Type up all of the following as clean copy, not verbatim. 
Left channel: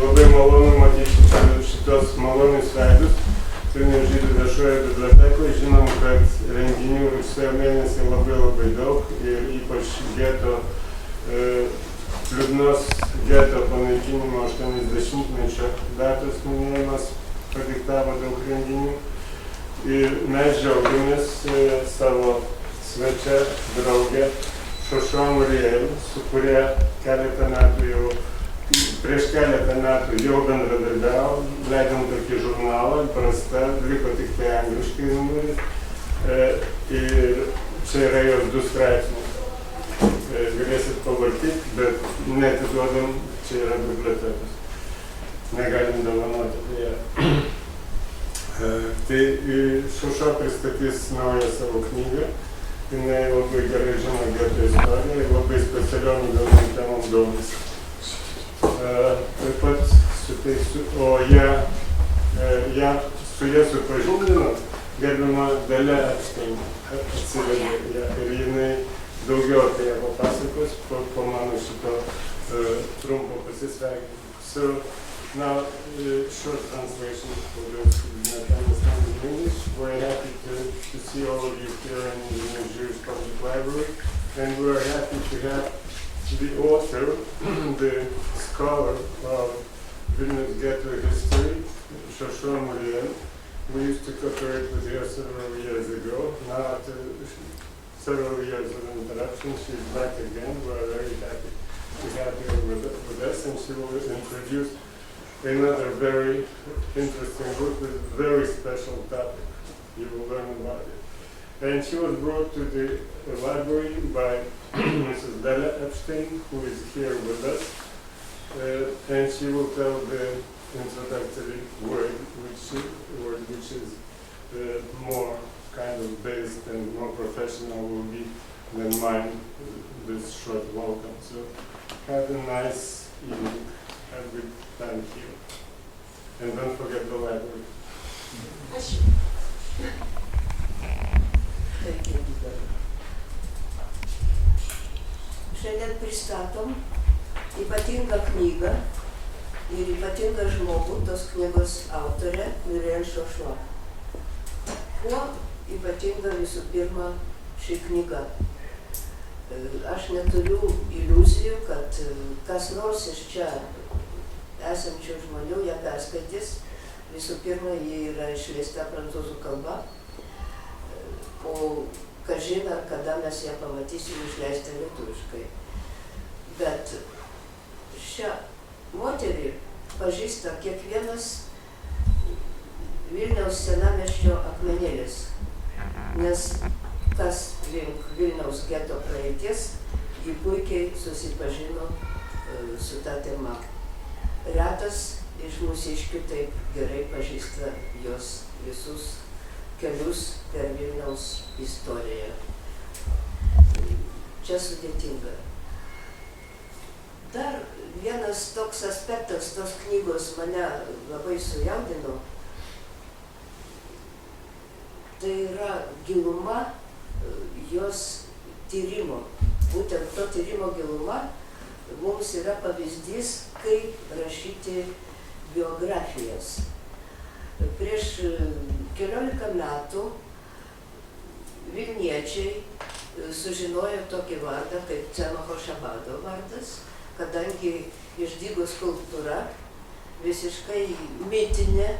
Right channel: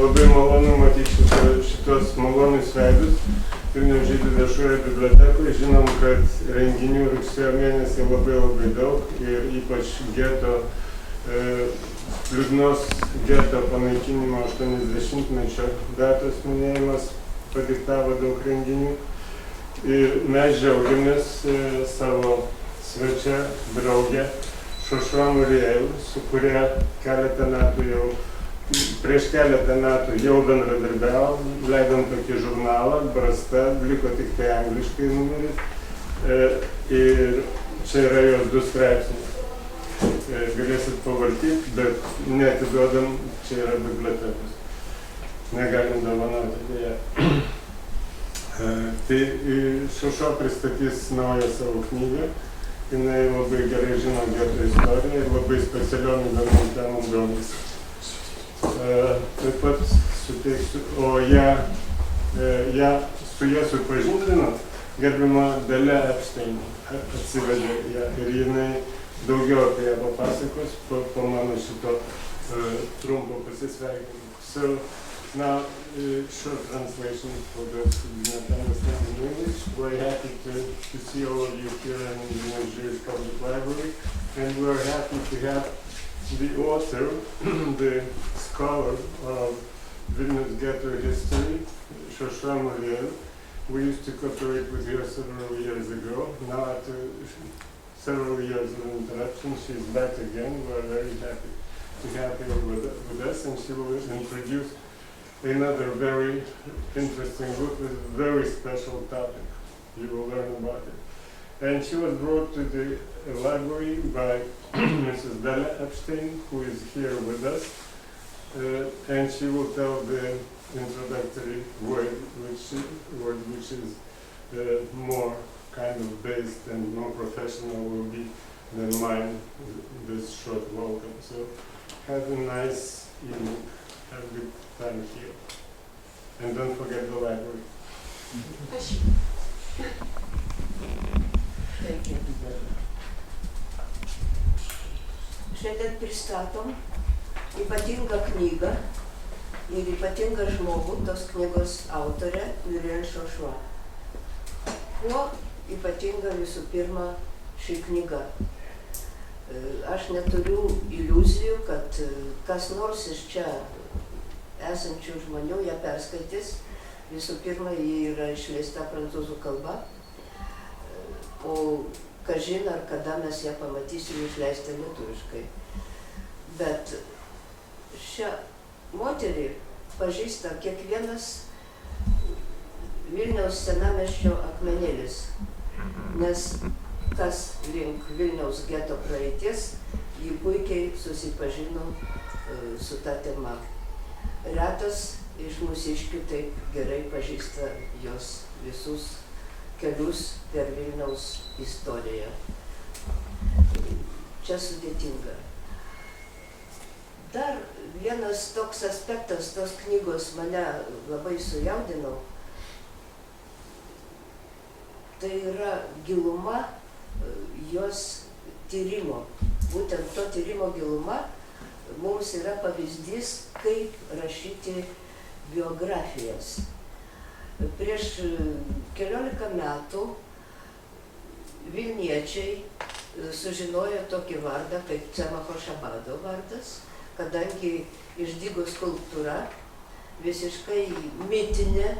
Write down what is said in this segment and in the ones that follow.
Labai malonu matyti šitos malonius veidus Vilniaus žydų viešoje bibliotekoje. Žinom, kad renginių rugsėjo mėnesį labai daug ir ypač geto, liūdnos geto panaikinimo 80-mečio datos minėjimas padiktavo daug renginių. Ir mes džiaugiamės savo svečia, draugę Šošua Muriel, su kuria prieš keletą metų jau bendradarbiavom, leidom tokį žurnalą, Brasta, liko tik tai angliškai numeris. Ir čia yra jos 2 straipsniai. Galėsit pavartyti, bet neatiduodam, čia yra bibliotekos. Negalim dovanoti dėja. Tai Šošua pristatys naują savo knygą. Jinai labai gerai žino geto istoriją ir labai specialiom įdomiom temom domisi. Taip pat suteiksiu, su ją supažindino gerbiama Dalia Epstein, atsivedė ją ir jinai daugiau apie ją papasakos po mano šito trumpo pasisveikinimo. So now, short translation for those who do not understand English. We're happy to see all of you here in the Vilniaus Jewish Public Library, and we're happy to have the author, the scholar of Vilnius ghetto history, Šošua Muriel. We used to cooperate with her several years ago. Now, after several years of interruption, she's back again. We're very happy to have her with us, and she will introduce another very interesting book with a very special topic. You will learn about it. And she was brought to the library by Mrs. Dalia Epstein, who is here with us. And she will tell the introductory word, which is more kind of based and more professional will be than mine, this short welcome. So have a nice evening. Have a good time here. And don't forget the library. Šiandien pristatom ypatingą knygą ir ypatingą žmogų, tos knygos autorė Muriel Šošua. Kuo ypatinga visų pirma ši knyga? Aš neturiu iliuzijų, kad kas nors iš čia esančių žmonių ją perskaitys. Visų pirma, ji yra išleista prancūzų kalba, o kažin ar kada mes ją pamatysim išleistą lietuviškai. Bet šią moterį pažįsta kiekvienas Vilniaus senamiesčio akmenėlis, nes kas link Vilniaus geto praeities, ji puikiai susipažino su ta tema. Retas iš mūsiškių taip gerai pažįsta jos visus kelius per Vilniaus istoriją. Čia sudėtinga. Dar vienas toks aspektas tos knygos mane labai sujaudino. Tai yra giluma jos tyrimo. Būtent to tyrimo giluma mums yra pavyzdys, kaip rašyti biografijas. Prieš keliolika metų vilniečiai sužinojo tokį vardą kaip Cemacho Šabado vardas, kadangi išdygo skulptūra visiškai mitinė,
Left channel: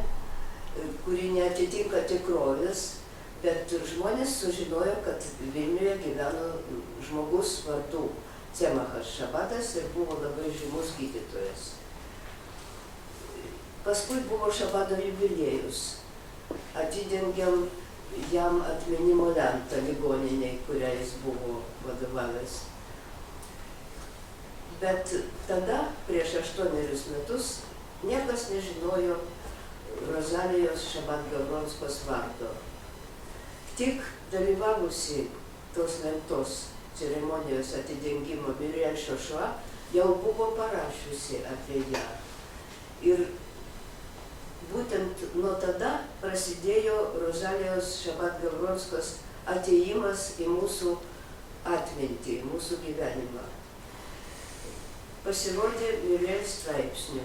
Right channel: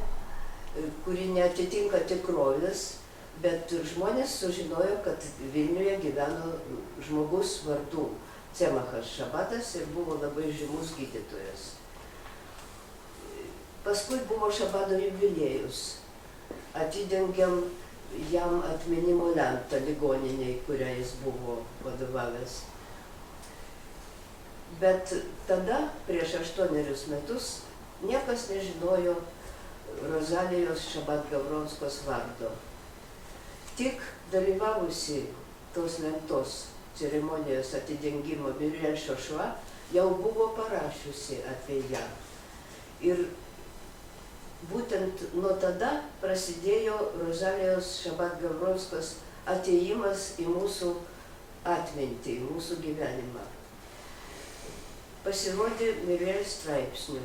kuri neatitinka tikrovės, bet žmonės sužinojo, kad Vilniuje gyveno žmogus vardu Cemachas Šabadas ir buvo labai žymus gydytojas. Paskui buvo Šabado jubiliejus. Atidengiam jam atminimo lentą ligoniniai, kurią jis buvo vadovavęs. Bet tada, prieš 8 metus, niekas nežinojo Rozalijos Šabat-Gavronskos vardo. Tik dalyvavusi tos lentos ceremonijos atidengimo Muriel Šošua jau buvo parašiusi apie ją. Ir būtent nuo tada prasidėjo Rozalijos Šabat-Gavronskos atėjimas į mūsų atmintį, į mūsų gyvenimą. Pasirodė Muriel straipsnių.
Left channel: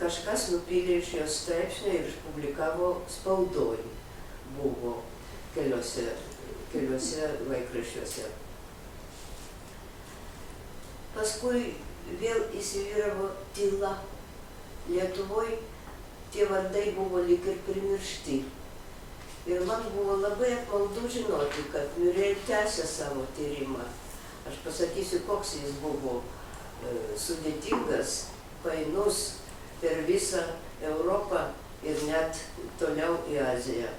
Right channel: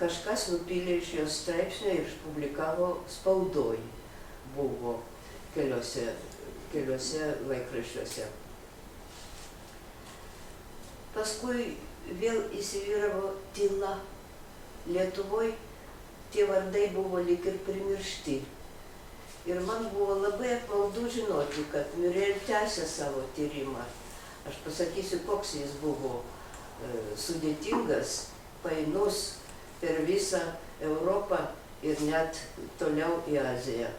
Kažkas nupylė iš jos straipsnio ir išpublikavo spaudoj. Buvo keliuose laikraščiuose. Paskui vėl įsivyravo tyla. Lietuvoje tie vardai buvo lyg ir primiršti. Ir man buvo labai apmaudu žinoti, kad Muriel tęsė savo tyrimą. Aš pasakysiu, koks jis buvo sudėtingas, painus per visą Europą ir net toliau į Aziją.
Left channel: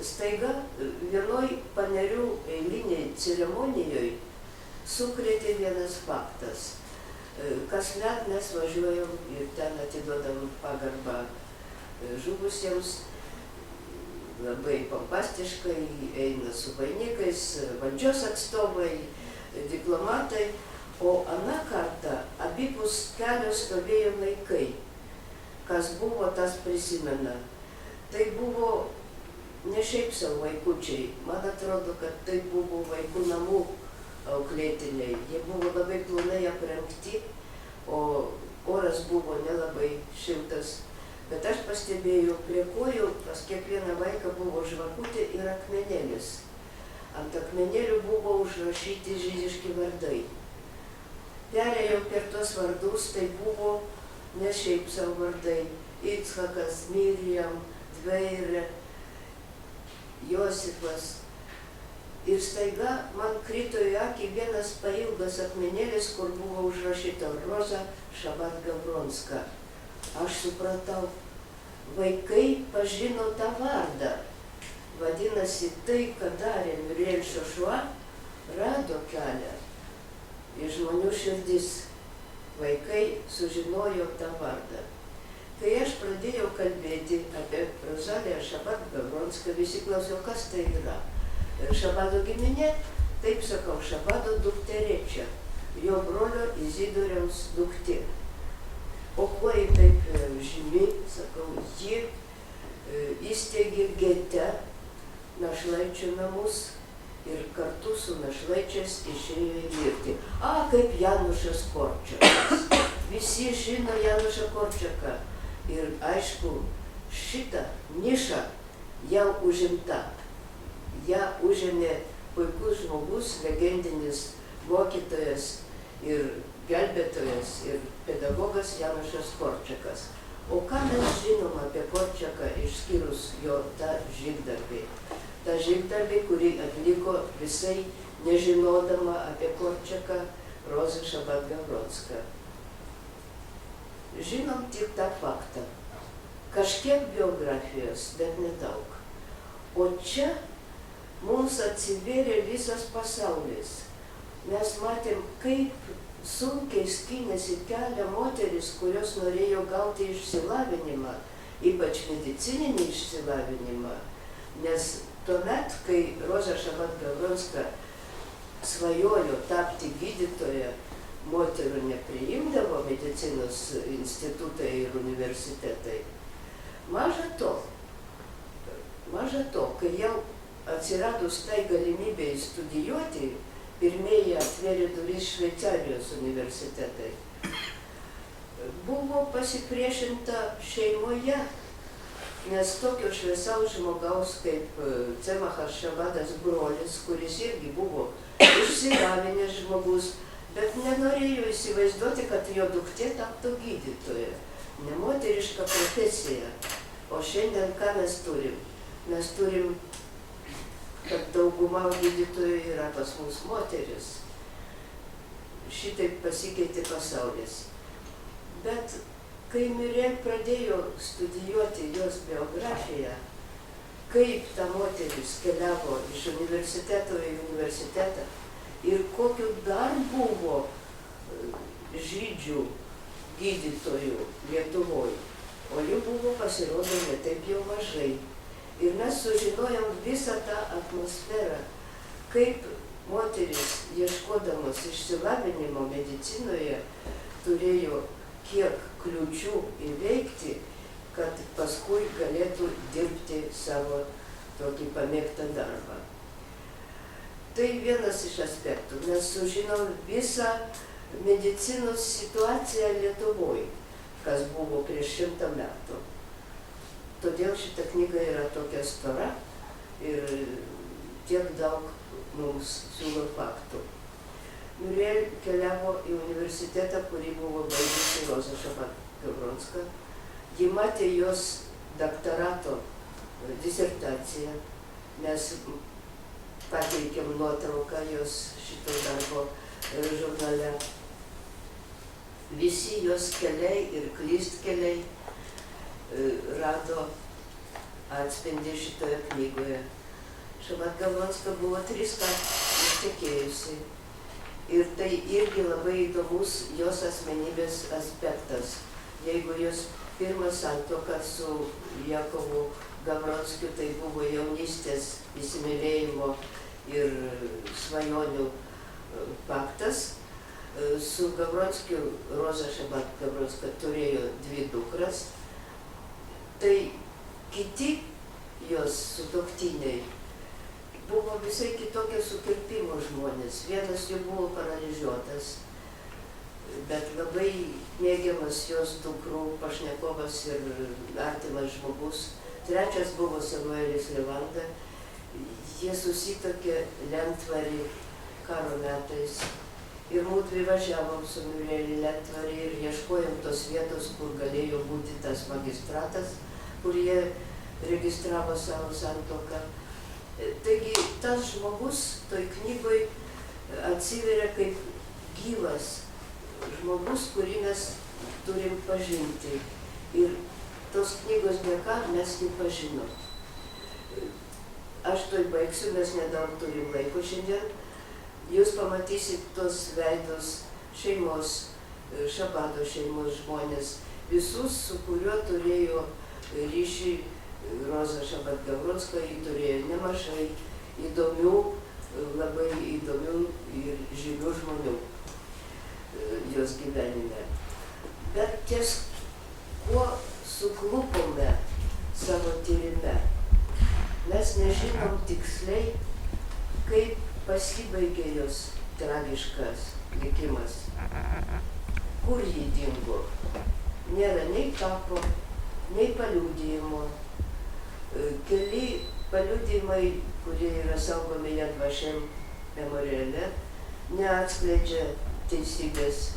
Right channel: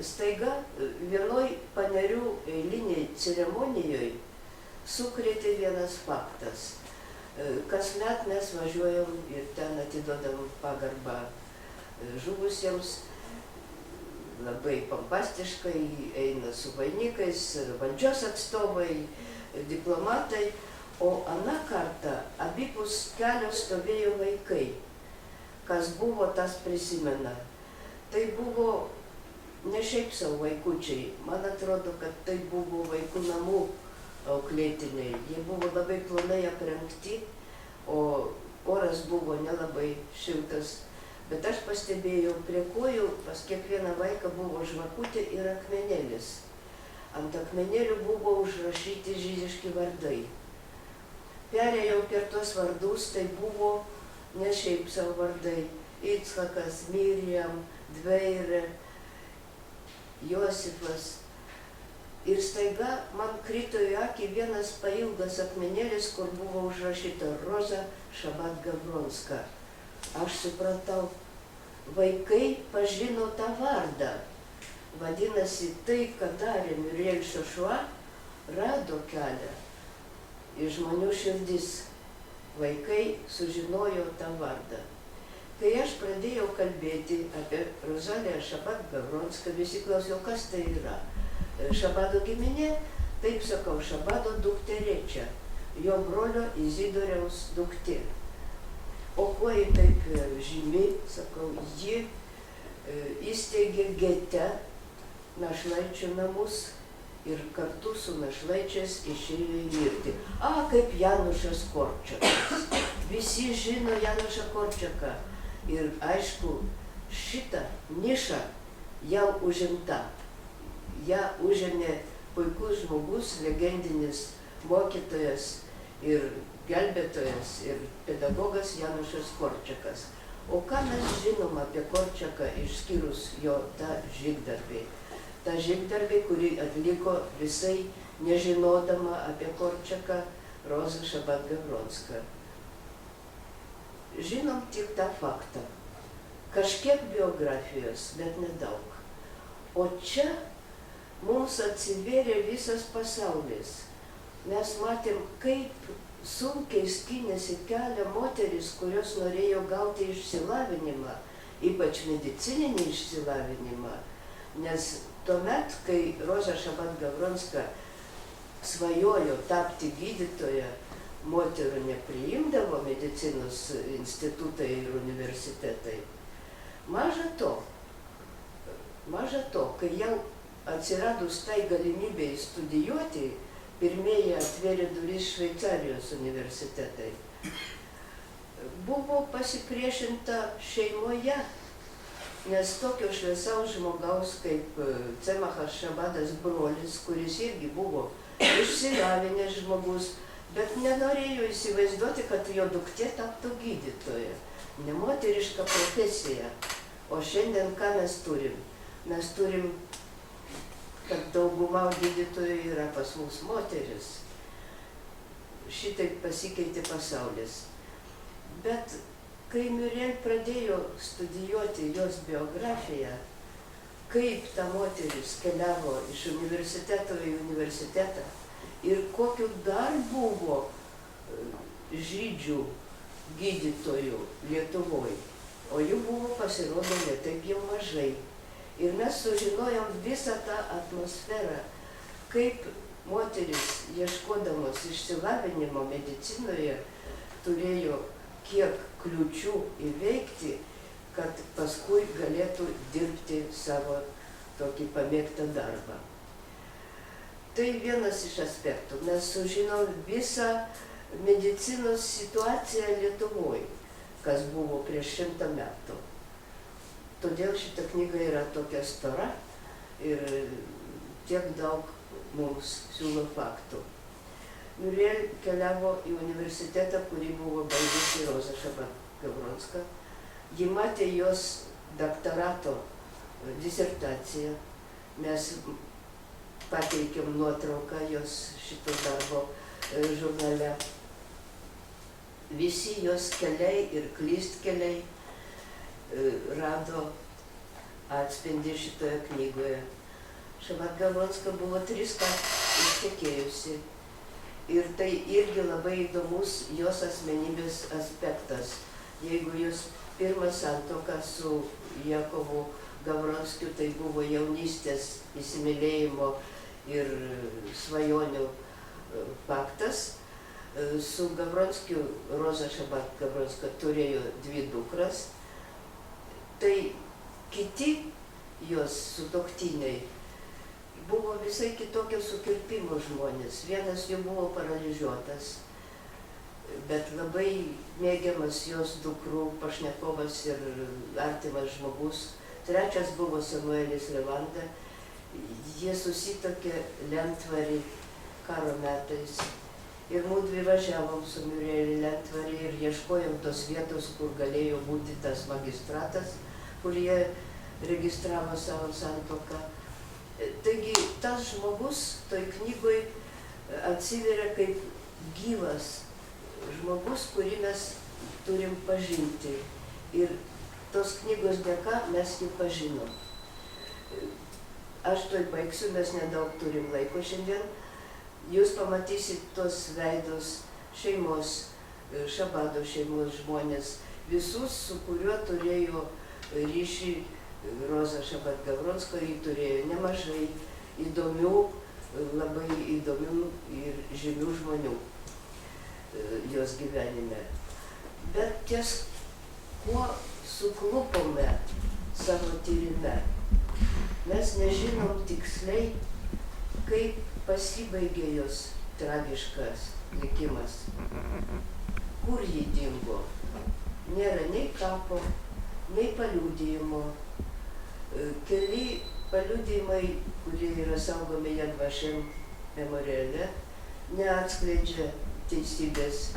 Staiga vienoj Panerių eiliniai ceremonijoje sukrėtė vienas faktas. Kasmet mes važiuojam ir ten atiduodam pagarbą žuvusiems, labai pompastiškai, eina su vainikais, valdžios atstovai, diplomatai, o aną kartą abipus kelio stovėjo vaikai. Kas buvo, tas prisimena. Tai buvo ne šiaip savo vaikučiai, man atrodo, kad tai buvo vaikų namų auklėtiniai. Jie buvo labai plonai aprengti, o oras buvo nelabai šiltas. Bet aš pastebėjau, prie kojų pas kiekvieną vaiką buvo žvakutė ir akmenėlis. Ant akmenėlių buvo užrašyti žydiški vardai. Perėjau per tuos vardus, tai buvo ne šiaip savo vardai. Icchakas, Miriam, Dveirė, Josifas. Ir staiga man krito į akį vienas pailgas akmenėlis, kur buvo užrašyta Roza Šabat Gavronska. Aš supratau, vaikai pažino tą vardą. Vadinasi, tai, ką darė Muriel Šošua, rado kelią į žmonių širdis. Vaikai sužinojo tą vardą. Kai aš pradėjau kalbėti apie Rozaliją Šabat Gavronską, visi klausė, kas tai yra. Šabado giminė, taip sakau, Šabado dukterėčia, jo brolio Izidoriaus duktė. O kuo ji taip žymi, sakau, ji įsteigė gete našlaičių namus ir kartu su našlaičiais išėjo į mirtį. Kaip Janušas Korčakas. Visi žino Janušą Korčaką. Ir aišku, šitą nišą jau užimta. Ja užėmė puikus žmogus, legendinis mokytojas ir gelbėtojas ir pedagogas Janušas Korčakas. O ką mes žinom apie Korčaką išskyrus jo tą žygdarbį? Ta žygdarbį, kurį atliko visai nežinodama apie Korčaką Roza Šabat Gavronska. Žinom tik tą faktą. Kažkiek biografijos, bet nedaug. O čia mums atsivėrė visas pasaulis. Mes matėm, kaip sunkiai skynėsi kelią moteris, kurios norėjo gauti išsilavinimą, ypač medicininį išsilavinimą. Nes tuomet, kai Roza Šabat Gavronska svajojo tapti gydytoja, moterų nepriimdavo medicinos institutai ir universitetai. Maža to, kai jau atsiradus tai galimybėj studijuoti, pirmieji atvėrė duris Šveicarijos universitetai. Buvo pasipriešinta šeimoje, nes tokio šviesaus žmogaus kaip Cemachas Šabadas brolis, kuris irgi buvo išsilavinęs žmogus, bet nenorėjo įsivaizduoti, kad jo duktė taptų gydytoja. Nemoteriška profesija. O šiandien ką mes turim? Mes turim, kad dauguma gydytojų yra pas mus moteris. Šitaip pasikeitė pasaulis. Bet kai Muriel pradėjo studijuoti jos biografiją, kaip ta moteris keliavo iš universiteto į universitetą ir kokiu dar buvo žydžių gydytojų Lietuvoje, o jų buvo pasirodo ne taip jau mažai. Ir mes sužinojom visą tą atmosferą, kaip moteris, ieškodamos išsilavinimo medicinoje, turėjo kiek kliūčių įveikti, kad paskui galėtų dirbti savo tokį pamėgtą darbą. Tai vienas iš aspektų. Mes sužinom visą medicinos situaciją Lietuvoje, kas buvo prieš 100 metų. Todėl šita knyga yra tokia stora ir tiek daug mums siūlo faktų. Muriel keliavo į universitetą, kurį buvo baigusi Roza Šabat-Gavronska. Ji matė jos doktorato disertaciją. Mes pateikėm nuotrauką jos šito darbo žurnale. Visi jos keliai ir klystkeliai rado atspindį šitoje knygoje. Šabat-Gavronska buvo 3 kartus ištekėjusi. Ir tai irgi labai įdomus jos asmenybės aspektas. Jeigu jos pirmą santuoką su Jakovu Gavronskiu, tai buvo jaunystės įsimylėjimo ir svajonių faktas. Su Gavronskiu Roza Šabat-Gavronska turėjo 2 dukras. Tai kiti jos sutuoktiniai buvo visai kitokio sukirpimo žmonės. Vienas jų buvo paralyžiuotas, bet labai mėgiamas jos dukrų pašnekovas ir artimas žmogus. Trečias buvo Samuelis Levanda. Jie susitokė Lentvarį karo metais. Ir mūdvi važiavom su Muriel į Lentvarį ir ieškojom tos vietos, kur galėjo būti tas magistratas, kur jie registravo savo santuoką. Taigi tas žmogus toj knygoj atsiveria kaip gyvas žmogus, kurį mes turim pažinti. Ir tos knygos dėka mes jį pažinom. Aš toj baigsiu, mes nedaug turim laiko šiandien. Jūs pamatysit tos veidus šeimos, Šabado šeimos žmonės, visus, su kuriuo turėjo ryšį Roza Šabat-Gavronska. Ji turėjo nemažai įdomių, labai įdomių ir žymių žmonių jos gyvenime. Bet ties kuo suklupome savo tyrime, mes nežinom tiksliai, kaip pasibaigė jos tragiškas likimas. Kur ji dingo? Nėra nei kapo, nei paliudijimo. Keli paliudijimai, kurie yra saugomi Yad Vashem memoriale, neatskleidžia teisybės.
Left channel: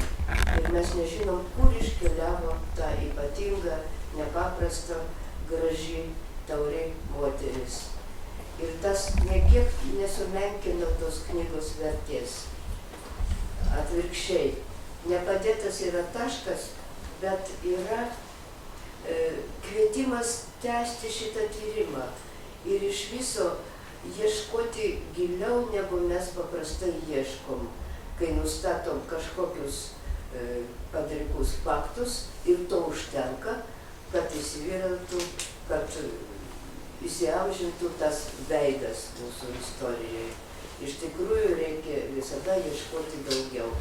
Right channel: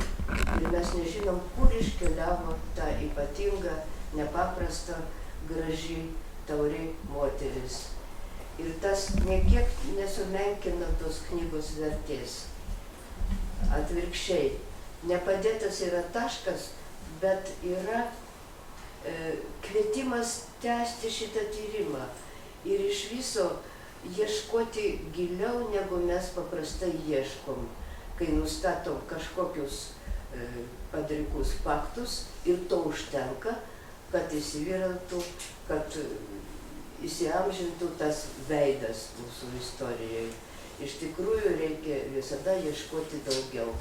Ir mes nežinom, kur iškeliavo ta ypatinga, nepaprasta, graži, tauri moteris. Ir tas niekiek nesumenkina tos knygos vertės. Atvirkščiai, nepadėtas yra taškas, bet yra kvietimas tęsti šitą tyrimą ir iš viso ieškoti giliau, negu mes paprastai ieškom, kai nustatom kažkokius padrikus faktus ir to užtenka, kad įsivyrautų, kad įsiamžintų tas veidas mūsų istorijai. Iš tikrųjų reikia visada ieškoti daugiau.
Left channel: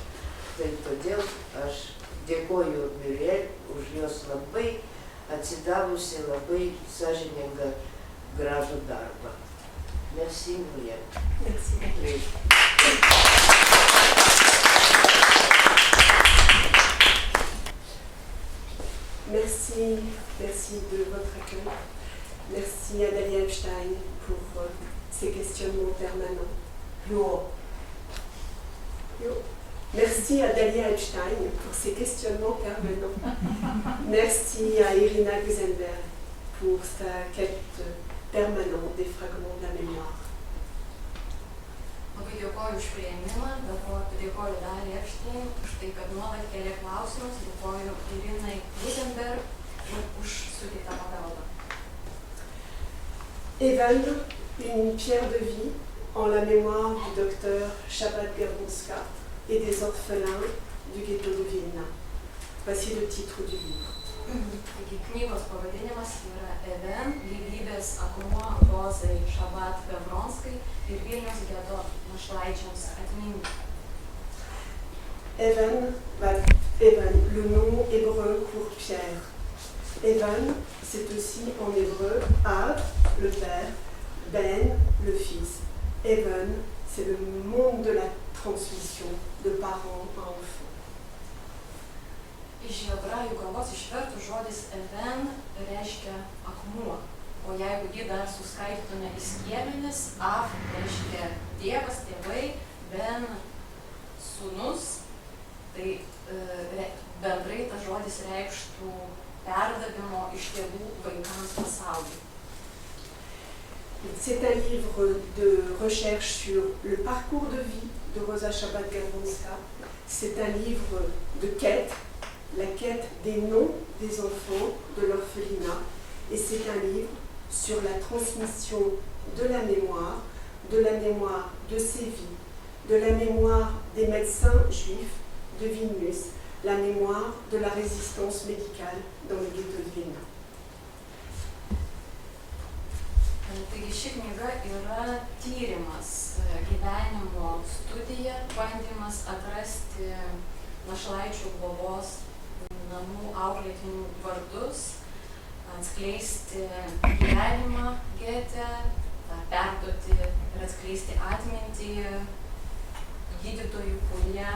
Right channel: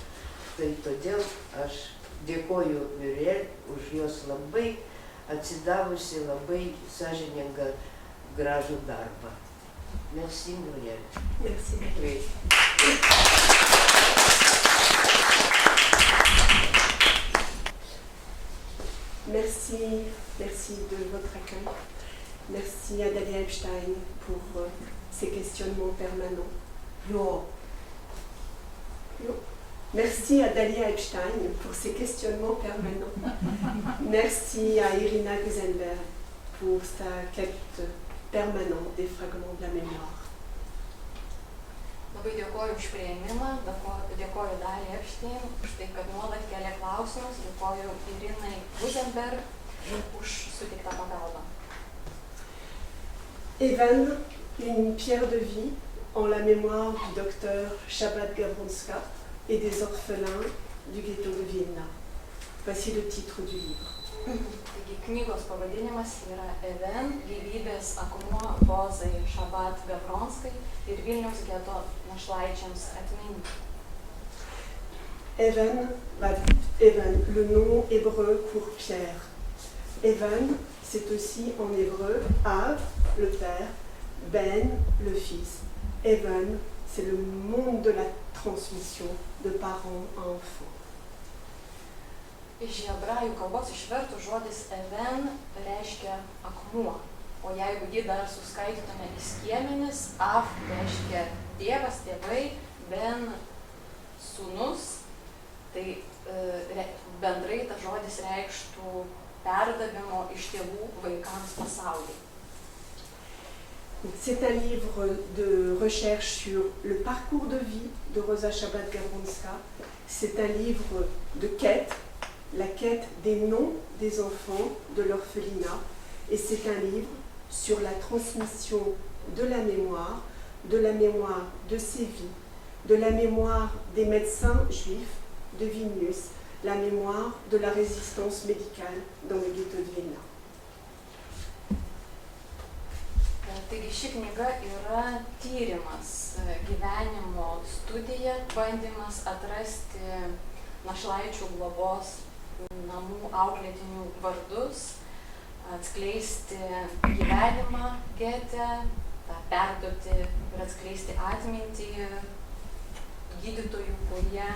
Tai todėl aš dėkoju Muriel už jos labai atsidavusi, labai sąžiningą, gražų darbą. Merci Muriel. Merci. Merci de votre accueil. Merci à Dalia Epstein pour ses questionnements permanents. Plus haut. Plus haut. Merci à Dalia Epstein pour ses questionnements permanents. Merci à Irina Guzenberg pour sa quête permanente des fragments de la mémoire. Labai dėkoju už priėmimą, dėkoju Daliai Epstein už tai, kad nuolat kelia klausimus, dėkoju Irinai Guzenberg už suteiktą pagalbą. Even, une pierre de vie en la mémoire du docteur Šabat-Gavronska et des orphelins du ghetto de Vilna. Voici le titre du livre. Taigi knygos pavadinimas yra Even, gyvybės akmuo Rozai Šabat-Gavronskai ir Vilniaus geto našlaičiams atminti. Even, le nom hébreu pour Pierre. Even, c'est aussi en hébreu Av, le père, Ben, le fils. Even, c'est le monde de la transmission de parents à enfants. Iš hebrajų kalbos išvertus žodis even reiškia akmuo, o jeigu jį dar suskaitytume į skiemenis, af reiškia tėvas, tėvai, ben sūnus, tai bendrai tas žodis reikštų perdavimo iš tėvų vaikams pasaulį. C'est un livre de recherche sur le parcours de vie de Rosa Chabad-Gawronska. C'est un livre de quête, la quête des noms des enfants de l'orphelinat. Et c'est un livre sur la transmission de la mémoire de ses vies, de la mémoire des médecins juifs de Vilnius, la mémoire de la résistance médicale dans le ghetto de Vilna. Taigi ši knyga yra tyrimas, gyvenimo studija, bandymas atrasti našlaičių globos namų auklėtinių vardus, atskleisti gyvenimą gete, perduoti ir atskleisti atmintį gydytojų, kurie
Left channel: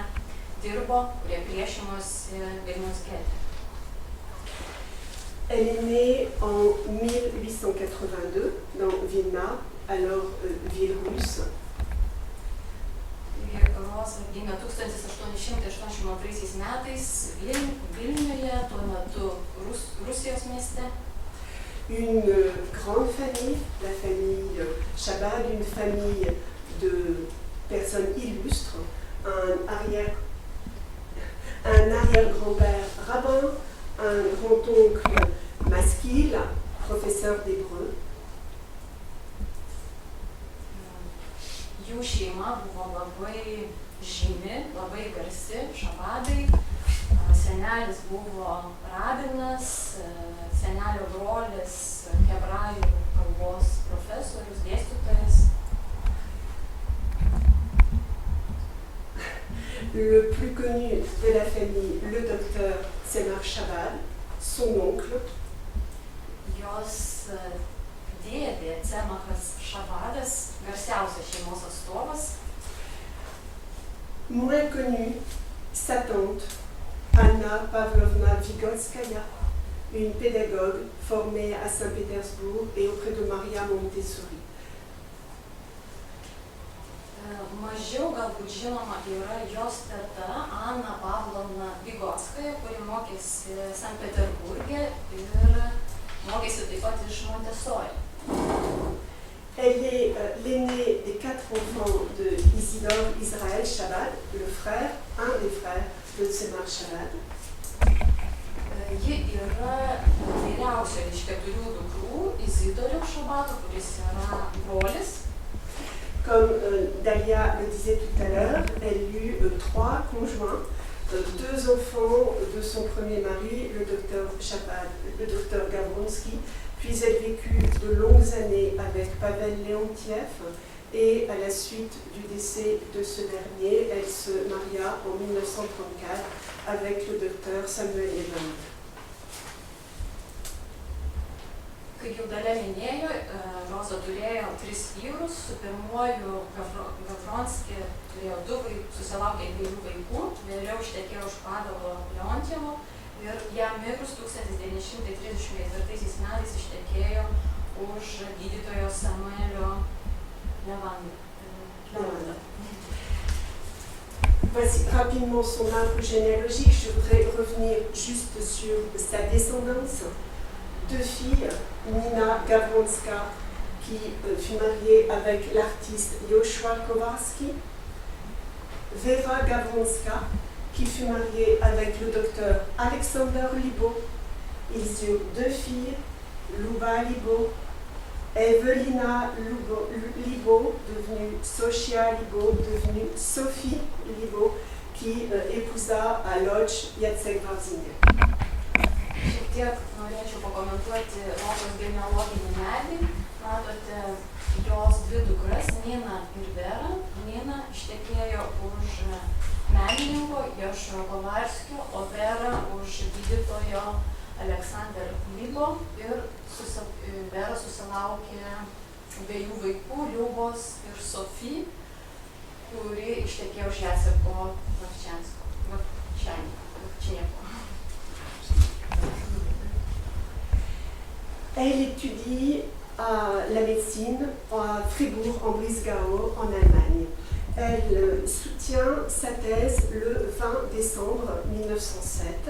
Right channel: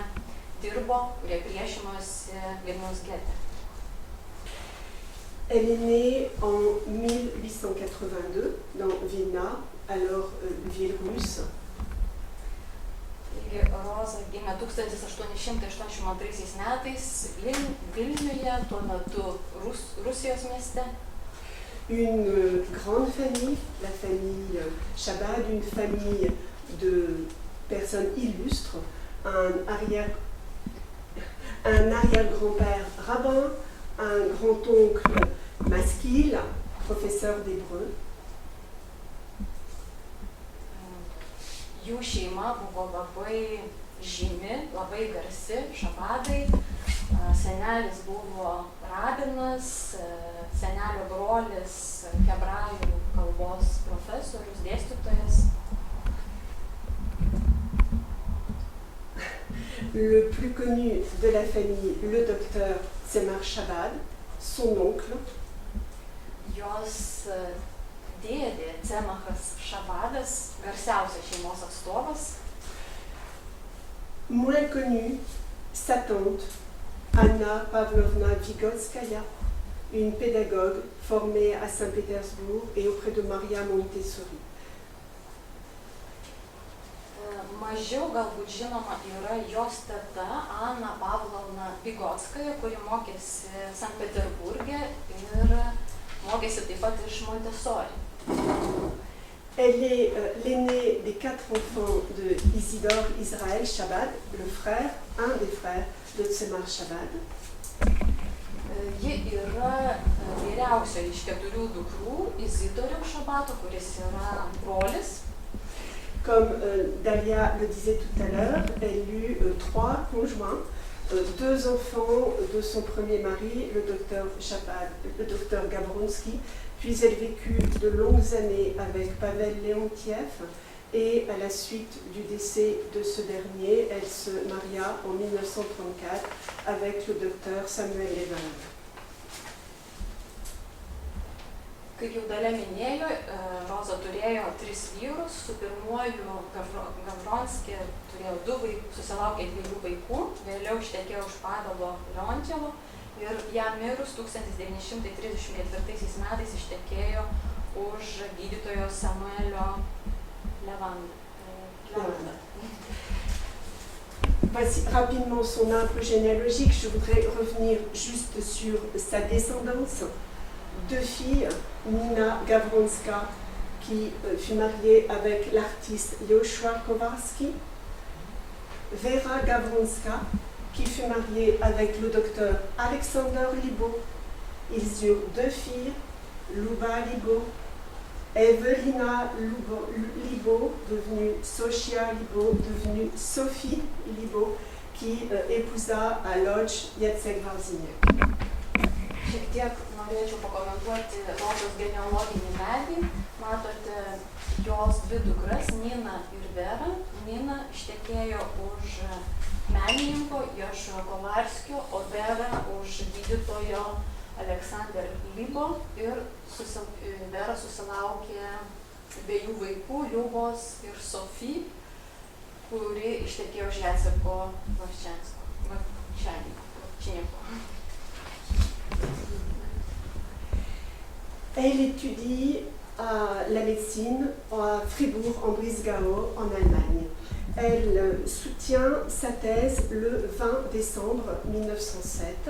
dirbo, kurie priešinosi Vilniaus gete. Elle est née en 1882 dans Vilna, alors ville russe. Taigi Roza gimė 1882 metais Vilniuje, tuo metu Rusijos mieste. Une grande famille, la famille Chabad, une famille de personnes illustres, un arrière-grand-père rabbin, un grand-oncle maskil, professeur d'hébreu. Jų šeima buvo labai žymi, labai garsi, šabadai. Senelis buvo rabinas, senelio brolis hebrajų kalbos profesorius, dėstytojas. Le plus connu de la famille, le docteur Tzemar Chabad, son oncle. Jos dėdė Tzemachas Šabadas, garsiausias šeimos atstovas. Moins connue, sa tante, Anna Pavlovna Vygotskaya, une pédagogue formée à Saint-Pétersbourg et auprès de Maria Montessori. Mažiau galbūt žinoma yra jos teta Anna Pavlovna Vygotskaja, kuri mokėsi Sankt Peterburge ir mokėsi taip pat iš Montessori. Elle est l'aînée des 4 enfants de Isidore Israël Chabad, le frère, un des frères de Tzemar Chabad. Ji yra vyriausia iš 4 dukrų Izidoriaus Šabato, kuris yra brolis. Comme Dalia le disait tout à l'heure, elle eut 3 conjoints, 2 enfants de son premier mari, le docteur Chabad, le docteur Gawronski, puis elle vécut de longues années avec Pavel Leontiev et à la suite du décès de ce dernier, elle se maria en 1934 avec le docteur Samuel Levin. Kaip jau Dalia minėjo, Roza turėjo 3 vyrus, su pirmuoju Gavronski turėjo 2 vaikus, susilaukė 2 vaikų, vėliau ištekėjo už Pavelo Leontjevo ir jam mirus 1934 metais ištekėjo už gydytojo Samuelio Levandą. Voici rapidement son arbre généalogique. Je voudrais revenir juste sur sa descendance. 2 filles, Nina Gawronska, qui fut mariée avec l'artiste Joshua Kowarski, Vera Gawronska, qui fut mariée avec le docteur Alexander Libo. Ils eurent 2 filles, Luba Libo, Evelina Libo, devenue Sophia Libo, devenue Sophie Libo, qui épousa à Lodz Jacek Warziniak. Šiek tiek norėčiau pakomentuoti Rozos genealoginį medį. Matote jos 2 dukras, Nina ir Vera. Nina ištekėjo už menininko Jošo Kovarskio, o Vera už gydytojo Aleksander Libo ir Vera susilaukė 2 vaikų, Liubos ir Sofy. kuri ištekėjo už Jaceko Vavčinieko. Elle étudie la médecine à Fribourg, en Brisgau, en Allemagne. Elle soutient sa thèse le 20 décembre 1907.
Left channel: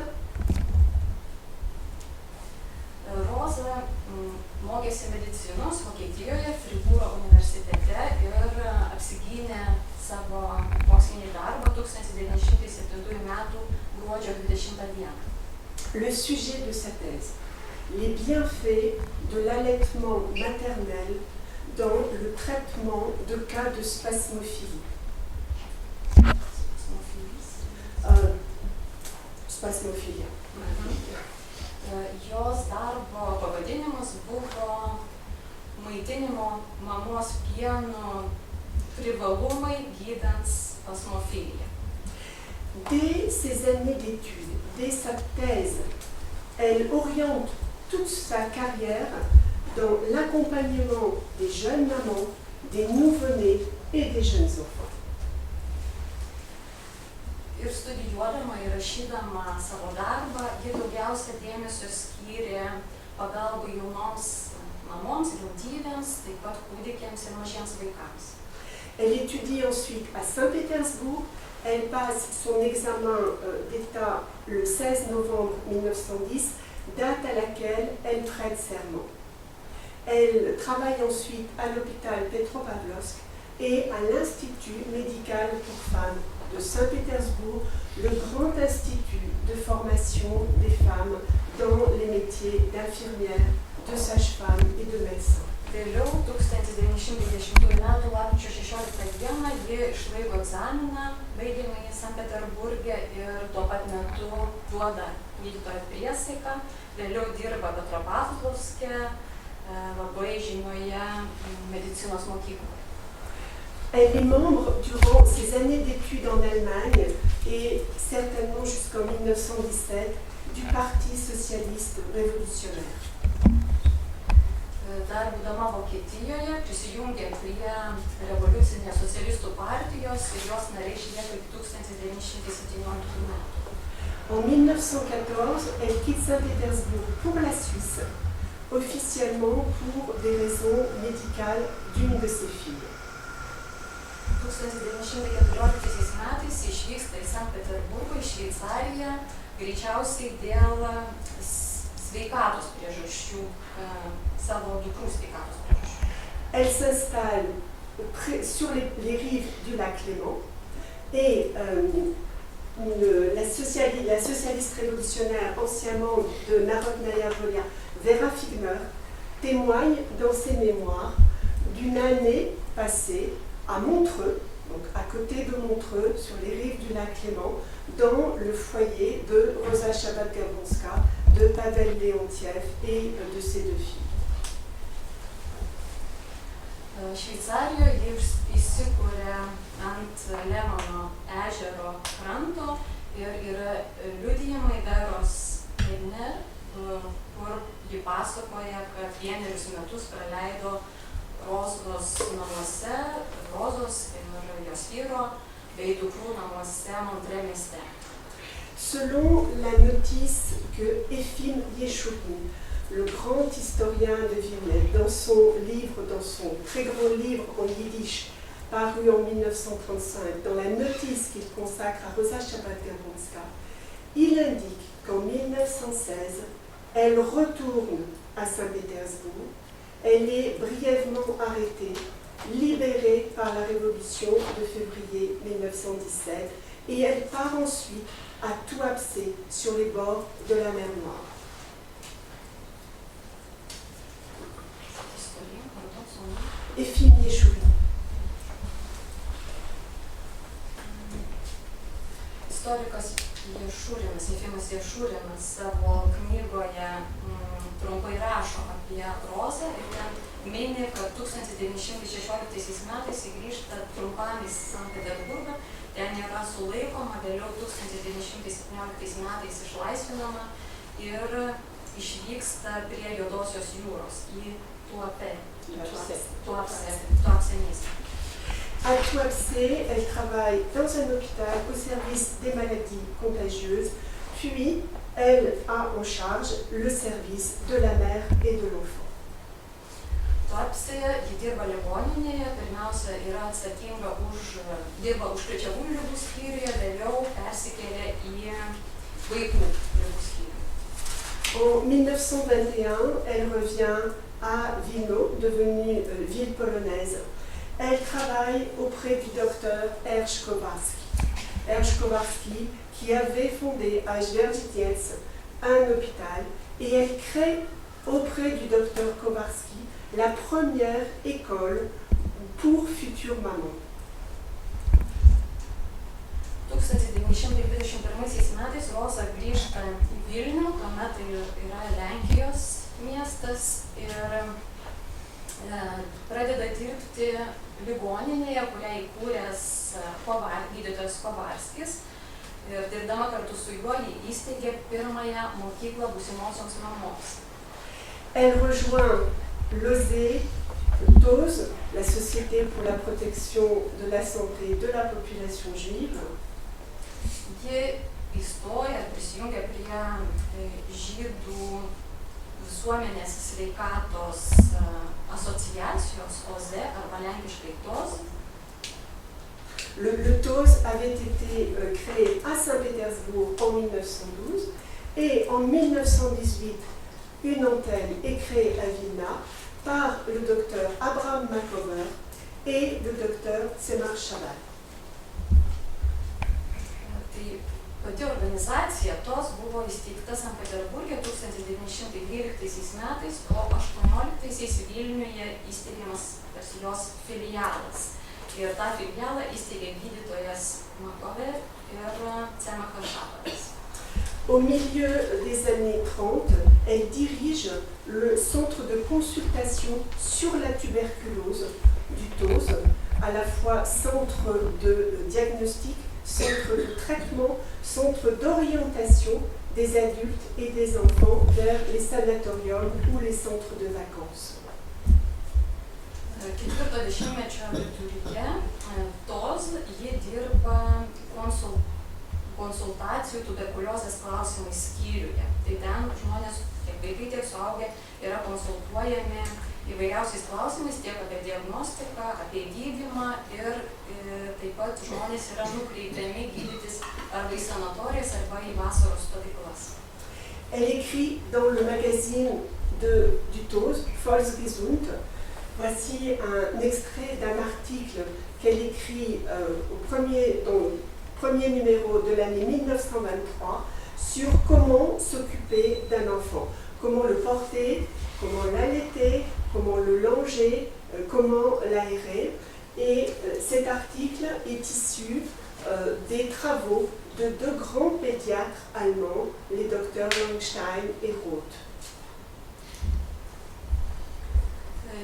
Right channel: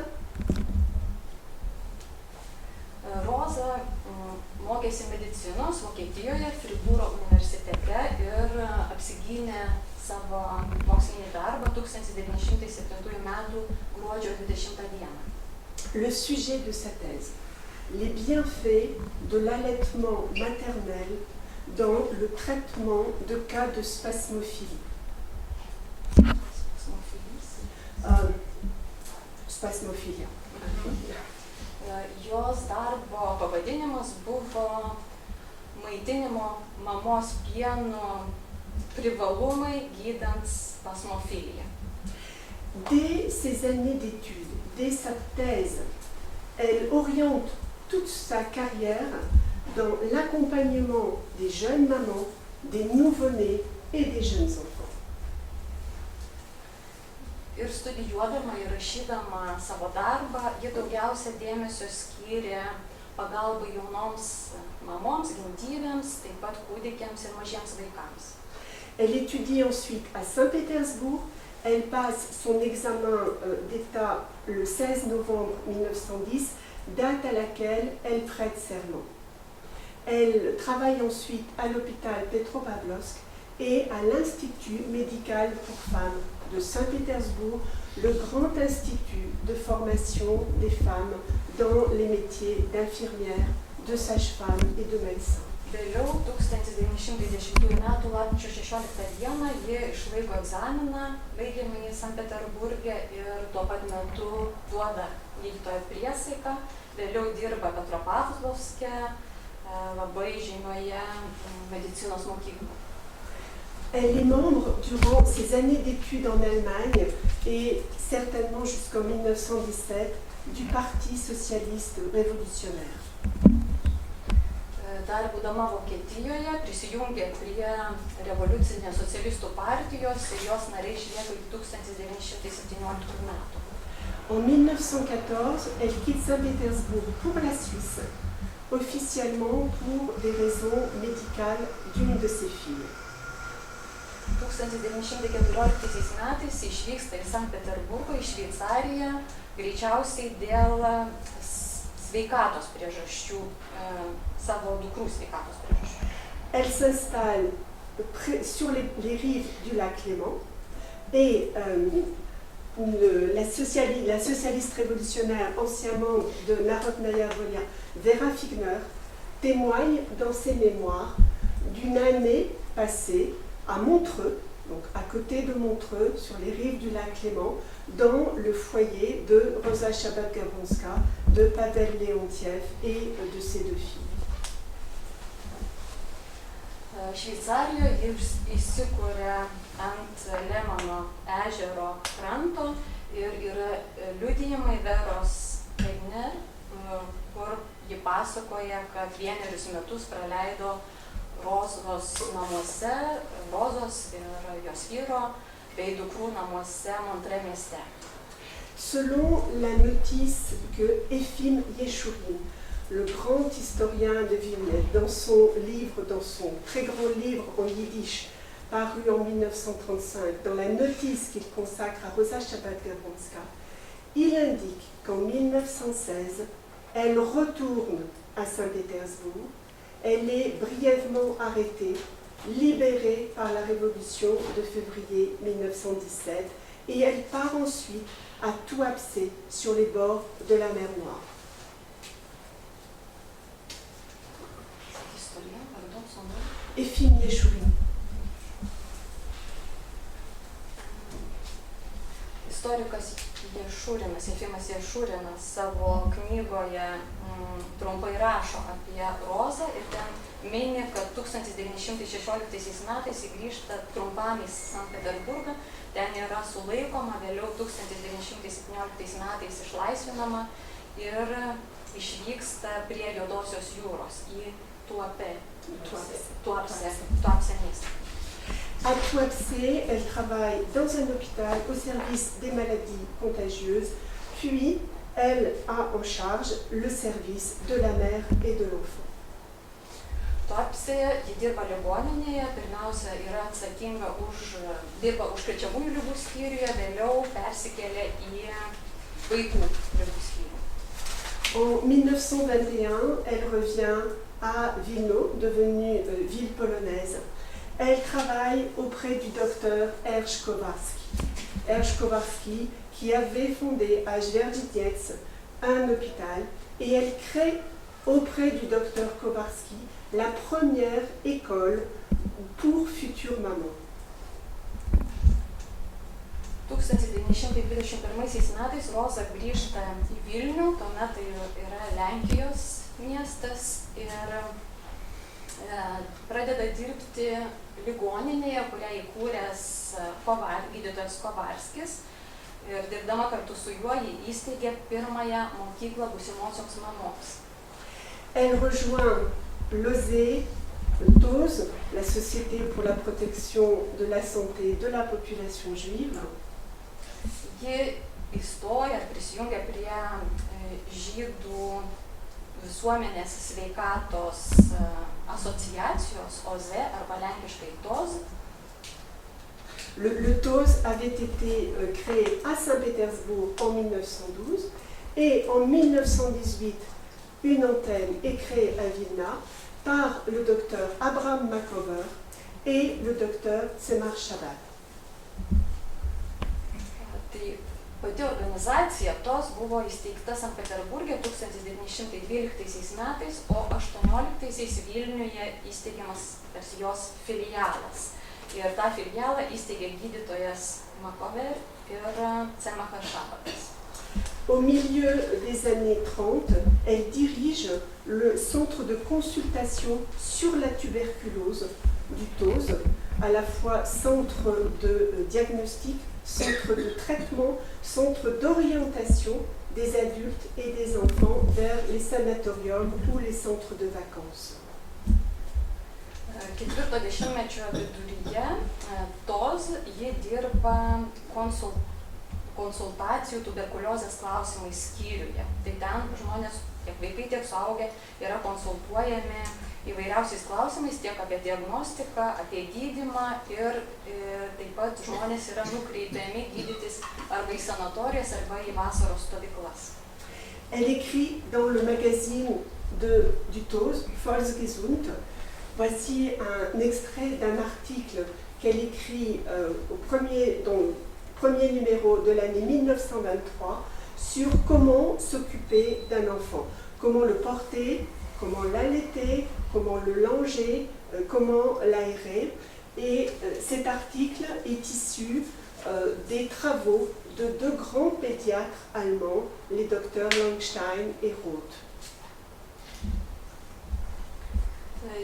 Roza mokėsi medicinos Vokietijoje, Fribūro universitete ir apsigynė savo mokslinį darbą 1907 m. gruodžio 20 d. Le sujet de sa thèse, les bienfaits de l'allaitement maternel dans le traitement de cas de spasmophilie. Spasmophilia. Jos darbo pavadinimas buvo maitinimo mamos pienu privalumai gydant spasmofiliją. Dès ses années d'études, dès sa thèse, elle oriente toute sa carrière dans l'accompagnement des jeunes mamans, des nouveau-nés et des jeunes enfants. Ir studijuodama ir rašydama savo darbą, ji daugiausia dėmesio skyrė pagalbai jaunoms mamoms, gimdyvėms, taip pat kūdikiams ir mažiems vaikams. Elle étudie ensuite à Saint-Pétersbourg. Elle passe son examen d'État le 16 novembre 1910, date à laquelle elle prête serment. Elle travaille ensuite à l'hôpital Petropavlovsk et à l'Institut médical pour femmes de Saint-Pétersbourg, le grand institut de formation des femmes dans les métiers d'infirmière, de sage-femme et de médecin. Vėliau 1910 m. lapkričio 16 d. ji išlaiko egzaminą baigiamąjį Sankt Peterburge ir tuo pat metu duoda gydytojo priesaiką. Vėliau dirba Petropavlovske, labai žymioje medicinos mokykloje. Elle est membre durant ses années d'études en Allemagne et certainement jusqu'en 1917 du Parti socialiste révolutionnaire. Dar būdama Vokietijoje prisijungė prie revoliucinės socialistų partijos ir jos nariai išlieka 1917 m. En 1914, elle quitte Saint-Pétersbourg pour la Suisse, officiellement pour des raisons médicales d'une de ses filles. 1914 m. išvyksta į Sankt Peterburgą, į Šveicariją, greičiausiai dėl sveikatos priežasčių, savo dukrų sveikatos priežasčių. Elle s'installe sur les rives du lac Léman et la socialiste révolutionnaire, ancien membre de Narodnaya Volia, Vera Figner, témoigne dans ses mémoires d'une année passée à Montreux, donc à côté de Montreux, sur les rives du lac Léman, dans le foyer de Rosa Shabbat-Gavronska, de Pavel Leontiev et de ses deux filles. Šveicarijoje ji įsikūrė ant Lemano ežero kranto ir yra liudijimai Veros Figner, kur ji pasakoja, kad vienerius metus praleido Rozos namuose, Rozos ir jos vyro bei dukrų namuose Montreux mieste. Selon la notice que Efim Yeshurun, le grand historien de Villeneuve, dans son très grand livre en yiddish, paru en 1935, dans la notice qu'il consacre à Rosa Shabbat-Gavronska, il indique qu'en 1916, elle retourne à Saint-Pétersbourg, elle est brièvement arrêtée, libérée par la révolution de février 1917, et elle part ensuite à Tuapse, sur les bords de la mer Noire. Efim Yeshurun. Istorikas Ješurinas, Efimas Ješurinas savo knygoje trumpai rašo apie Rozą ir ten mini, kad 1916 metais ji grįžta trumpam į Sankt Peterburgą, ten yra sulaikoma, vėliau 1917 metais išlaisvinama ir išvyksta prie Juodosios jūros į Tuapse miestą. À Tuapse, elle travaille dans un hôpital au service des maladies contagieuses, puis elle a en charge le service de la mère et de l'enfant. Tuapsėje ji dirba ligoninėje, pirmiausia yra atsakinga dirba užkrečiamųjų ligų skyriuje, vėliau persikėlė į vaikų ligų skyrių. En 1921, elle revient à Wilno, devenue ville polonaise. Elle travaille auprès du docteur Ernst Kowarski. Ernst Kowarski qui avait fondé à Zwierzyniec un hôpital et elle crée auprès du docteur Kowarski la première école pour futures mamans. 1921 metais Roza grįžta į Vilnių, tuomet tai yra Lenkijos miestas ir pradeda dirbti ligoninėje, kurią įkūręs gydytojas Kovarskis. Ir dirbdama kartu su juo ji įsteigė pirmąją mokyklą būsimosioms mamoms. Elle rejoint l'OSE TOS, la Société pour la protection de la santé de la population juive. Ji įstoja ir prisijungia prie žydų visuomenės sveikatos asociacijos OZE arba lenkiškai TOS. Le TOS avait été créé à Saint-Pétersbourg en 1912 et en 1918, une antenne est créée à Vilna par le docteur Abraham Makover et le docteur Tzemar Shabbat. Tai pati organizacija TOS buvo įsteigta Sankt Peterburge 1912 metais, o 18 Vilniuje įsteigiamas tarsi jos filialas. Ir tą filialą įsteigė gydytojas Makover ir Tzemachas Šabatas. Au milieu des années 30, elle dirige le centre de consultation sur la tuberculose du TOS, à la fois centre de diagnostic, centre de traitement, centre d'orientation des adultes et des enfants vers les sanatoriums ou les centres de vacances. Ketvirto dešimtmečio viduryje TOS ji dirba konsultacijų tuberkuliozės klausimais skyriuje. Tai ten žmonės, tiek vaikai, tiek suaugę, yra konsultuojami įvairiausiais klausimais, tiek apie diagnostiką, apie gydymą ir taip pat žmonės yra nukreipiami gydytis arba į sanatorijas, arba į vasaros stovyklas. Elle écrit dans le magazine du TOS, Volksgesund. Voici un extrait d'un article qu'elle écrit dans le premier numéro de l'année 1923 sur comment s'occuper d'un enfant, comment le porter, comment l'allaiter, comment le langer, comment l'aérer. Et cet article est issu des travaux de deux grands pédiatres allemands, les docteurs Langstein et Roth.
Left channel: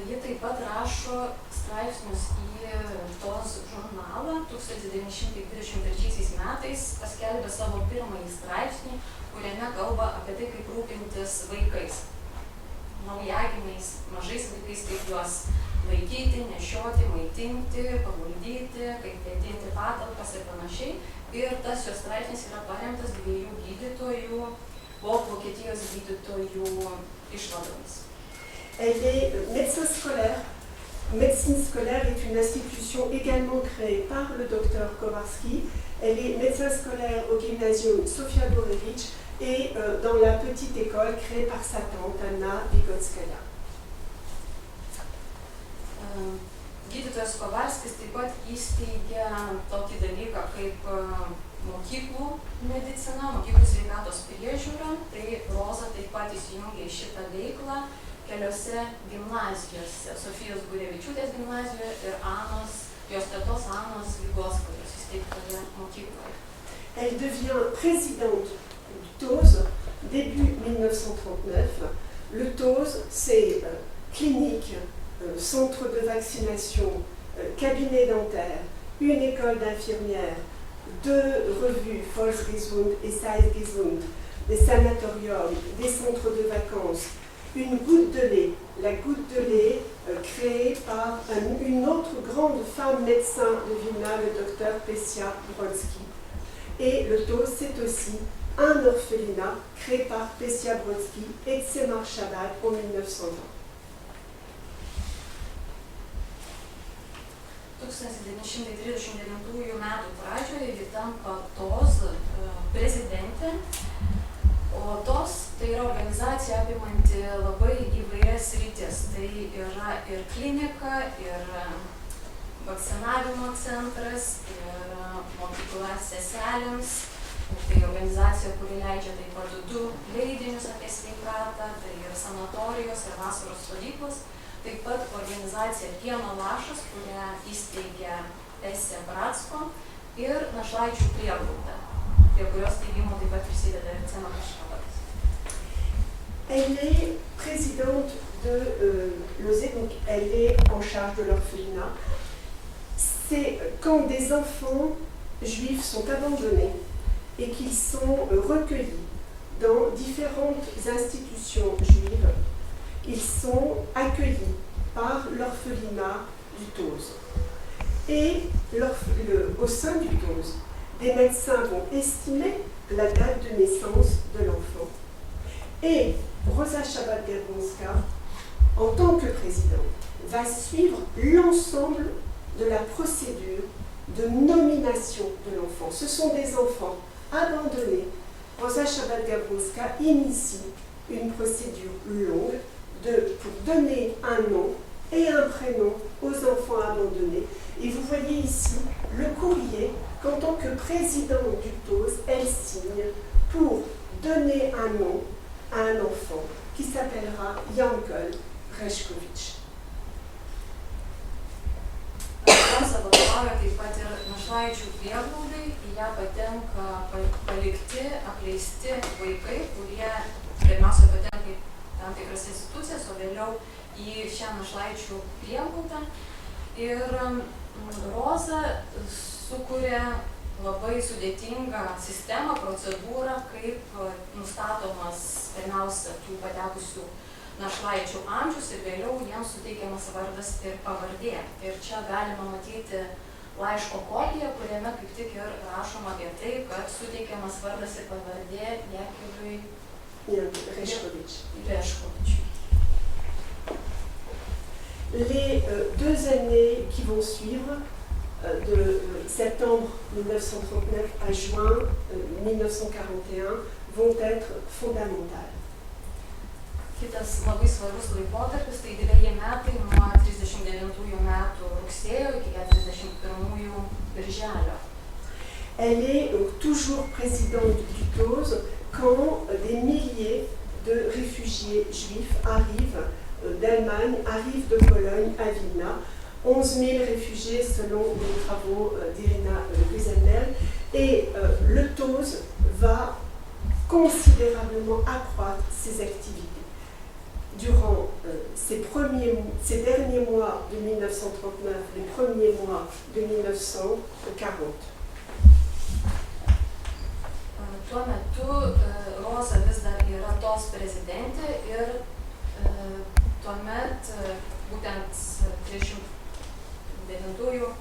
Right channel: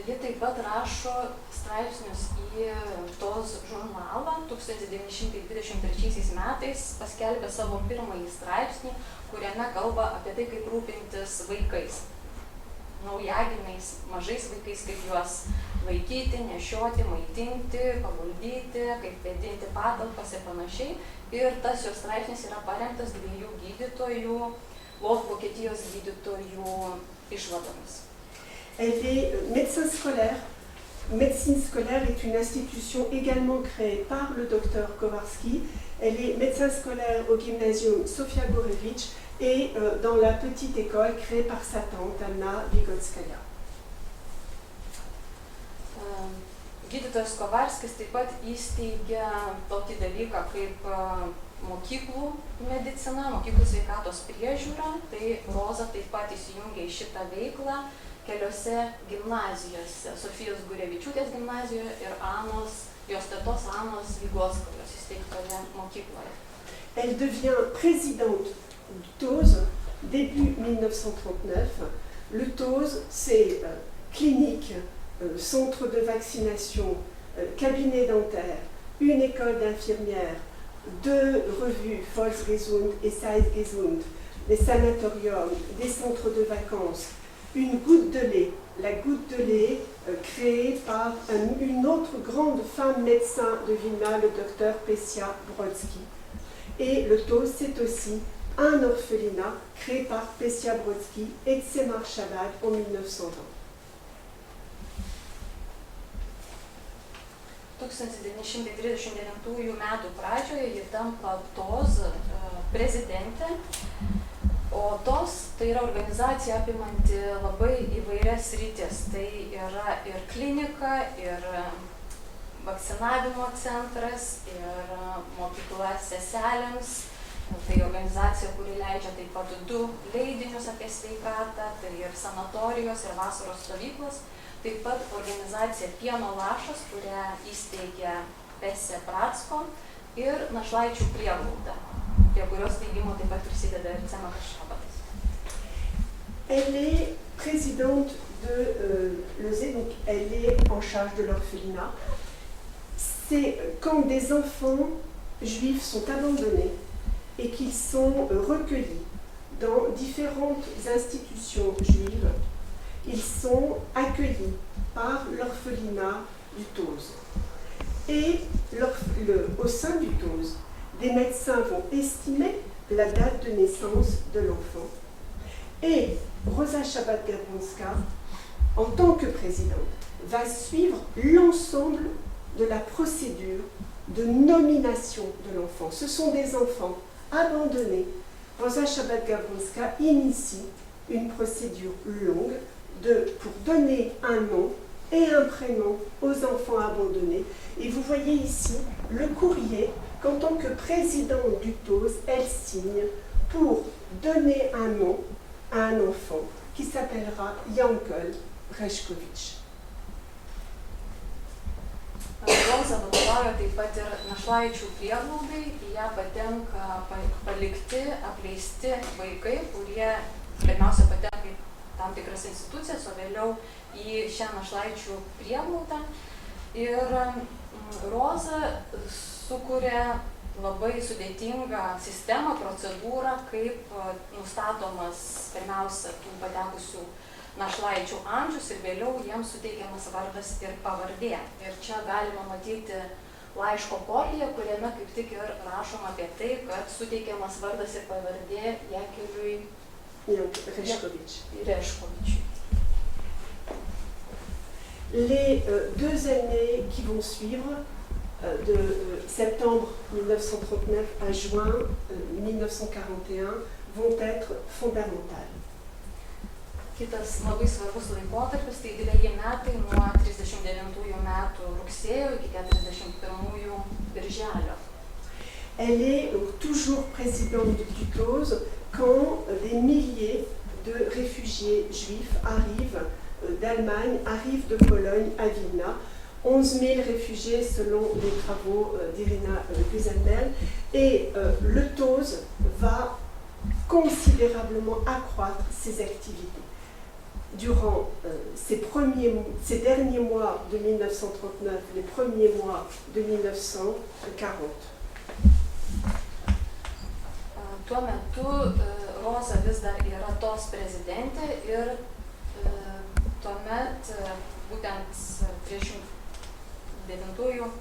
Ji taip pat rašo straipsnius į TOS žurnalą. 1923 metais paskelbė savo pirmąjį straipsnį, kuriame kalba apie tai, kaip rūpintis vaikais, naujagimiais, mažais vaikais, kaip juos laikyti, nešioti, maitinti, paguldyti, kaip vėdinti patalpas ir panašiai. Ir tas jo straipsnis yra paremtas dviejų gydytojų, Vokietijos gydytojų išvadomis. Elle est médecin scolaire. Médecine scolaire est une institution également créée par le docteur Kowarski. Elle est médecin scolaire au gymnasium Sofia Gorevitch et dans la petite école créée par sa tante Anna Vigotskaya. Gydytojas Kovarskis taip pat įsteigė tokį dalyką kaip mokyklų medicina, mokyklų sveikatos priežiūra. Tai Roza taip pat įsijungė į šitą veiklą keliose gimnazijose, Sofijos Gurevičiūtės gimnazijoje ir jos tetos Anos Vigoskajos įsteigtoje mokykloje. Elle devient présidente du TOS début 1939. Le TOS, c'est clinique, centre de vaccination, cabinet dentaire, une école d'infirmières, deux revues, Volksgesund et Zeitgesund, des sanatoriums, des centres de vacances, une goutte de lait. La goutte de lait créée par une autre grande femme médecin de Vilna, le docteur Pessia Brodsky. Et le TOS, c'est aussi un orphelinat créé par Pessia Brodsky et Tzemach Shabbat en 1920. 1939 metų pradžioje ji tampa TOS prezidentė, o TOS tai yra organizacija apimanti labai įvairias sritis. Tai yra ir klinika, ir vakcinavimo centras, ir mokykla seselėms. Tai organizacija, kuri leidžia taip pat 2 leidinius apie sveikatą, tai ir sanatorijos, ir vasaros stovyklos. Taip pat organizacija Pieno lašas, kurią įsteigė Pessia Bratsko, ir Našlaičių prieglauda, prie kurios steigimo taip pat prisideda ir Tzemachas Šabatas. Elle est présidente de l'OSE, donc elle est en charge de l'orphelinat. C'est quand des enfants juifs sont abandonnés et qu'ils sont recueillis dans différentes institutions juives, ils sont accueillis par l'orphelinat du TOS. Et au sein du TOS, des médecins vont estimer la date de naissance de l'enfant. Et Rosa Shabbat-Gabronska, en tant que présidente, va suivre l'ensemble de la procédure de nomination de l'enfant. Ce sont des enfants abandonnés. Rosa Shabbat-Gabronska initie une procédure longue pour donner un nom et un prénom aux enfants abandonnés. Et vous voyez ici le courrier qu'en tant que présidente du TOS, elle signe pour donner un nom à un enfant qui s'appellera Yankel Reshkovich. Roza vadovauja taip pat ir Našlaičių prieglaudai, į ją patenka palikti, apleisti vaikai, kurie pirmiausia patenka į tam tikras institucijas, o vėliau į šią Našlaičių prieglaudą. Ir Roza sukuria labai sudėtingą sistemą, procedūrą, kaip nustatomas pirmiausia tų patekusių našlaičių amžius ir vėliau jiems suteikiamas vardas ir pavardė. Ir čia galima matyti laiško kopiją, kuriame kaip tik ir rašoma apie tai, kad suteikiamas vardas ir pavardė Jakeliui Reškovičiui. Les 2 années qui vont suivre, de septembre 1939 à juin 1941, vont être fondamentales. Kitas labai svarbus laikotarpis, tai 2 metai nuo 39 metų rugsėjo iki 41 birželio. Elle est donc toujours présidente du TOS quand des milliers de réfugiés juifs arrivent d'Allemagne, arrivent de Pologne à Vilna. 11 000 réfugiés selon les travaux d'Irina Gusenberg. Et le TOS va considérablement accroître ses activités. Durant ces derniers mois de 1939, les premiers mois de 1940. Tuo metu Roza vis dar yra TOS prezidentė ir tuomet būtent 39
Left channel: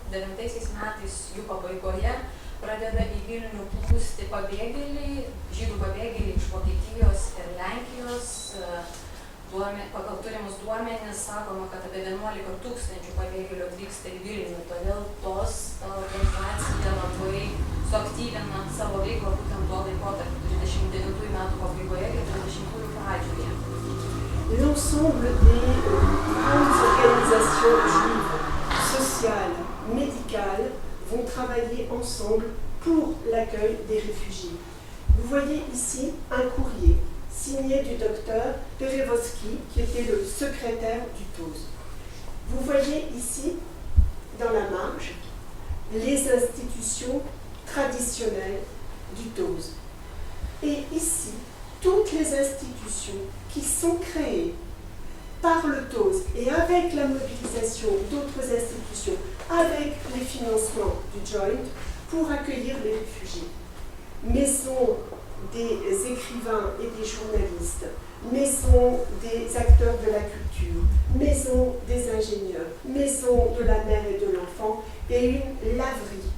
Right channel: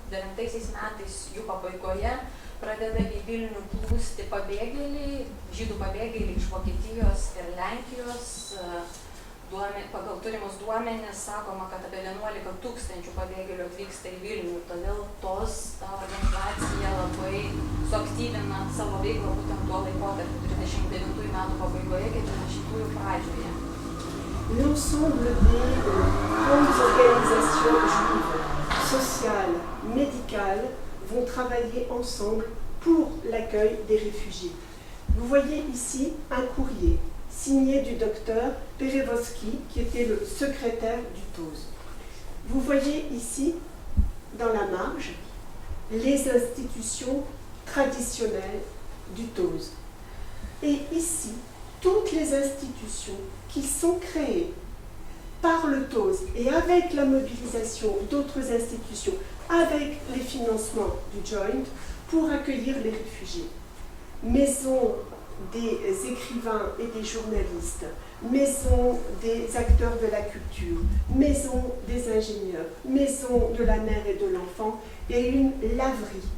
metais jų pabaigoje pradeda į Vilnių plūsti pabėgėliai, žydų pabėgėliai iš Vokietijos ir Lenkijos. Pagal turimus duomenis sakoma, kad apie 11 000 pabėgėlių atvyksta į Vilnių, todėl TOS, ta organizacija labai suaktyvina savo veiklą būtent tuo laikotarpiu, 39 metų pabaigoje, 40 pradžioje. L'ensemble des grandes organisations juives, sociales, médicales, vont travailler ensemble pour l'accueil des réfugiés. Vous voyez ici un courrier signé du docteur Perevoski, qui était le secrétaire du TOS. Vous voyez ici, dans la marge, les institutions traditionnelles du TOS. Et ici, toutes les institutions qui sont créées par le TOS et avec la mobilisation d'autres institutions, avec les financements du Joint, pour accueillir les réfugiés. Maison des écrivains et des journalistes, maison des acteurs de la culture, maison des ingénieurs, maison de la mère et de l'enfant et une laverie.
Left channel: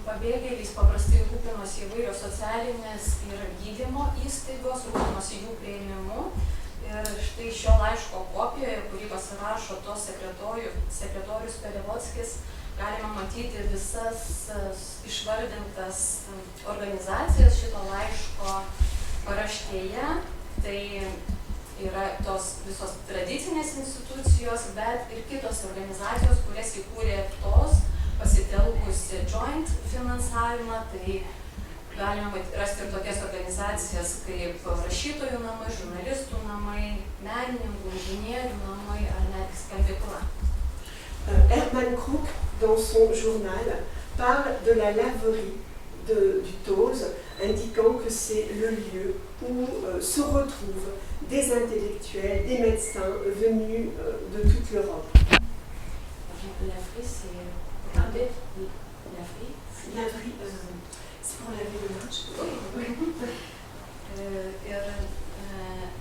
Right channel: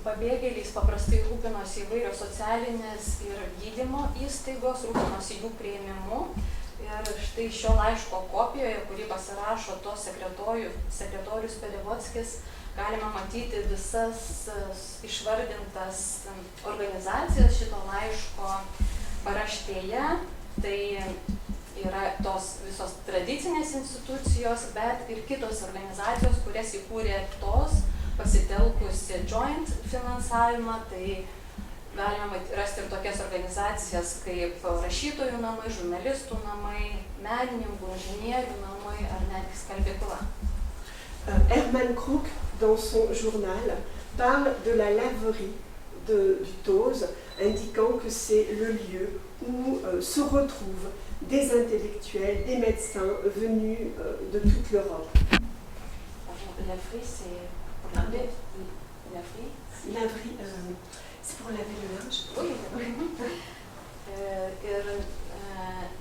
Pabėgėliais paprastai rūpinosi įvairios socialinės ir gydymo įstaigos, rūpinosi jų priėmimu. Ir štai šio laiško kopijoje, kurį pasirašo to sekretorius Perevodskis, galima matyti visas išvardintas organizacijas šito laiško paraštėje. Tai yra tos visos tradicinės institucijos, bet ir kitos organizacijos, kurias įkūrė tos, pasitelkusi joint finansavimą, tai galima rasti ir tokias organizacijas kaip rašytojų namai, žurnalistų namai, menininkų, inžinierių namai ar netgi skalbykla. Herman Kruk, dans son journal, parle de la laverie du Tose, indiquant que c'est le lieu où se retrouvent des intellectuels, des médecins venus de toute l'Europe. Laverie, c'est... Laverie, c'est pour laver le linge. Ir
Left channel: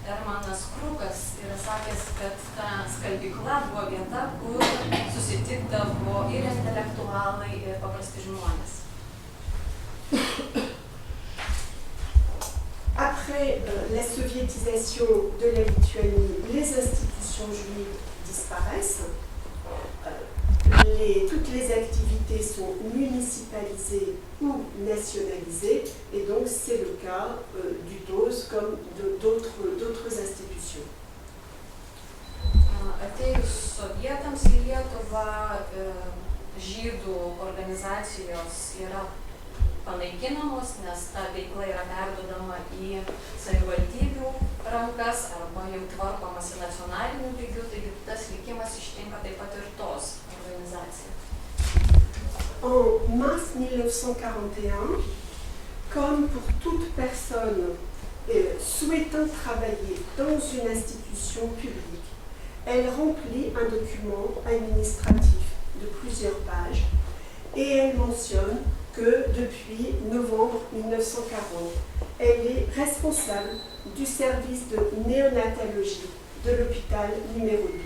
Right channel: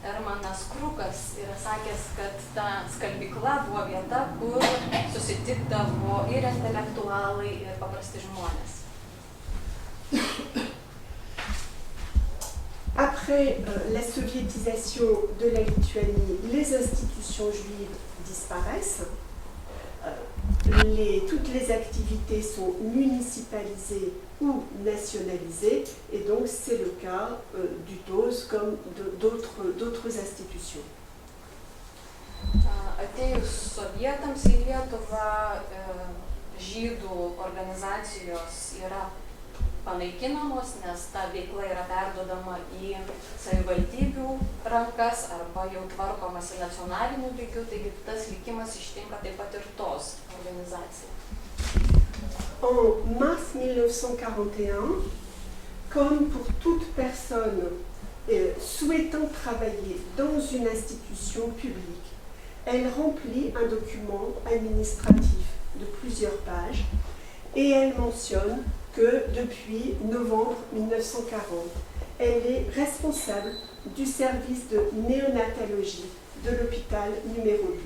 Hermanas Krukas yra sakęs, kad ta skalbykla buvo vieta, kur susitikdavo ir intelektualai, ir paprasti žmonės. Après la soviétisation de la Lituanie, les institutions juives disparaissent. Toutes les activités sont municipalisées ou nationalisées, et donc c'est le cas du TOS comme d'autres institutions. Atėjus sovietams į Lietuvą, žydų organizacijos yra panaikinamos, nes ta veikla yra perduodama į savivaldybių rankas arba jau tvarkomasi nacionaliniu lygiu, taigi tas likimas ištinka taip pat ir tos organizacija. En mars 1941, comme pour toute personne souhaitant travailler dans une institution publique, elle remplit un document administratif de plusieurs pages et elle mentionne que depuis novembre 1940, elle est responsable du service de néonatologie de l'hôpital numéro 12.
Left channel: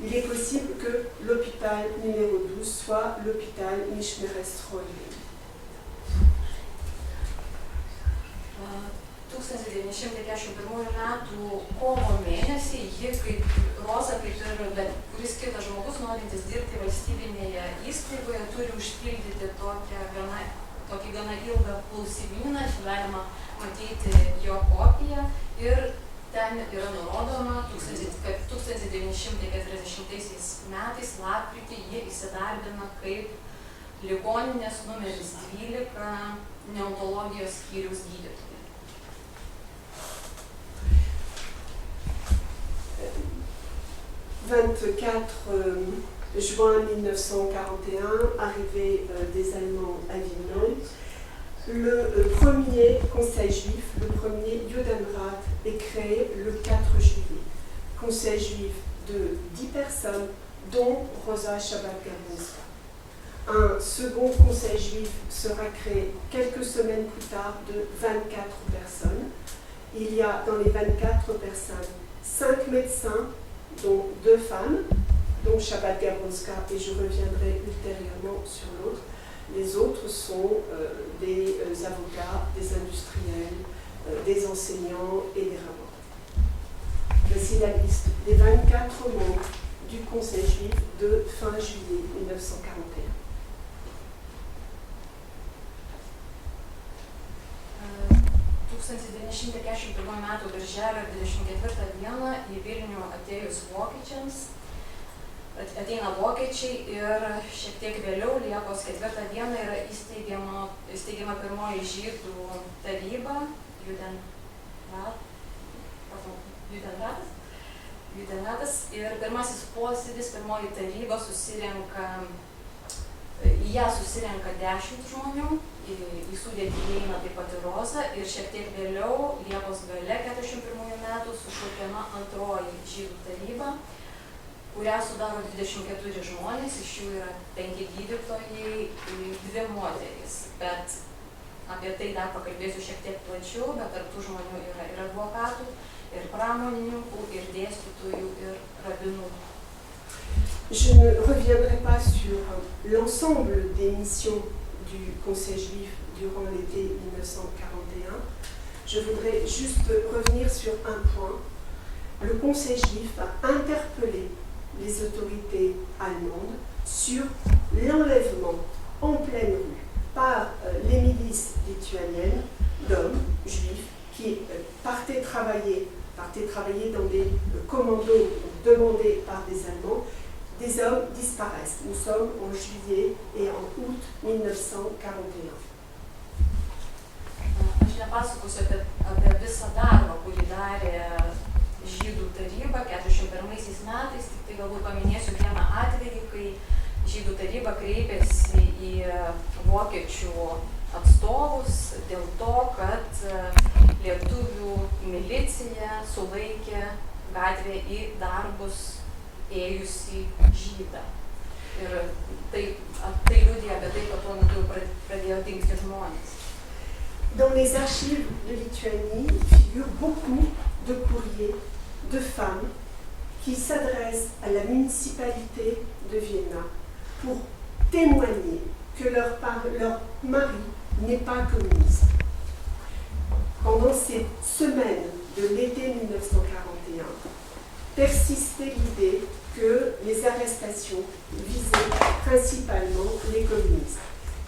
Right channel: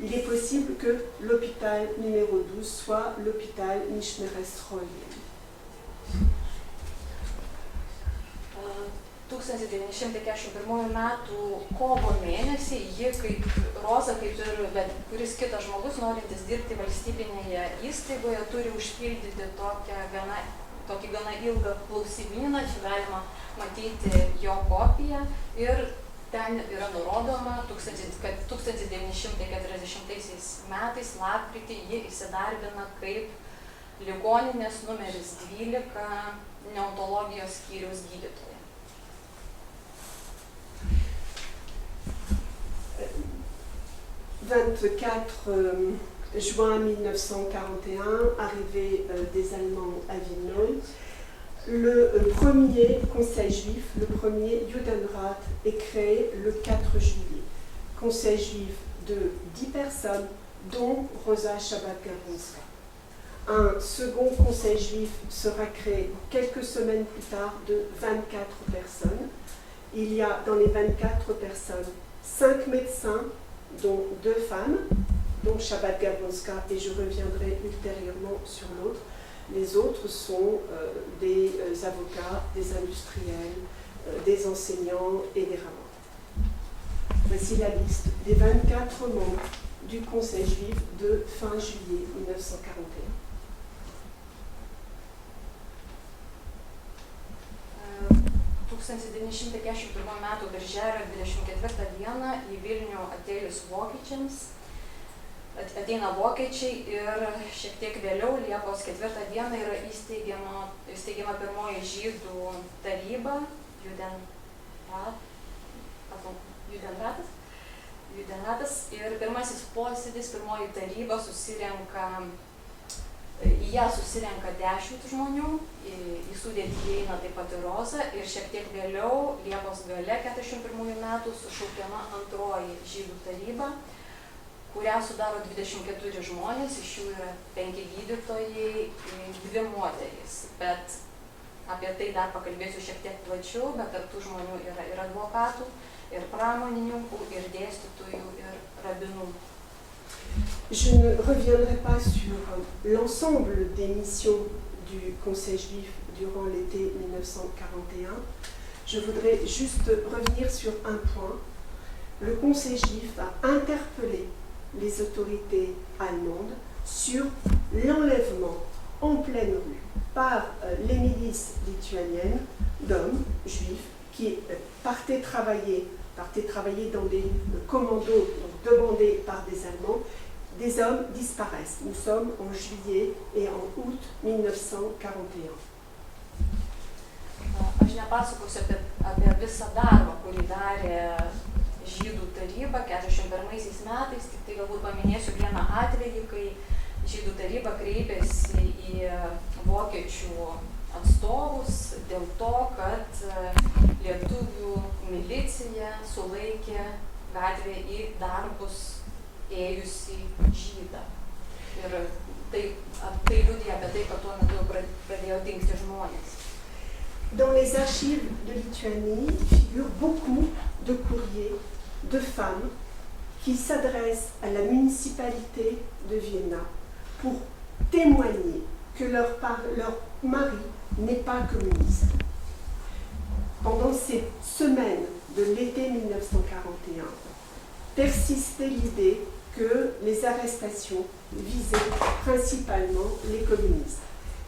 Il est possible que l'hôpital numéro 12 soit l'hôpital Mišmeres-Rojen. 1941 metų kovo mėnesį ji, kaip Roza, kaip ir bet kuris kitas žmogus, norintis dirbti valstybinėje įstaigoje, turi užpildyti tokį gana ilgą klausimyną, čia galima matyti jo kopiją, ir ten yra nurodoma, kad 1940 metais lapkritį ji įsidarbina kaip ligoninės numeris 12 neontologijos skyriaus gydytoja. 24 juin 1941, arrivée des Allemands à Villeneuve, le premier conseil juif, le premier Judenrat, est créé le 4 juillet. Conseil juif de 10 personnes, dont Rosa Shabbat-Gabronska. Un second conseil juif sera créé quelques semaines plus tard de 24 personnes. Il y a dans les 24 personnes 5 médecins, dont 2 femmes, dont Shabbat-Gabronska, et je reviendrai ultérieurement sur l'autre. Les autres sont des avocats, des industriels, des enseignants et des rabbins. Voici la liste des 24 membres du Conseil juif de fin juillet 1941. Uh, 1941 m. birželio 24 dieną į Vilnių atėjus vokiečiams, ateina vokiečiai ir šiek tiek vėliau, Liepos 4 dieną, yra įsteigiama pirmoji žydų taryba, Judenratas, ir pirmasis posėdis, pirmoji taryba susirenka, į ją susirenka 10 žmonių, į sudėtį įeina taip pat ir Roza, ir šiek tiek vėliau, Liepos gale 41 metų, sušaukiama antroji žydų taryba, kurią sudaro 24 žmonės, iš jų yra 5 gydytojai ir 2 moterys. Bet apie tai dar pakalbėsiu šiek tiek plačiau, bet tarp tų žmonių yra ir advokatų, ir pramonininkų, ir dėstytojų, ir rabinų. Je ne reviendrai pas sur l'ensemble des missions du Conseil juif durant l'été 1941. Je voudrais juste revenir sur un point. Le Conseil juif a interpellé les autorités allemandes sur l'enlèvement en pleine rue par les milices lituaniennes d'hommes juifs qui partaient travailler dans des commandos demandés par des Allemands. Des hommes disparaissent. Nous sommes en juillet et en août 1941. Aš nepasakosiu apie visą darbą, kurį darė Žydų taryba 41 metais, tik tai galbūt paminėsiu vieną atvejį, kai Žydų taryba kreipėsi į vokiečių atstovus dėl to, kad lietuvių milicija sulaikė gatvėje į darbus ėjusį žydą. Ir tai liudija apie tai, kad tuo metu pradėjo dingti žmonės. Dans les archives de Lituanie, il figure beaucoup de courriers de femmes qui s'adressent à la municipalité de Vienna pour témoigner que leur mari n'est pas communiste. Pendant ces semaines de l'été 1941, persistait l'idée que les arrestations visaient principalement les communistes.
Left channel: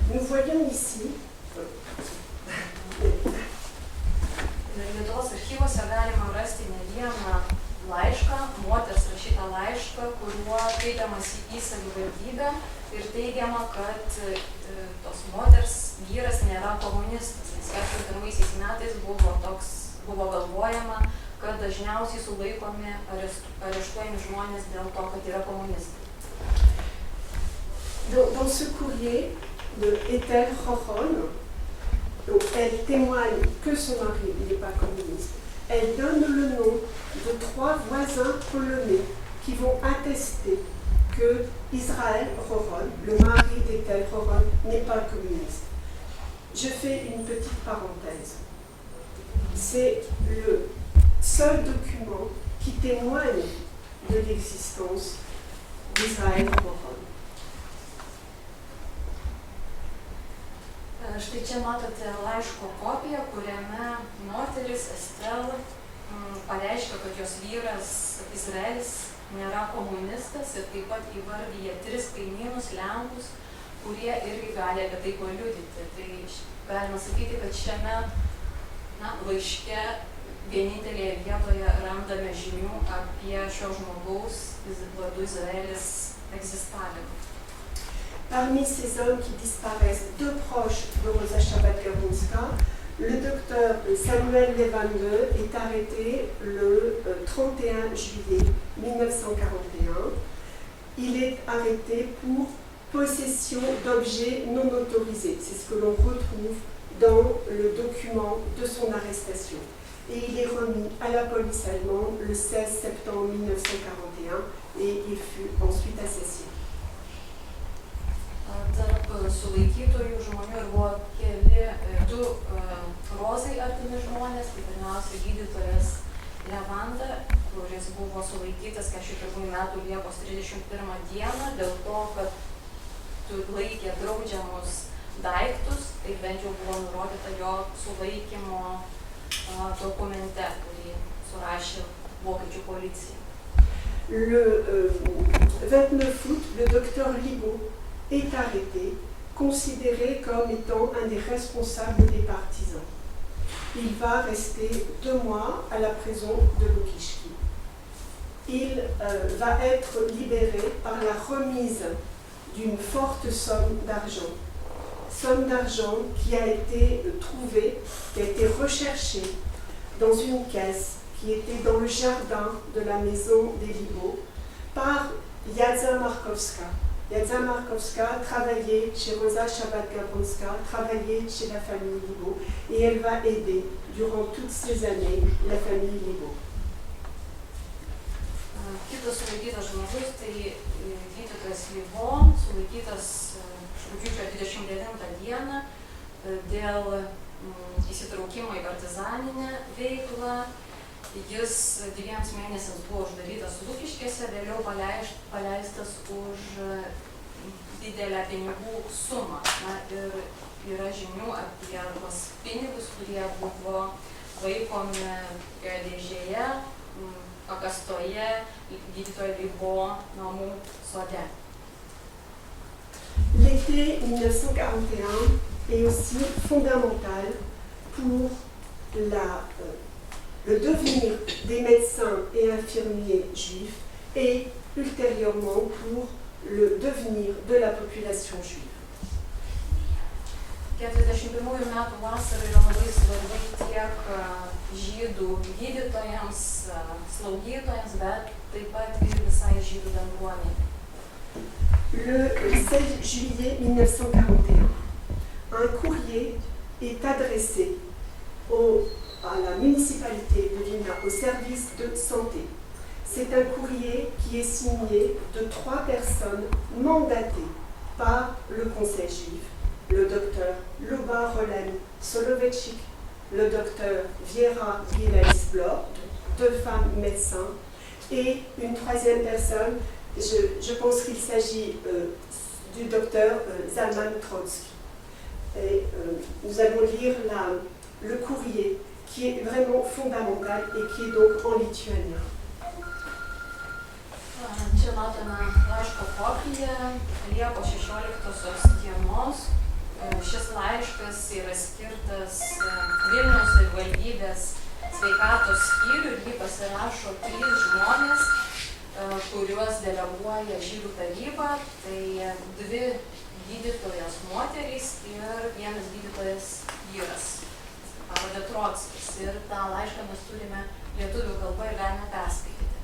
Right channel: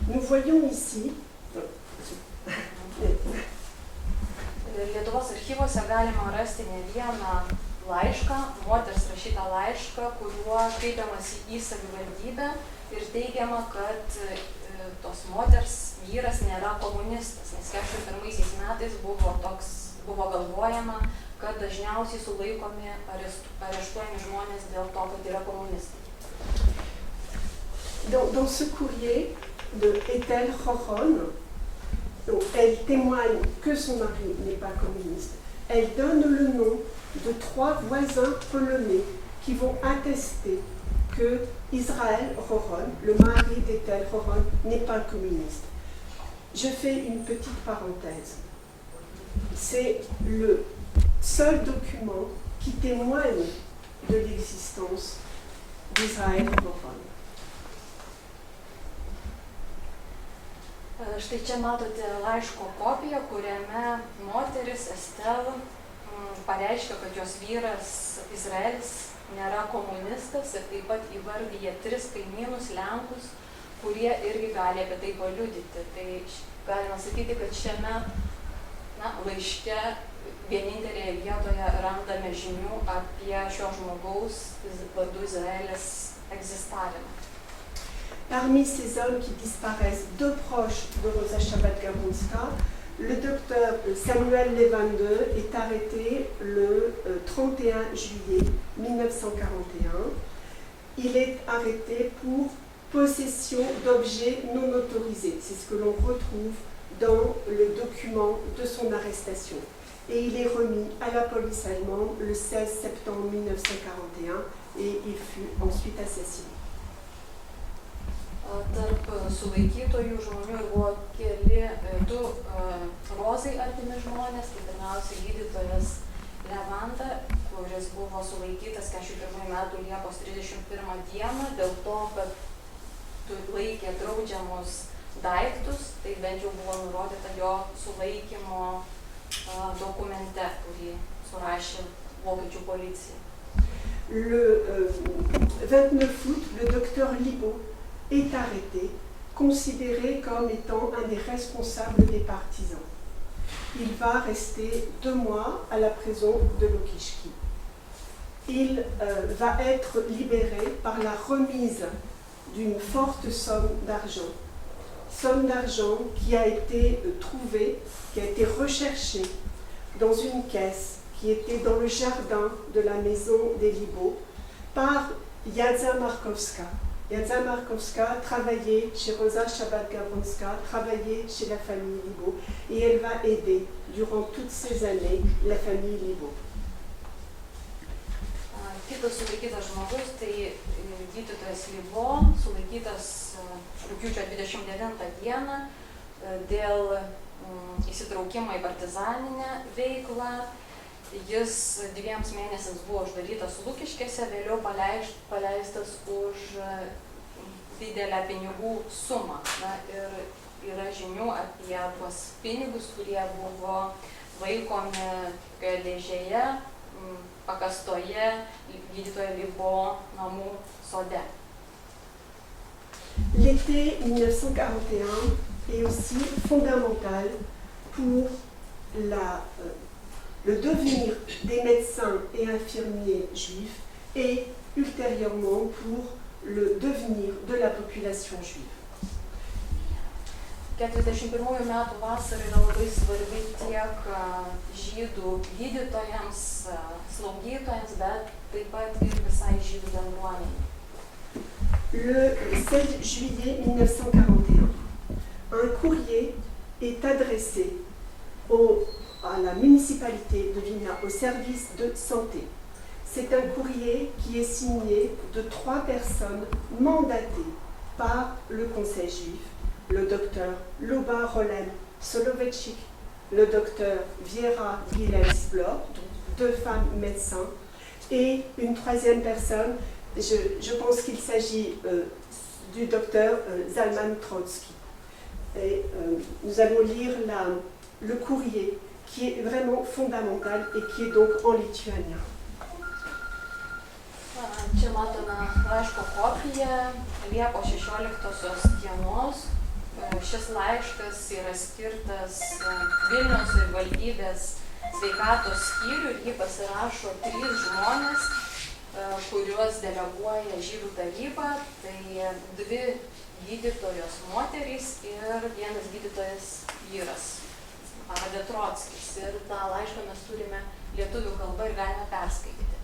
Nous voyons ici Lietuvos archyvuose galima rasti ne vieną laišką, moters rašytą laišką, kuriuo kreipiamasi į savivaldybę ir teigiama, kad tos moters vyras nėra komunistas, nes 41 metais buvo galvojama, kad dažniausiai sulaikomi areštuojami žmonės dėl to, kad yra komunistai. Dans ce courrier de Ethel Chochon, donc elle témoigne que son mari n'est pas communiste. Elle donne le nom de 3 voisins polonais qui vont attester que Israël Chochon, le mari d'Ethel Chochon, n'est pas communiste. Je fais une petite parenthèse. C'est le seul document qui témoigne de l'existence d'Israël Chochon. Štai čia matote laiško kopiją, kuriame moteris Estel pareiškia, kad jos vyras Izraelis nėra komunistas ir taip pat įvardyja 3 kaimynus Lenkus, kurie irgi gali apie tai paliudyti. Tai galima sakyti, kad šiame laiške vienintelėje vietoje randame žinių apie šio žmogaus vardu Izraelis egzistavimą. Parmi ces hommes qui disparaissent, 2 proches de Rosa Shabbat-Gabronska, le docteur Samuel Levande est arrêté le 31 juillet 1941. Il est arrêté pour possession d'objets non autorisés. C'est ce que l'on retrouve dans le document de son arrestation. Et il est remis à la police allemande le 16 septembre 1941 et il fut ensuite assassiné. Tarp sulaikytojų žmonių buvo 2 Rozai artimi žmonės, tai pirmiausia gydytojas Levanda, kuris buvo sulaikytas 41 metų Liepos 31 dieną dėl to, kad laikė draudžiamus daiktus, tai bent jau buvo nurodyta jo sulaikymo dokumente, kurį surašė vokiečių policija. Le 29 août, le docteur Libaud est arrêté, considéré comme étant un des responsables des partisans. Il va rester 2 mois à la prison de Lokichki. Il va être libéré par la remise d'une forte somme d'argent qui a été trouvée, qui a été recherchée dans une caisse qui était dans le jardin de la maison des Libaud par Jadza Markowska. Jadza Markowska travaillait chez Rosa Shabbat-Gabronska, travaillait chez la famille Libaud, et elle va aider durant toutes ces années la famille Libaud. Kitas sulaikytas žmogus, tai gydytojas Libo, sulaikytas rugpjūčio 29 dieną dėl įsitraukimo į partizaninę veiklą. Jis 2 mėnesiams buvo uždarytas Lukiškėse, vėliau paleistas už didelę pinigų sumą. Na, ir yra žinių apie tuos pinigus, kurie buvo laikomi dėžėje, pakastoje gydytojo Libo namų sode. L'été 1941 est aussi fondamental pour le devenir des médecins et infirmiers juifs et ultérieurement pour le devenir de la population juive. 41 metų vasara yra labai svarbi tiek žydų gydytojams, slaugytojams, bet taip pat ir visai žydų bendruomeniai. Le 16 juillet 1941, un courrier est adressé à la municipalité de Vilna, au service de santé. C'est un courrier qui est signé de 3 personnes mandatées par le Conseil juif, le docteur Luba Rolen Soloveitchik, le docteur Viera Gilelsblor, donc 2 femmes médecins, et une 3e personne, je pense qu'il s'agit du docteur Zalman Trotsky. Et nous allons lire le courrier qui est vraiment fondamental et qui est donc en lituanien. Čia matome laiško kopiją Liepos 16 dienos. Šis laiškas yra skirtas Vilniaus savivaldybės sveikatos skyriui ir jį pasirašo 3 žmonės, kuriuos deleguoja žydų taryba. Tai 2 gydytojos moterys ir 1 gydytojas vyras, pavardė Trotskis. Ir tą laišką mes turime lietuvių kalbą ir galime perskaityti.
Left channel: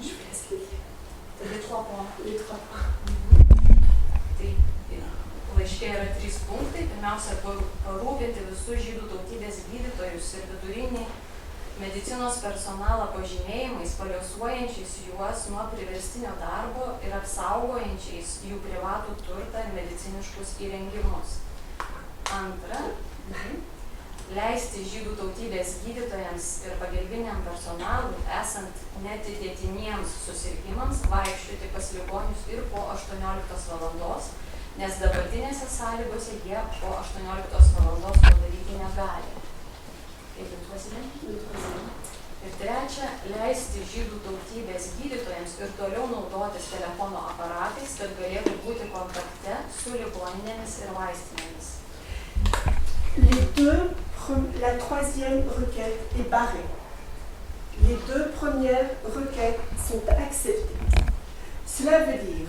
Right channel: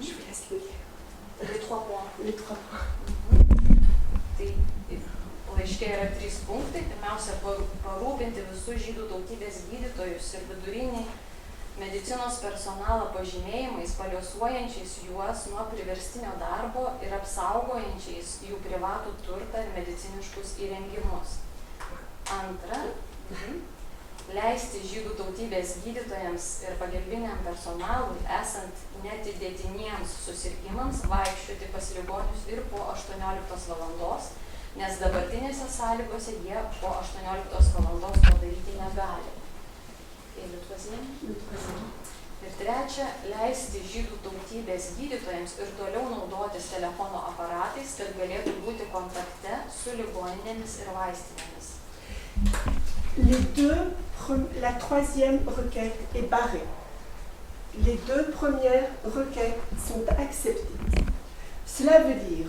Je vais l'expliquer. Les 3 points. Les 3 points. Tai laiške yra 3 punktai. Pirmiausia, parūpinti visus žydų tautybės gydytojus ir vidurinį medicinos personalą pažymėjimais, paliuosuojančiais juos nuo priverstinio darbo ir apsaugojančiais jų privatų turtą ir mediciniškus įrengimus. Antra, leisti žydų tautybės gydytojams ir pagalbiniam personalui, esant netidėtiniems susirgimams, vaikščioti pas ligonius ir po 18 valandos, nes dabartinėse sąlygose jie po 18 valandos padaryti negali. Ir trečia, leisti žydų tautybės gydytojams ir toliau naudotis telefono aparatais, kad galėtų būti kontakte su ligoninėmis ir vaistinėmis. La 3e requête est barrée. Les 2 premières requêtes sont acceptées. Cela veut dire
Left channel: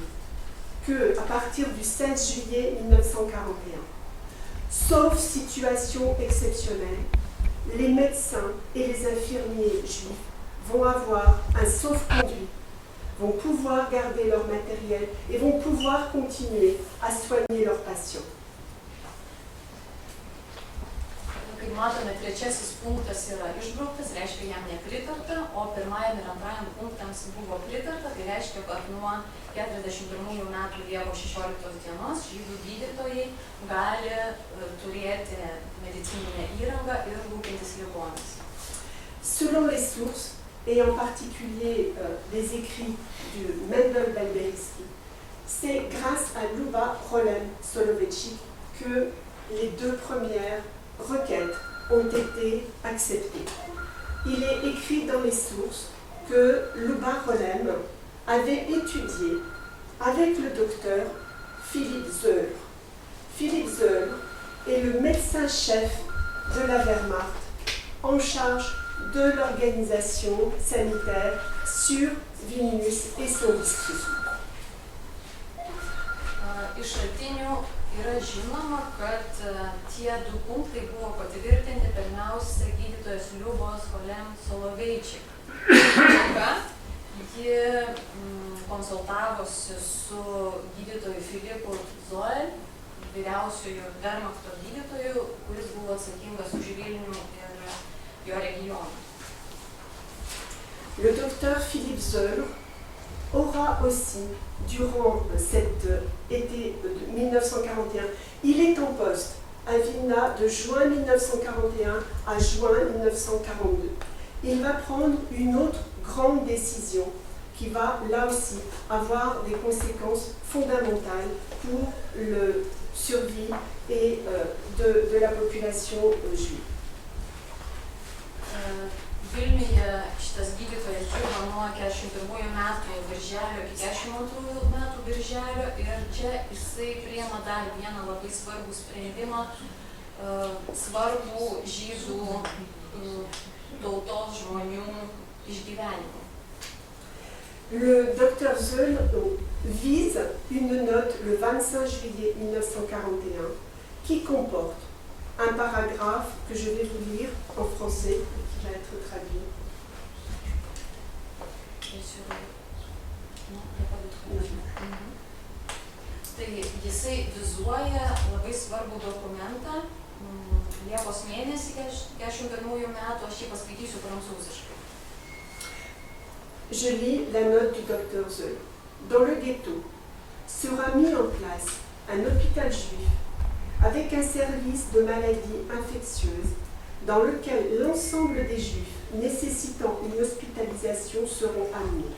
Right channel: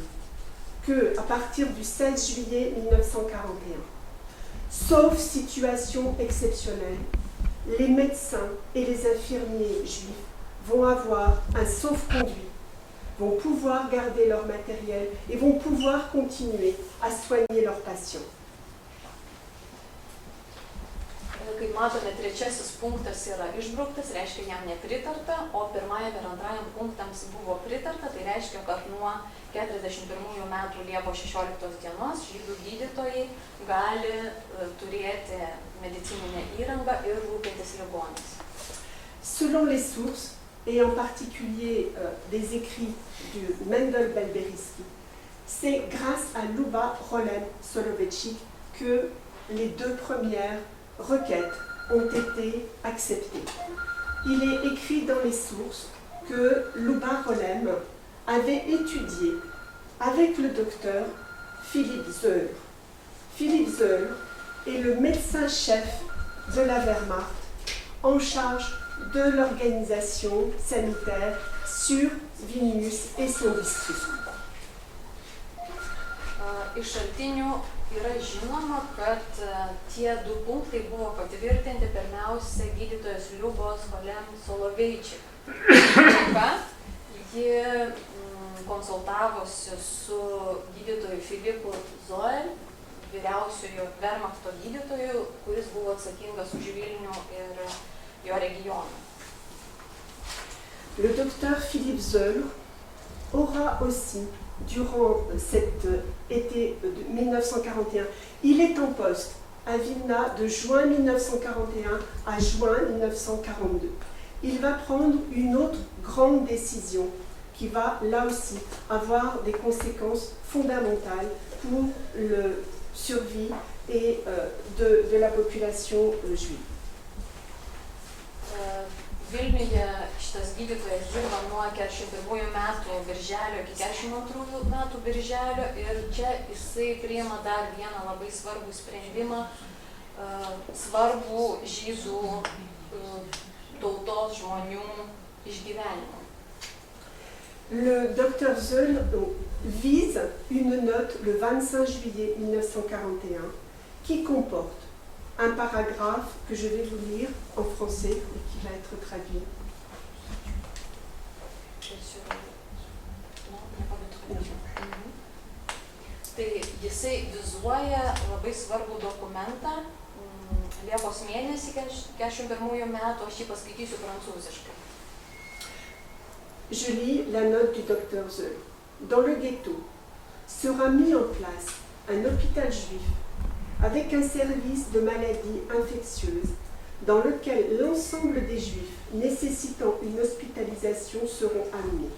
qu'à partir du 16 juillet 1941, sauf situation exceptionnelle, les médecins et les infirmiers juifs vont avoir un sauf-conduit, vont pouvoir garder leur matériel et vont pouvoir continuer à soigner leurs patients. Kaip matome, 3 punktas yra išbrauktas, reiškia jam nepritarta, o 1 ir 2 punktams buvo pritarta, tai reiškia, kad nuo 41 metų Liepos 16 dienos žydų gydytojai gali turėti medicininę įrangą ir rūpintis ligomis. Selon les sources, et en particulier les écrits du Mendel Balberisky, c'est grâce à Luba Rolen Soloveitchik que les 2 premières requêtes ont été acceptées. Il est écrit dans les sources que Luba Rolem avait étudié avec le docteur Philippe Zöll. Philippe Zöll est le médecin-chef de la Wehrmacht en charge de l'organisation sanitaire sur Vilnius et son district. Iš šaltinių yra žinoma, kad tie 2 punktai buvo patvirtinti pirmiausia gydytojas Liubos Rolem Soloveitchik. Ji konsultavosi su gydytoju Filipu Zöll, vyriausiojo Wehrmachto gydytoju, kuris buvo atsakingas už Vilnių ir jo regioną. Le docteur Philippe Zöll aura aussi, durant cet été de 1941, il est en poste à Vilna de juin 1941 à juin 1942. Il va prendre une autre grande décision qui va là aussi avoir des conséquences fondamentales pour le survie et de la population juive. Vilniuje šitas gydytojas dirba nuo 41 metų birželio iki 42 metų birželio ir čia jisai priima dar vieną labai svarbų sprendimą, svarbų žydų tautos žmonių išgyvenimui. Le docteur Zeul vise une note le 25 juillet 1941 qui comporte un paragraphe que je vais vous lire en français et qui va être traduit. Tai jisai vizuoja labai svarbų dokumentą Liepos mėnesį 41 metų, aš jį paskaitysiu prancūziškai. Je lis la note du docteur Zeul. Dans le ghetto sera mis en place un hôpital juif avec un service de maladies infectieuses dans lequel l'ensemble des juifs nécessitant une hospitalisation seront amenés,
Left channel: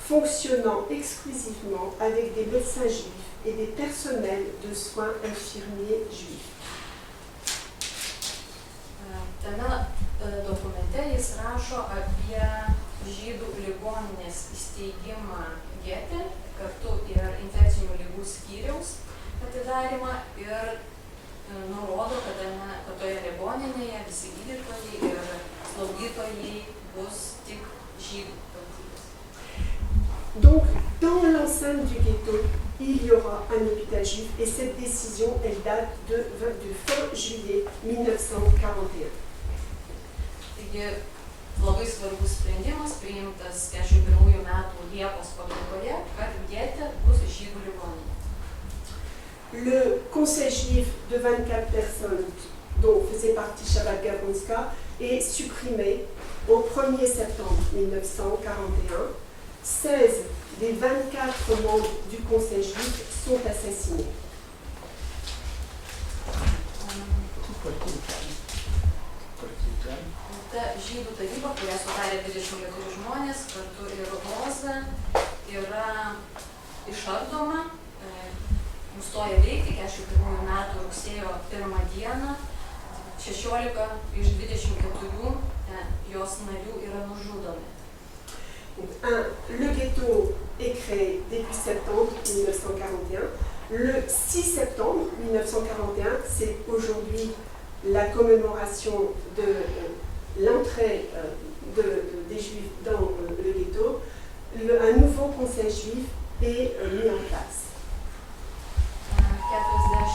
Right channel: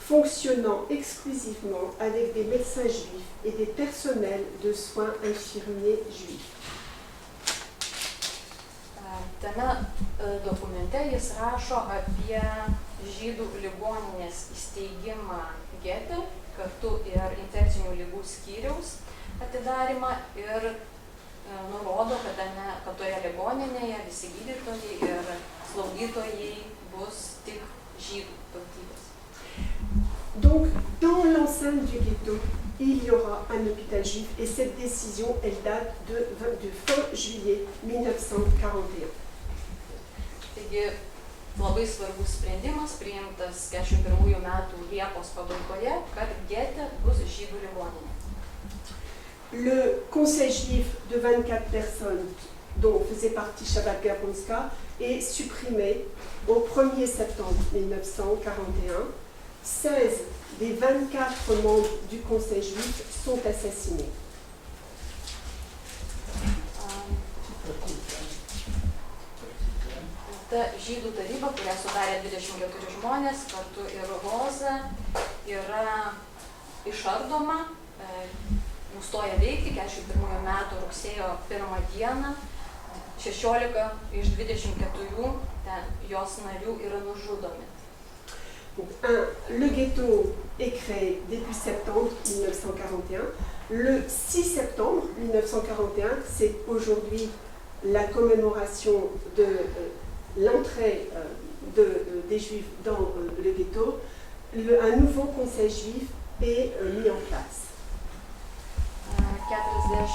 fonctionnant exclusivement avec des médecins juifs et des personnels de soins infirmiers juifs. Tame dokumente jis rašo apie žydų ligoninės įsteigimą gete, kartu ir infekcinių ligų skyriaus atidarymą ir nurodo, kad toje ligoninėje visi gydytojai ir slaugytojai bus tik žydų tautybės. Donc, dans l'enceinte du ghetto, il y aura un hôpital juif et cette décision, elle date du fin juillet 1941. Taigi, labai svarbus sprendimas priimtas 41 metų Liepos pabaigoje, kad gete bus žydų ligoninė. Le conseil juif de 24 personnes dont faisait partie Shabbat Gabronska est supprimé au 1er septembre 1941. 16 des 24 membres du conseil juif sont assassinés. Ta žydų taryba, kurią sudarė 24 žmonės, kartu ir Roza, yra išardoma, nustoja veikti 41 metų rugsėjo 1 dieną, 16 iš 24 jos narių yra nužudomi. Le ghetto est créé début septembre 1941. Le 6 septembre 1941, c'est aujourd'hui la commémoration de l'entrée des Juifs dans le ghetto. Un nouveau conseil juif est mis en place. 41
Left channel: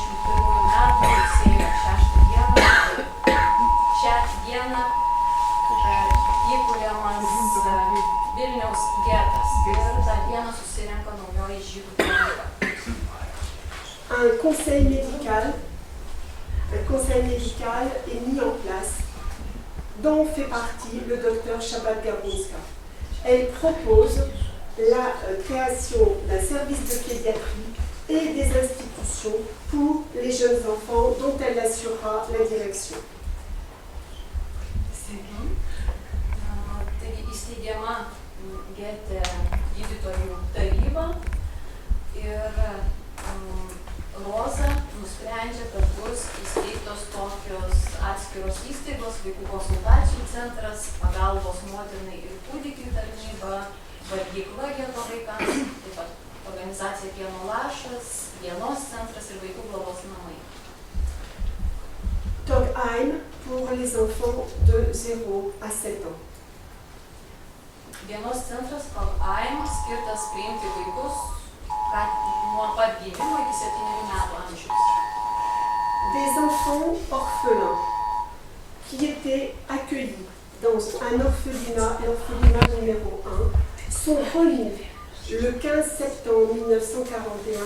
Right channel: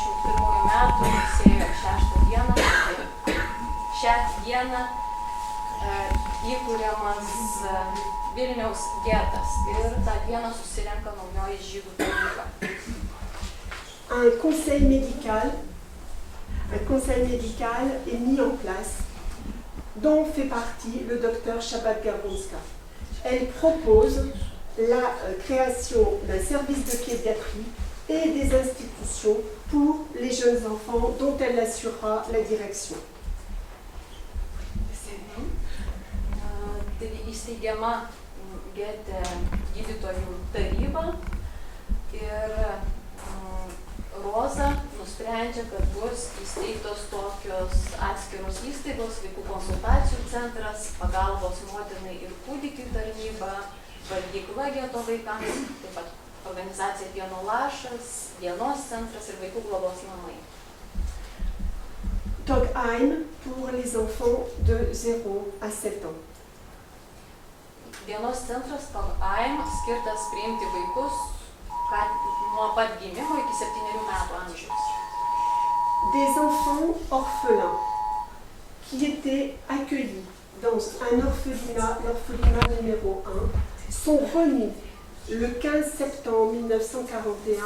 metų rugsėjo 6 dieną, šią dieną įkuriamas Vilniaus getas ir tą dieną susirenka naujoji žydų taryba. Un conseil médical est mis en place, dont fait partie le docteur Shabbat Gabronska. Elle propose la création d'un service de pédiatrie et des institutions pour les jeunes enfants dont elle assurera la direction. Taigi įsteigiama gete gydytojų taryba ir Roza nusprendžia, kad bus įsteigtos tokios atskiros įstaigos, vaikų konsultacijų centras, pagalbos motinai ir kūdikiui tarnyba, valgykla geto vaikams, taip pat organizacija Pieno lašas, dienos centras ir vaikų globos namai. Togheim pour les enfants de 0 à 7 ans. Dienos centras Togheim skirtas priimti vaikus nuo pat gimimo iki 7 metų amžiaus. Des enfants orphelins qui étaient accueillis dans un orphelinat, l'orphelinat numéro 1, sont remis le 15 septembre 1941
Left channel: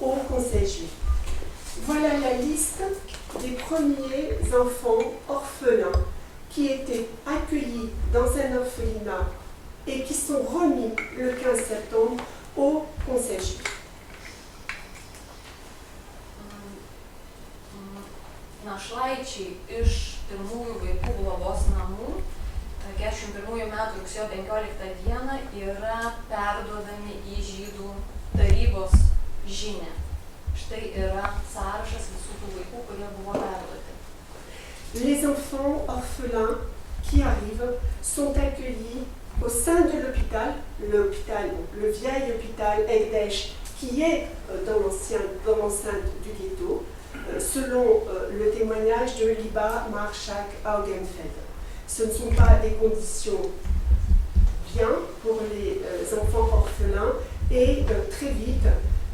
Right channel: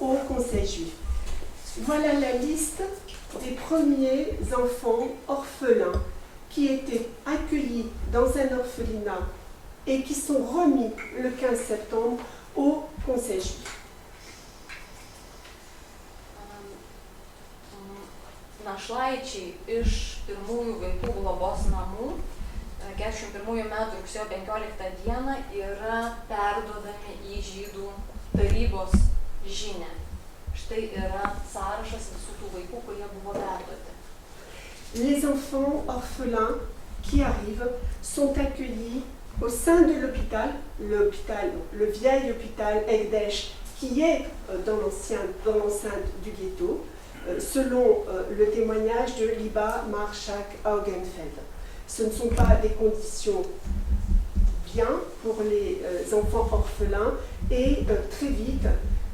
au Conseil juif. Voilà la liste des premiers enfants orphelins qui étaient accueillis dans un orphelinat et qui sont remis le 15 septembre au Conseil juif. Našlaičiai iš pirmųjų vaikų globos namų 41 metų rugsėjo 15 dieną yra perduodami į žydų tarybos žinią. Štai yra sąrašas visų tų vaikų, kurie buvo perduoti. Les enfants orphelins qui arrivent sont accueillis au sein de l'hôpital, le vieil hôpital Ekdesh, qui est dans l'enceinte du ghetto, selon le témoignage de Liba Marshak Augenfeld. Ce ne sont pas des conditions bien pour les enfants orphelins et très vite,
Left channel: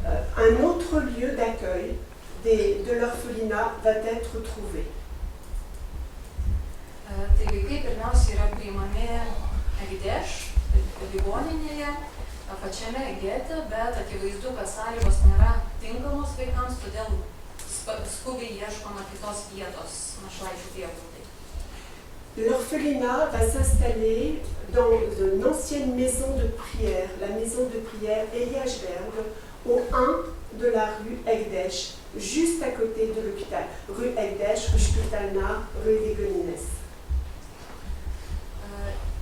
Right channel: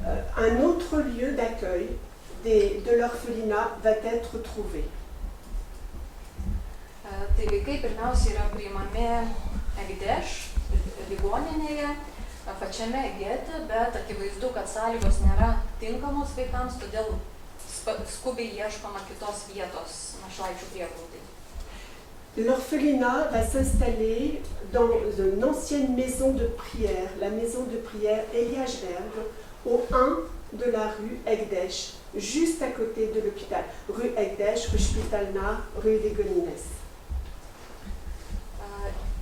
un autre lieu d'accueil de l'orphelinat va être trouvé. Tai vaikai pirmiausia yra priimami Ekdeš ligoninėje, pačiame gete, bet akivaizdu, kad sąlygos nėra tinkamos vaikams, todėl skubiai ieškoma kitos vietos našlaičių prieglaudai. L'orphelinat va s'installer dans une ancienne maison de prière, la maison de prière Eliashberg, au 1 de la rue Ekdesh, juste à côté de l'hôpital. Rue Ekdesh, rue Spitalna, rue Vigonines.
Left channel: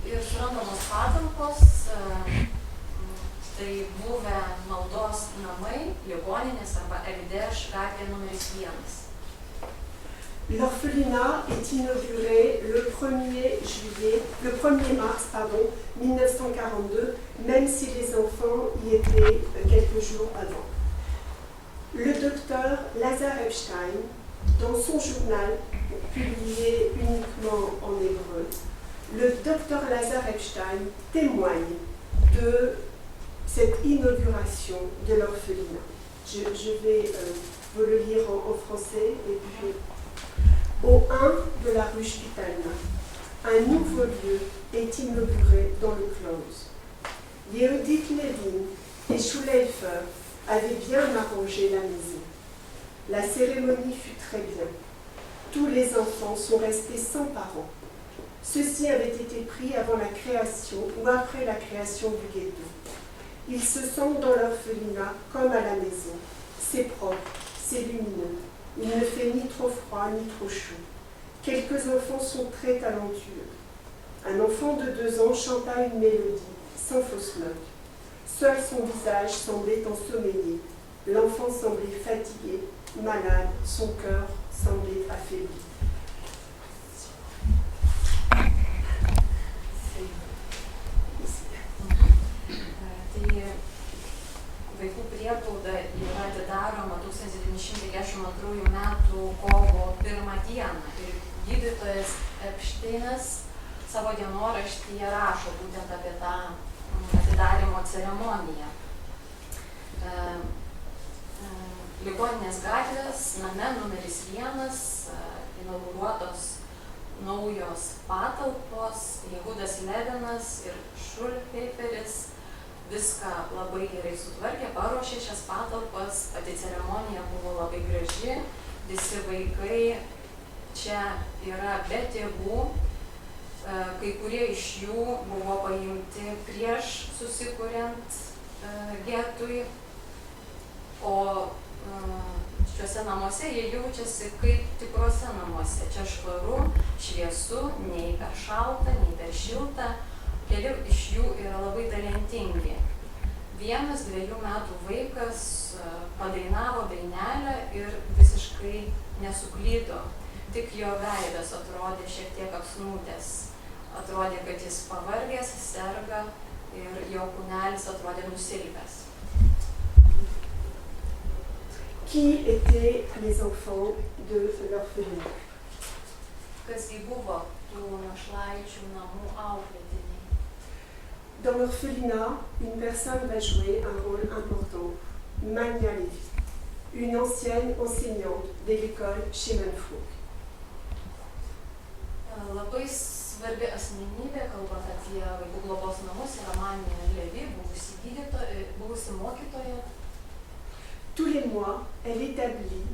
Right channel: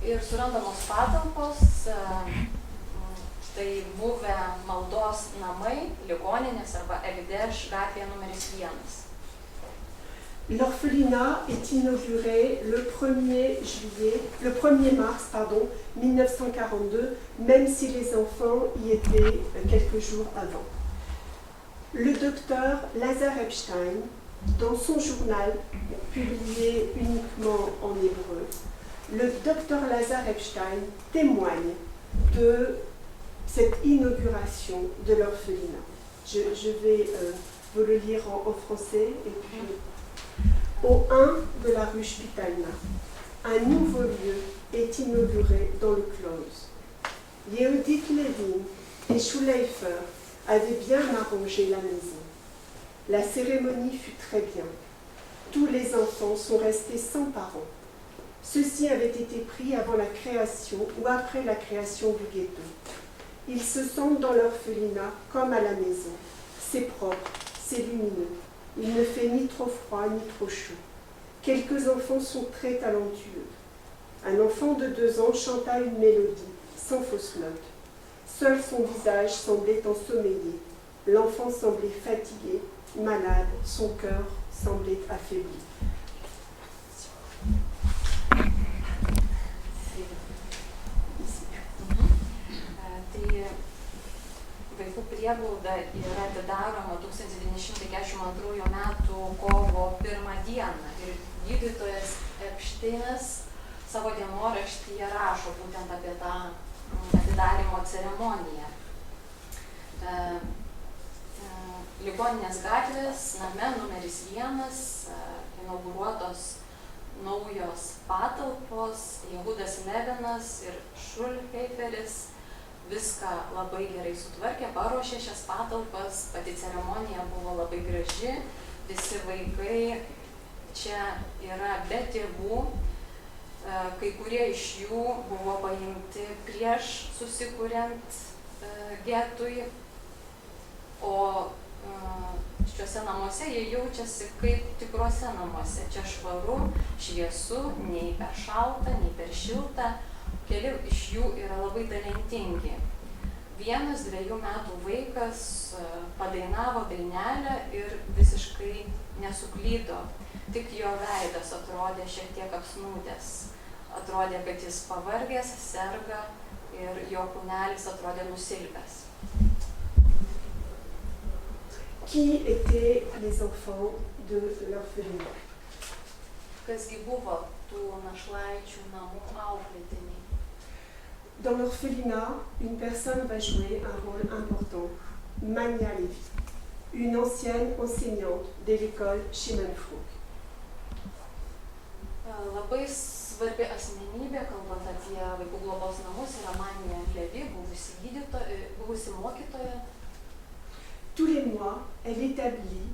Ir surandamos patalpos, tai buvę maldos namai, ligoninės arba Ekdeš gatvėje numeris 1. L'orphelinat est inauguré le 1er mars 1942, même si les enfants y étaient quelques jours avant. Le docteur Lazar Epstein, dans son journal, publié uniquement en hébreu, le docteur Lazar Epstein témoigne de cette inauguration de l'orphelinat. Je vais vous le lire en français et puis... Au 1 de la rue Spitalna, un nouveau lieu est inauguré dans le close. Yehudit Levin et Schuleifer avaient bien arrangé la maison. La cérémonie fut très bien. Tous les enfants sont restés sans parents. Ceux-ci avaient été pris avant la création ou après la création du ghetto. Ils se sentent dans l'orphelinat comme à la maison. C'est propre, c'est lumineux. Il ne fait ni trop froid ni trop chaud. Quelques enfants sont très talentueux. Un enfant de 2 ans chanta une mélodie, sans fausse note. Seul son visage semblait ensommeillé. L'enfant semblait fatigué, malade, son cœur semblait affaibli. Vaikų prieglauda yra atidaroma 1942 metų kovo 1 dieną ir gydytojas Epšteinas savo dienoraštyje rašo būtent apie tą atidarymo ceremoniją. Ligoninės gatvės name numeris 1 inauguruotos naujos patalpos, Jehudas Levinas ir Šulheiferis viską labai gerai sutvarkė, paruošė šias patalpas, pati ceremonija buvo labai graži, visi vaikai čia yra be tėvų, kai kurie iš jų buvo paimti prieš susikuriant getui, o šiuose namuose jie jaučiasi kaip tikruose namuose. Čia švaru, šviesu, nei per šalta, nei per šilta. Keli iš jų yra labai talentingi. 1-2 metų vaikas padainavo dainelę ir visiškai nesuklydo. Tik jo veidas atrodė šiek tiek apsnūdęs. Atrodė, kad jis pavargęs, serga ir jo kūnelis atrodė nusilpęs. Qui étaient les enfants de l'orphelinat? Kasgi buvo tų našlaičių namų auklėtiniai? Dans l'orphelinat, une personne va jouer un rôle important, Mania Levy, une ancienne enseignante de l'école Shimon Fruk. Labai svarbi asmenybė, kalbant apie vaikų globos namus, yra Mania Levy, buvusi mokytoja. Tous les mois, elle établit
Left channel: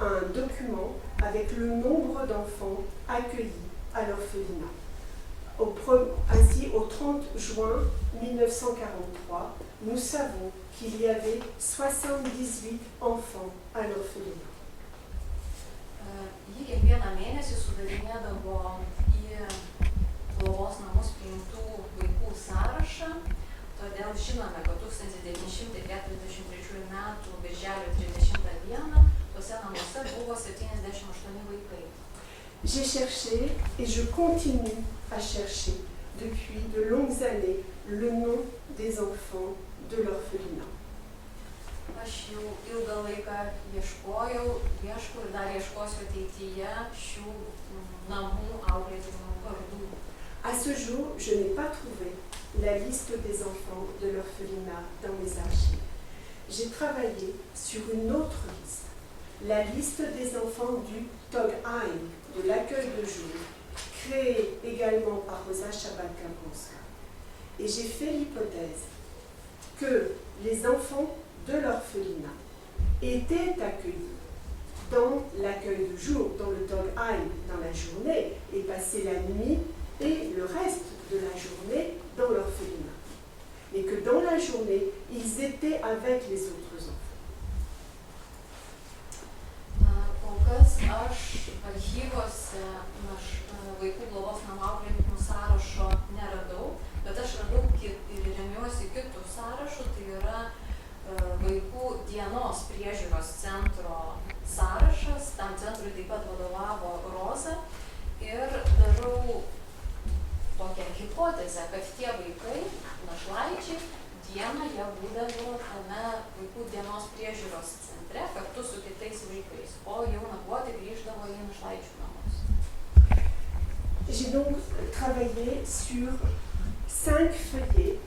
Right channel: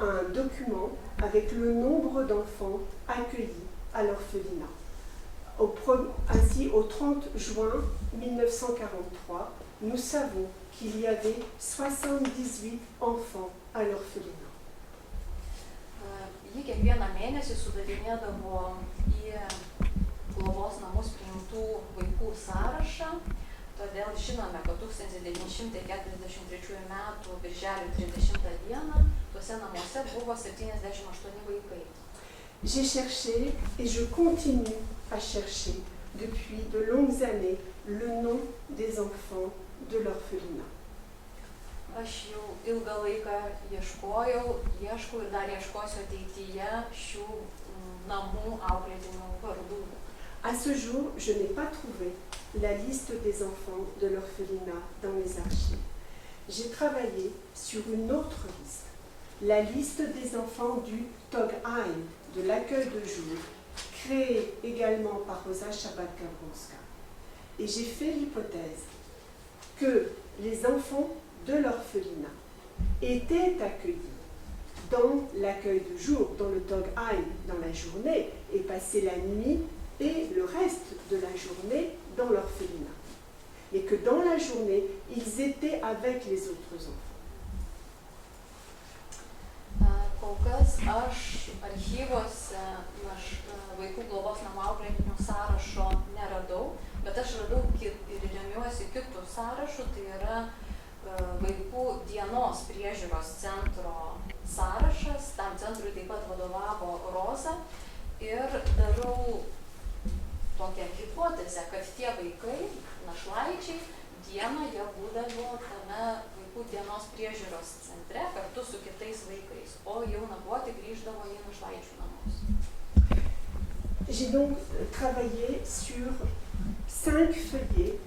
un document avec le nombre d'enfants accueillis à l'orphelinat. Ainsi, au 30 juin 1943, nous savons qu'il y avait 78 enfants à l'orphelinat. Jį kiekvieną mėnesį sudarinėdavo į globos namus priimtų vaikų sąrašą, todėl žinome, kad 1943 m. birželio 30 d. tuose namuose buvo 78 vaikai. J'ai cherché et je continue à chercher depuis de longues années le nom des enfants de l'orphelinat. Aš jau ilgą laiką ieškojau, ieškau ir dar ieškosiu ateityje šių namų auklėtinių vardų. À ce jour, je n'ai pas trouvé la liste des enfants de l'orphelinat dans les archives. J'ai travaillé sur une autre liste, la liste des enfants du Togheim, de l'accueil de jour, créé également par Rosa Chabad-Gabronska. Et j'ai fait l'hypothèse que les enfants de l'orphelinat étaient accueillis dans l'accueil de jour, dans le Togheim, dans la journée, et passaient la nuit et le reste de la journée dans l'orphelinat. Mais que dans la journée, ils étaient avec les autres enfants. Kol kas aš archyvuose vaikų globos namų auklėtinių sąrašo neradau, bet aš radau ir remiuosi kitų sąrašų, tai yra vaikų dienos priežiūros centro sąrašas, tam centrui taip pat vadovavo Roza ir darau tokią hipotezę, kad tie vaikai, našlaičiai, dieną jie būdavo tame vaikų dienos priežiūros centre kartu su kitais vaikais, o jau nakvoti grįždavo į našlaičių namus. J'ai donc travaillé sur 5 feuillets,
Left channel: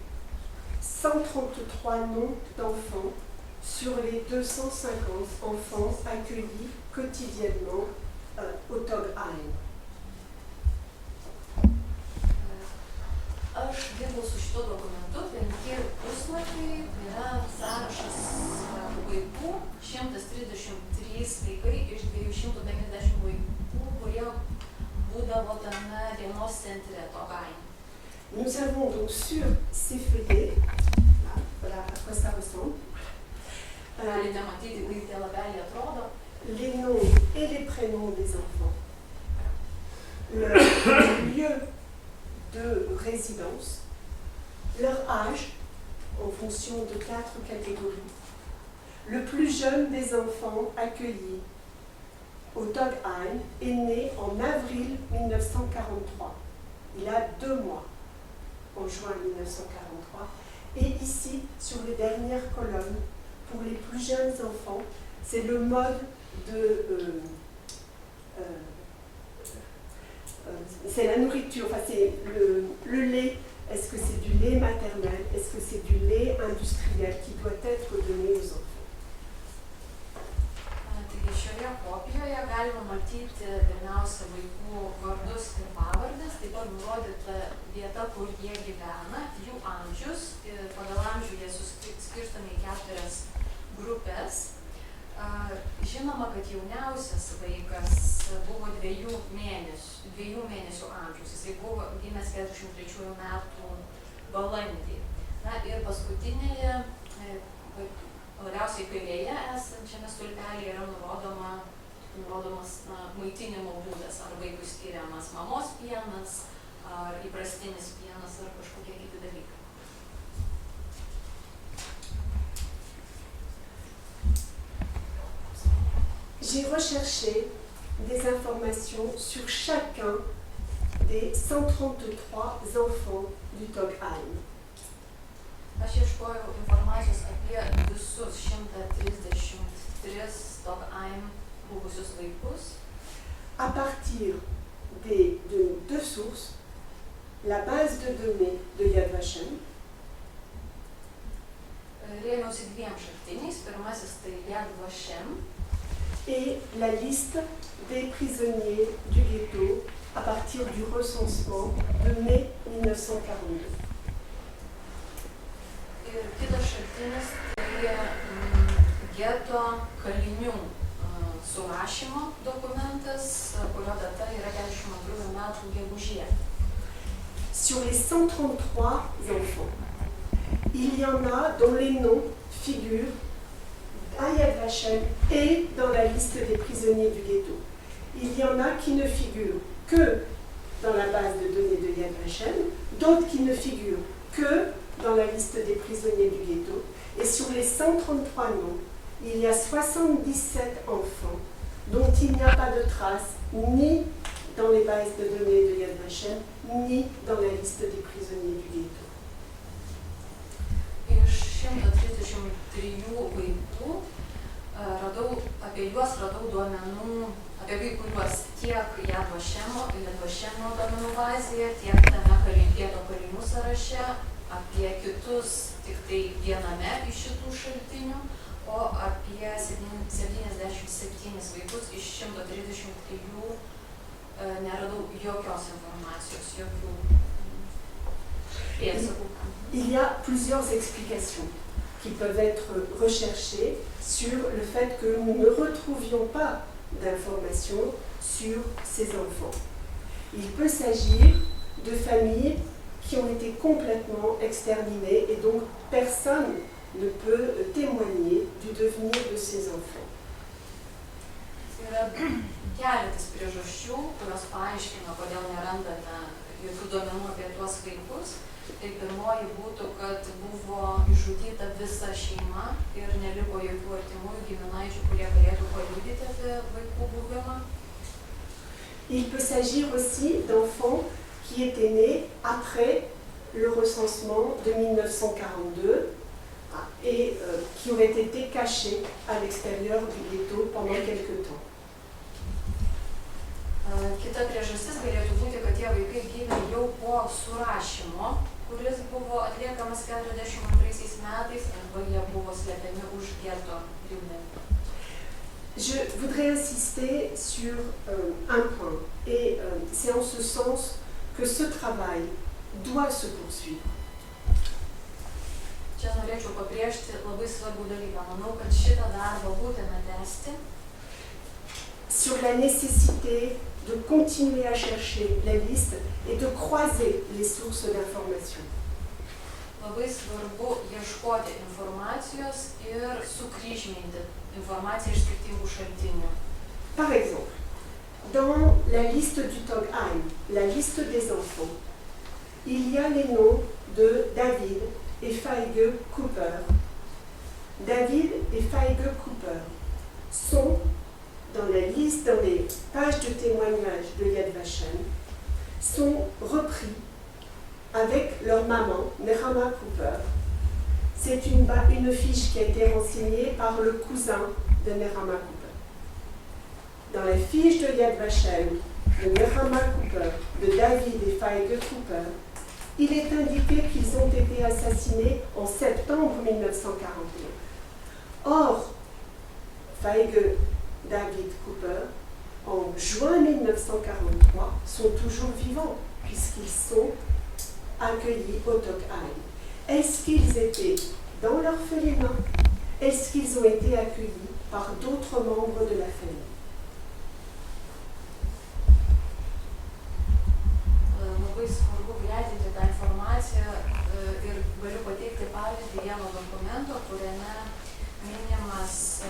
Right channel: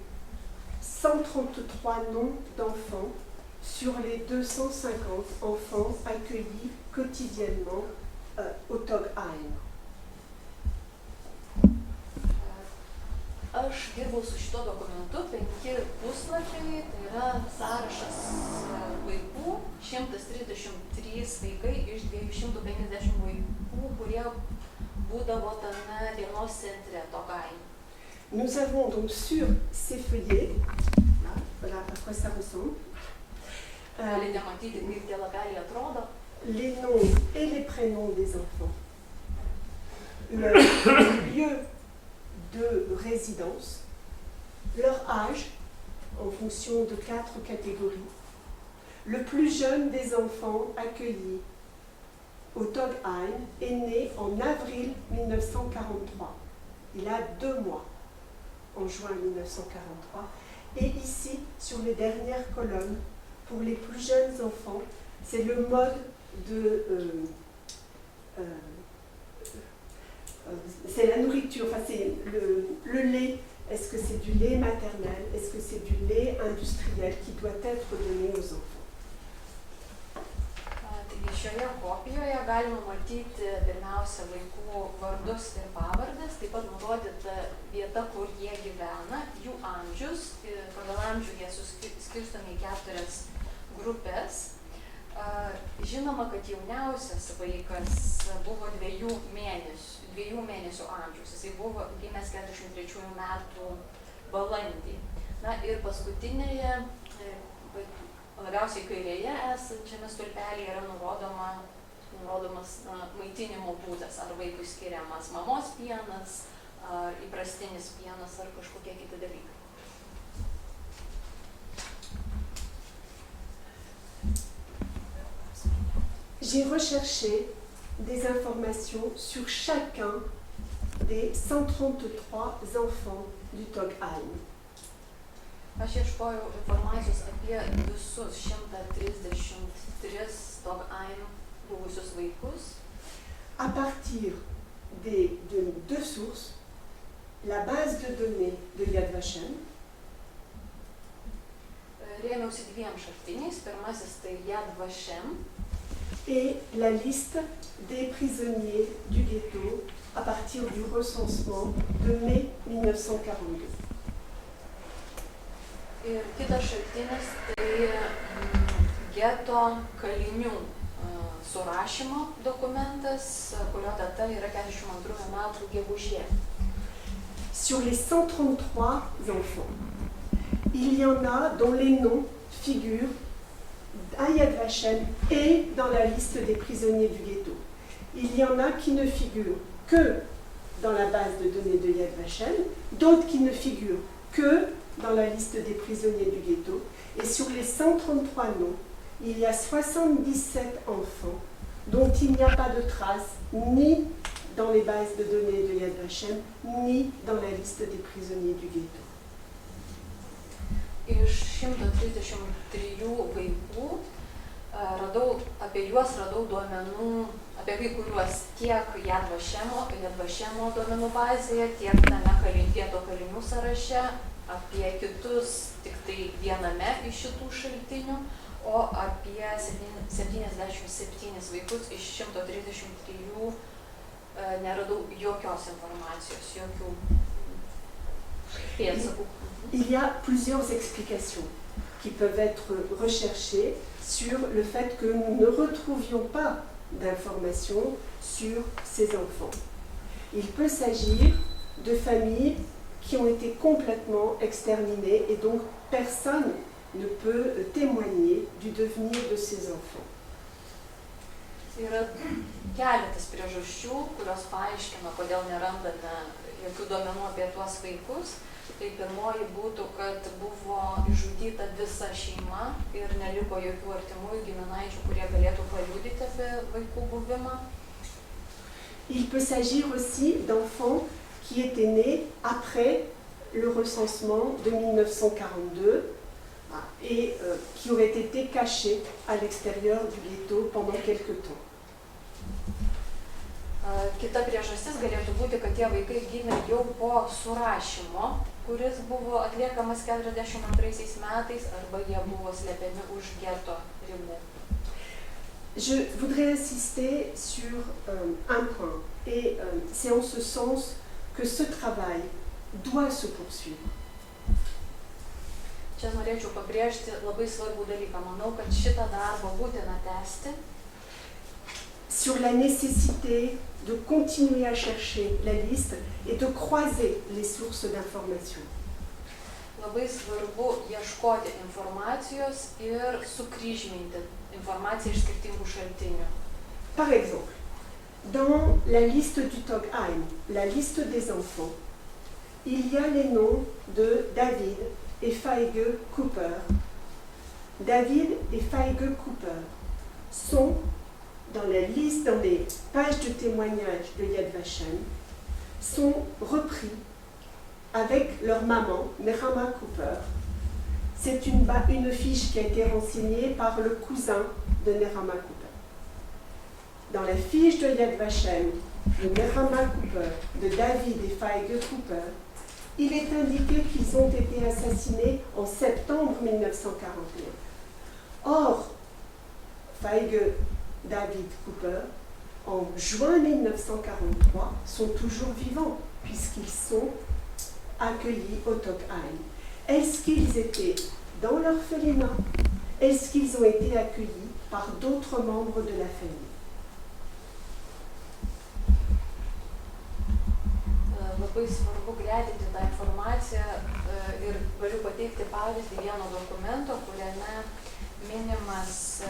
133 noms d'enfants sur les 250 enfants accueillis quotidiennement au Togheim. Aš dirbau su šito dokumentu, 5 puslapiai, tai yra sąrašas vaikų, 133 vaikai iš 250 vaikų, kurie būdavo tame dienos centre Togheim. Nous avons donc sur ces feuillets, là, voilà à quoi ça ressemble, Galite matyti, kaip tie lapeliai atrodo. les noms et les prénoms des enfants, le lieu de résidence, leur âge en fonction de 4 catégories. Le plus jeune des enfants accueillis au Togheim est né en avril 1943. Il a 2 mois, en juin 1943. Et ici, sur les dernières colonnes, pour les plus jeunes enfants, c'est le mode de... c'est la nourriture, enfin c'est le lait. Est-ce que c'est du lait maternel? Est-ce que c'est du lait industriel qui doit être donné aux enfants? Taigi šioje kopijoje galima matyti pirmiausia vaikų vardus ir pavardes, taip pat nurodyta vieta, kur jie gyvena, jų amžius, pagal amžių jie skirstomi į 4 grupės. Žinoma, kad jauniausias vaikas buvo 2 mėnesių amžiaus, jisai buvo gimęs 43 metų balandį. Na ir paskutinėje, labiausiai kairėje esančiame stulpelyje yra nurodomas maitinimo būdas, ar vaikui skiriamas mamos pienas, ar įprastinis pienas, ar kažkokie kiti dalykai. J'ai recherché des informations sur chacun des 133 enfants du Togheim. Aš ieškojau informacijos apie visus 133 Togheim buvusius vaikus. À partir de 2 sources, la base de données de Yad Vashem, Rėmiausi 2 šaltiniais. Pirmasis tai Yad Vashem et la liste des prisonniers du ghetto à partir du recensement de mai 1942. ir kitas šaltinis tai geto kalinių surašymo dokumentas, kurio data yra 42 metų gegužė. sur les 133 enfants, il y en a dont les noms figurent à Yad Vashem et dans la liste des prisonniers du ghetto. Il y en a qui ne figurent que dans la base de données de Yad Vashem, d'autres qui ne figurent que dans la liste des prisonniers du ghetto. Et sur les 133 noms, il y a 77 enfants dont il n'y a pas de traces ni dans les bases de données de Yad Vashem, ni dans la liste des prisonniers du ghetto. Iš 133 vaikų apie juos radau duomenų, apie kai kuriuos tiek Yad Vashemo duomenų bazėje, tiek tame gėdo kalinių sąraše, apie kitus tik tai viename iš šitų šaltinių, o apie 77 vaikus iš 133 neradau jokios informacijos, jokių pėdsakų. Il y a plusieurs explications qui peuvent être recherchées sur le fait que nous ne retrouvions pas d'informations sur ces enfants. Il peut s'agir de familles qui ont été complètement exterminées et donc personne ne peut témoigner du devenir de ces enfants. Yra keletas priežasčių, kurios paaiškina, kodėl nerandame jokių duomenų apie tuos vaikus. Tai pirmoji būtų, kad buvo išžudyta visa šeima ir neliko jokių artimųjų giminaičių, kurie galėtų paliudyti apie vaikų buvimą. Il peut s'agir aussi d'enfants qui étaient nés après le recensement de 1942 et qui auraient été cachés à l'extérieur du ghetto pendant quelque temps. Kita priežastis galėtų būti, kad tie vaikai gimė jau po surašymo, kuris buvo atliekamas 42 metais, arba jie buvo slepiami už geto ribų. Je voudrais insister sur un point, et c'est en ce sens que ce travail doit se poursuivre. Čia norėčiau pabrėžti labai svarbų dalyką. Manau, kad šitą darbą būtina tęsti. Sur la nécessité de continuer à chercher la liste et de croiser les sources d'information. Labai svarbu ieškoti informacijos ir sukryžminti informaciją iš skirtingų šaltinių. Par exemple, dans la liste du Togheim, la liste des enfants, il y a les noms de David et Feige Cooper. David et Feige Cooper sont dans la liste, dans les pages de témoignage de Yad Vashem, sont repris avec leur maman, Nehama Cooper. C'est une fiche qui a été renseignée par le cousin de Nehama Cooper. Dans la fiche de Yad Vashem, de Nehama Cooper, de David et Feige Cooper, il est indiqué qu'ils ont été assassinés en septembre 1941. Or, Feige David Cooper, en juin 1943, sont toujours vivants puisqu'ils sont accueillis au Togheim. Est-ce qu'ils étaient dans l'orphelinat? Est-ce qu'ils ont été accueillis par d'autres membres de la famille? Labai svarbu greitinti tą informaciją ir galiu pateikti pavyzdį vieno dokumento, kuriame minimas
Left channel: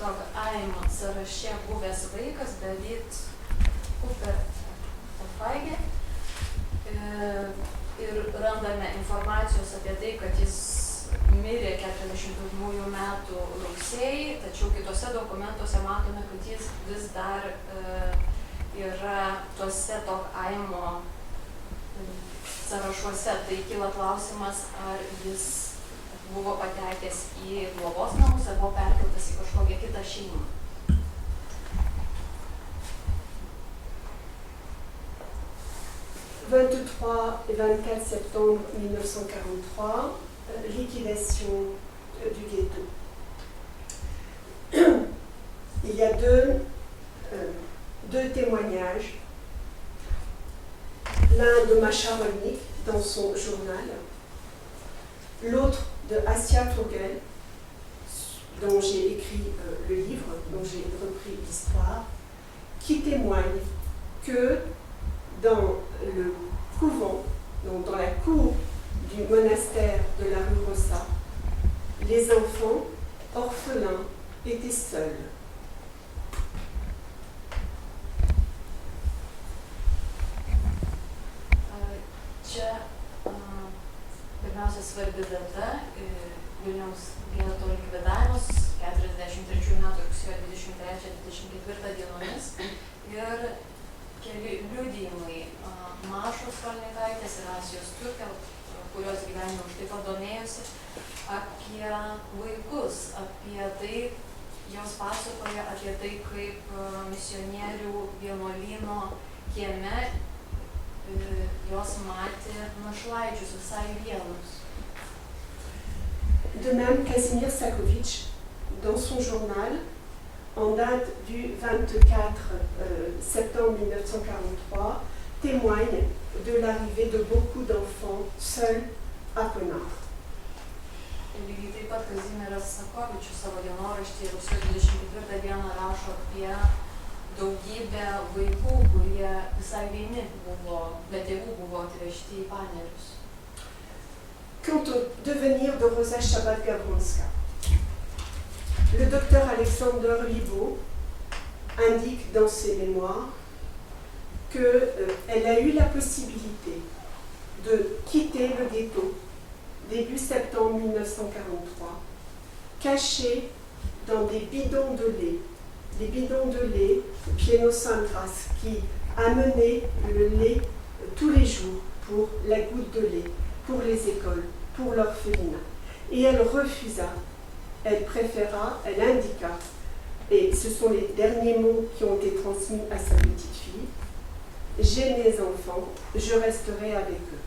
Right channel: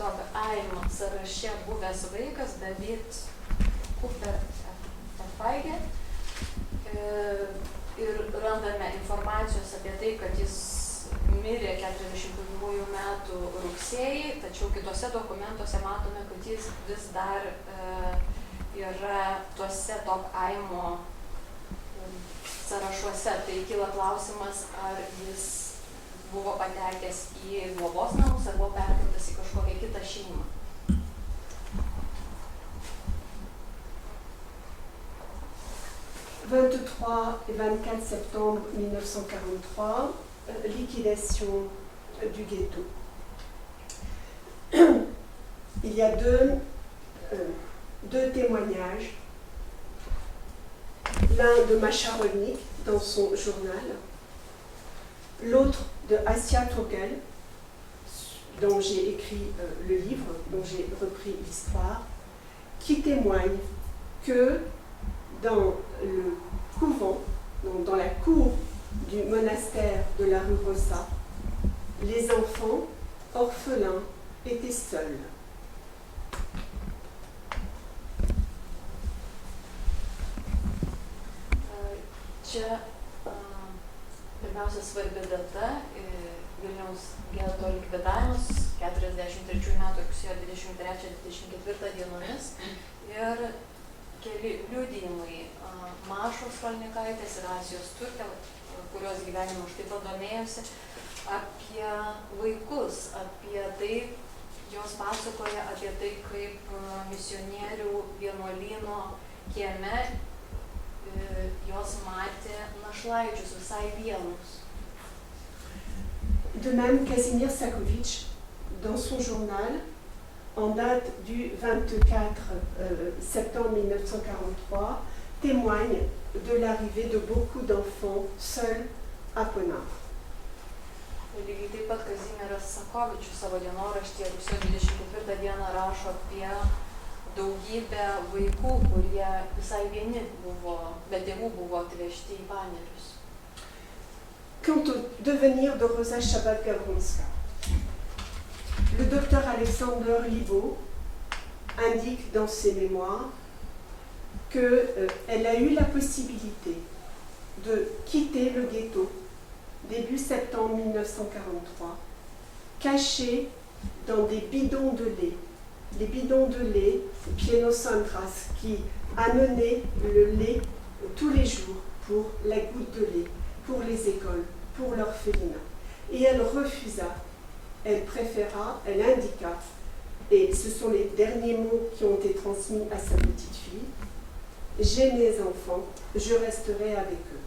Togheim sąraše buvęs vaikas David Cooper Feige ir randame informacijos apie tai, kad jis mirė 41 metų rugsėjį, tačiau kitose dokumentuose matome, kad jis vis dar yra tuose Togheimo sąrašuose. Tai kyla klausimas, ar jis buvo patekęs į globos namus ar buvo perkeltas į kažkokią kitą šeimą. Le 23 et 24 septembre 1943, liquidation du ghetto. Il y a deux témoignages. L'un de Masha Rolnik dans son journal, l'autre de Assia Turgel, dont j'ai écrit le livre, dont j'ai repris l'histoire, qui témoigne que dans le couvent donc dans la cour du monastère de la rue Rossa, les enfants orphelins étaient seuls. Čia pirmiausia svarbi data Vilniaus geto likvidavimas 43 metų rugsėjo 23-24 dienomis ir keli liudijimai Mašos Rolnikaitės ir Asijos Turkė, kurios gyvenimo už taip pat domėjosi, apie vaikus, apie tai, jos pasakoja apie tai, kaip misionierių vienuolyno kieme jos matė našlaičius visai vienus. De même, Kazimierz Sakowicz, dans son journal, en date du 24 septembre 1943, témoigne de l'arrivée de beaucoup d'enfants seuls à Ponar. Lygiai taip pat Kazimieras Sakovičius savo dienoraštyje rugsėjo 24 dieną rašo apie daugybę vaikų, kurie visai vieni buvo, be tėvų buvo atvežti į panerius. Quant au devenir de Rosa Shabbat-Gavronska, le docteur Alexander Libo indique dans ses mémoires qu'elle a eu la possibilité de quitter le ghetto début septembre 1943, cachée dans des bidons de lait. Les bidons de lait Pieno-Sandras qui amenaient le lait tous les jours pour la goutte de lait, pour les écoles, pour l'orphelinat. Et elle refusa, elle préféra, elle indiqua, et ce sont les derniers mots qui ont été transmis à sa petite fille, « J'ai mes enfants, je resterai avec eux ».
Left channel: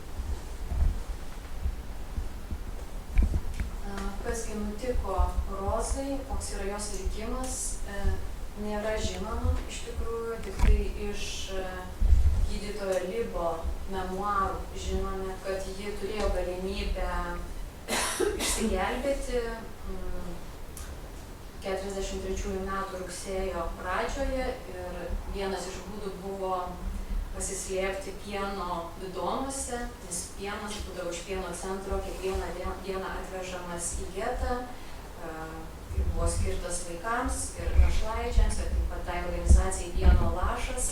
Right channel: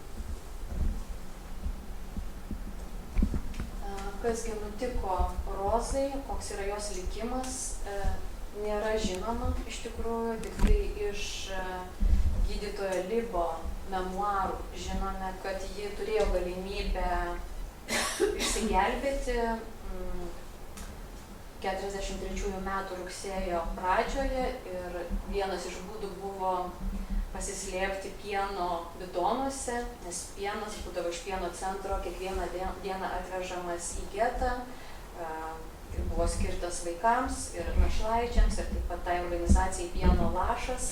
Kasgi nutiko Rozai, koks yra jos likimas, nėra žinoma iš tikrųjų, tik tai iš gydytojo Libo memuarų žinome, kad ji turėjo galimybę išsigelbėti 43 metų rugsėjo pradžioje ir vienas iš būdų buvo pasislėpti pieno bidonuose, nes pienas būdavo iš pieno centro kiekvieną dieną atvežamas į getą ir buvo skirtas vaikams ir našlaičiams ir taip pat tai organizacijai Pieno lašas,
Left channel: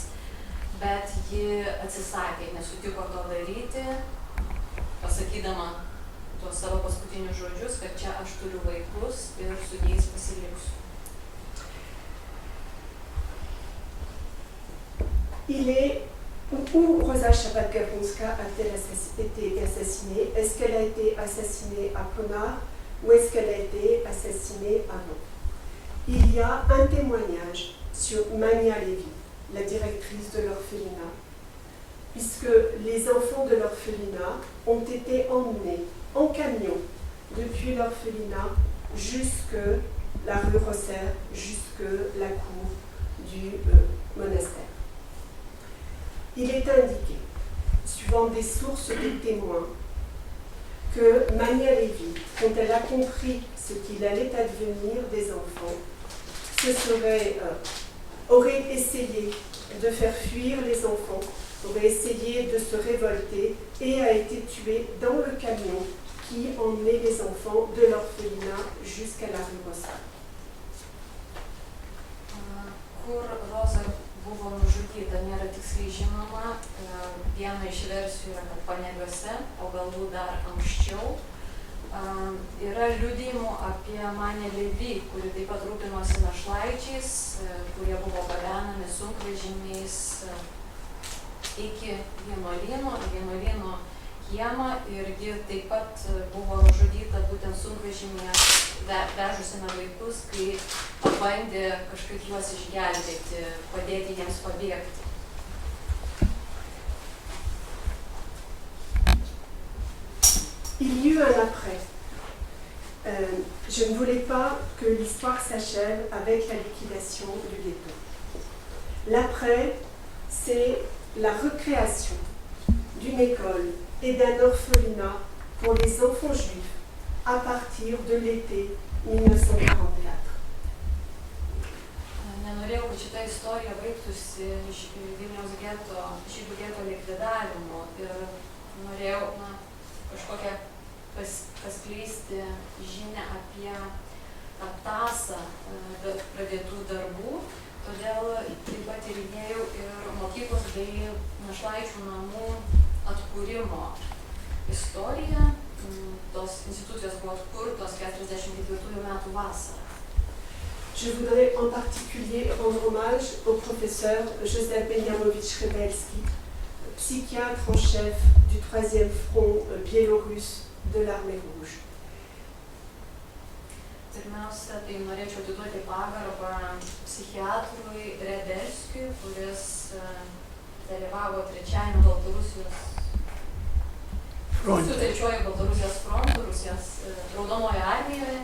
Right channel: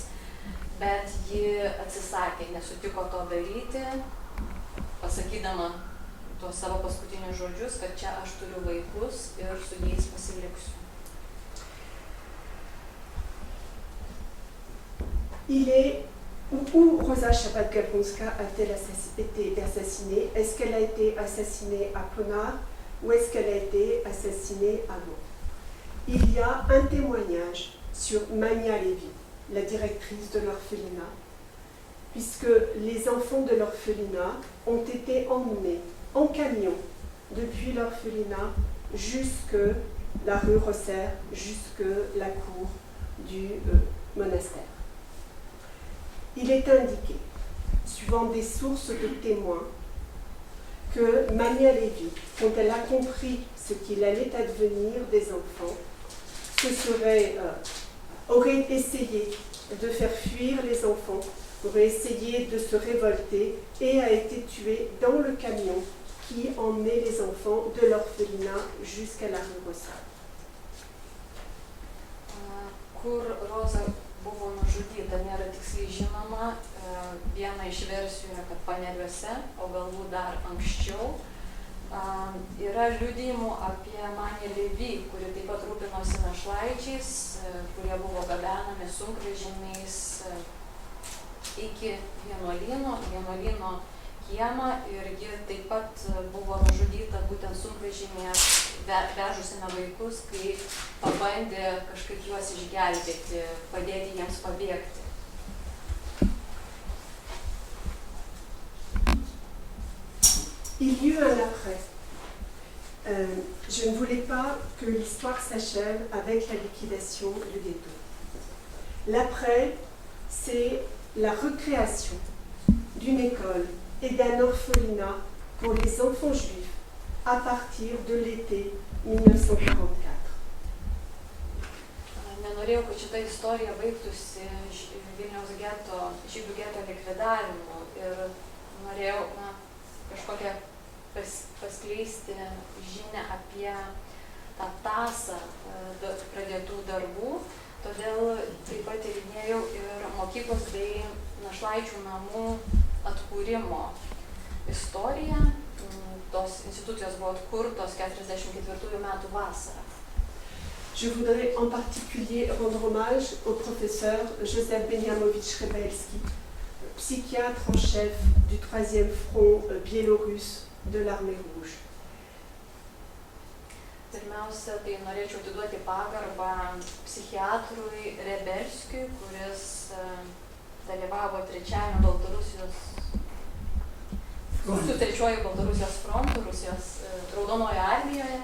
bet ji atsisakė, nesutiko to daryti, pasakydama tuos savo paskutinius žodžius, kad čia aš turiu vaikus ir su jais pasiliksiu. Où Rosa Shabbat-Gavronska a-t-elle été assassinée? Est-ce qu'elle a été assassinée à Ponar ou est-ce qu'elle a été assassinée avant? Il y a un témoignage sur Mania Levy, la directrice de l'orphelinat, puisque les enfants de l'orphelinat ont été emmenés en camion depuis l'orphelinat jusque la rue Rosser, jusque la cour du monastère. Il est indiqué, suivant des sources de témoins, que Mania Levy, quand elle a compris ce qu'il allait advenir des enfants, aurait essayé de faire fuir les enfants, aurait essayé de se révolter et a été tuée dans le camion qui emmenait les enfants de l'orphelinat jusqu'à la rue Rossa. Kur Roza buvo nužudyta, nėra tiksliai žinoma. Viena iš versijų yra, kad Paneriuose, o galbūt dar anksčiau. Yra liudijimų apie Manią Levy, kuri taip pat rūpinosi našlaičiais, kurie buvo gabenami sunkvežimiais iki vienuolyno kiemą ir ji taip pat buvo nužudyta būtent sunkvežimyje vežusime vaikus, kai pabandė kažkaip juos išgelbėti, padėti jiems pabėgti. Il y eut un après. Je ne voulais pas que l'histoire s'achève avec la liquidation du ghetto. L'après, c'est la recréation d'une école et d'un orphelinat pour les enfants juifs à partir de l'été 1944. Nenorėjau, kad šita istorija baigtųsi Vilniaus geto, žydų geto likvidavimu ir norėjau kažkokią paskleisti žinią apie tą tąsą pradėtų darbų, todėl taip pat tyrinėjau ir mokyklos bei našlaičių namų atkūrimo istoriją. Tos institucijos buvo atkurtos 44 metų vasarą. Je voudrais en particulier rendre hommage au professeur Joseph Benjamovitch Rebelski, psychiatre en chef du 3e front biélorusse de l'armée rouge. Pirmiausia, tai norėčiau atiduoti pagarbą psichiatrui Rebelskiui, kuris dalyvavo trečiuoju Baltarusijos frontu, Rusijos Raudonojo armijoje.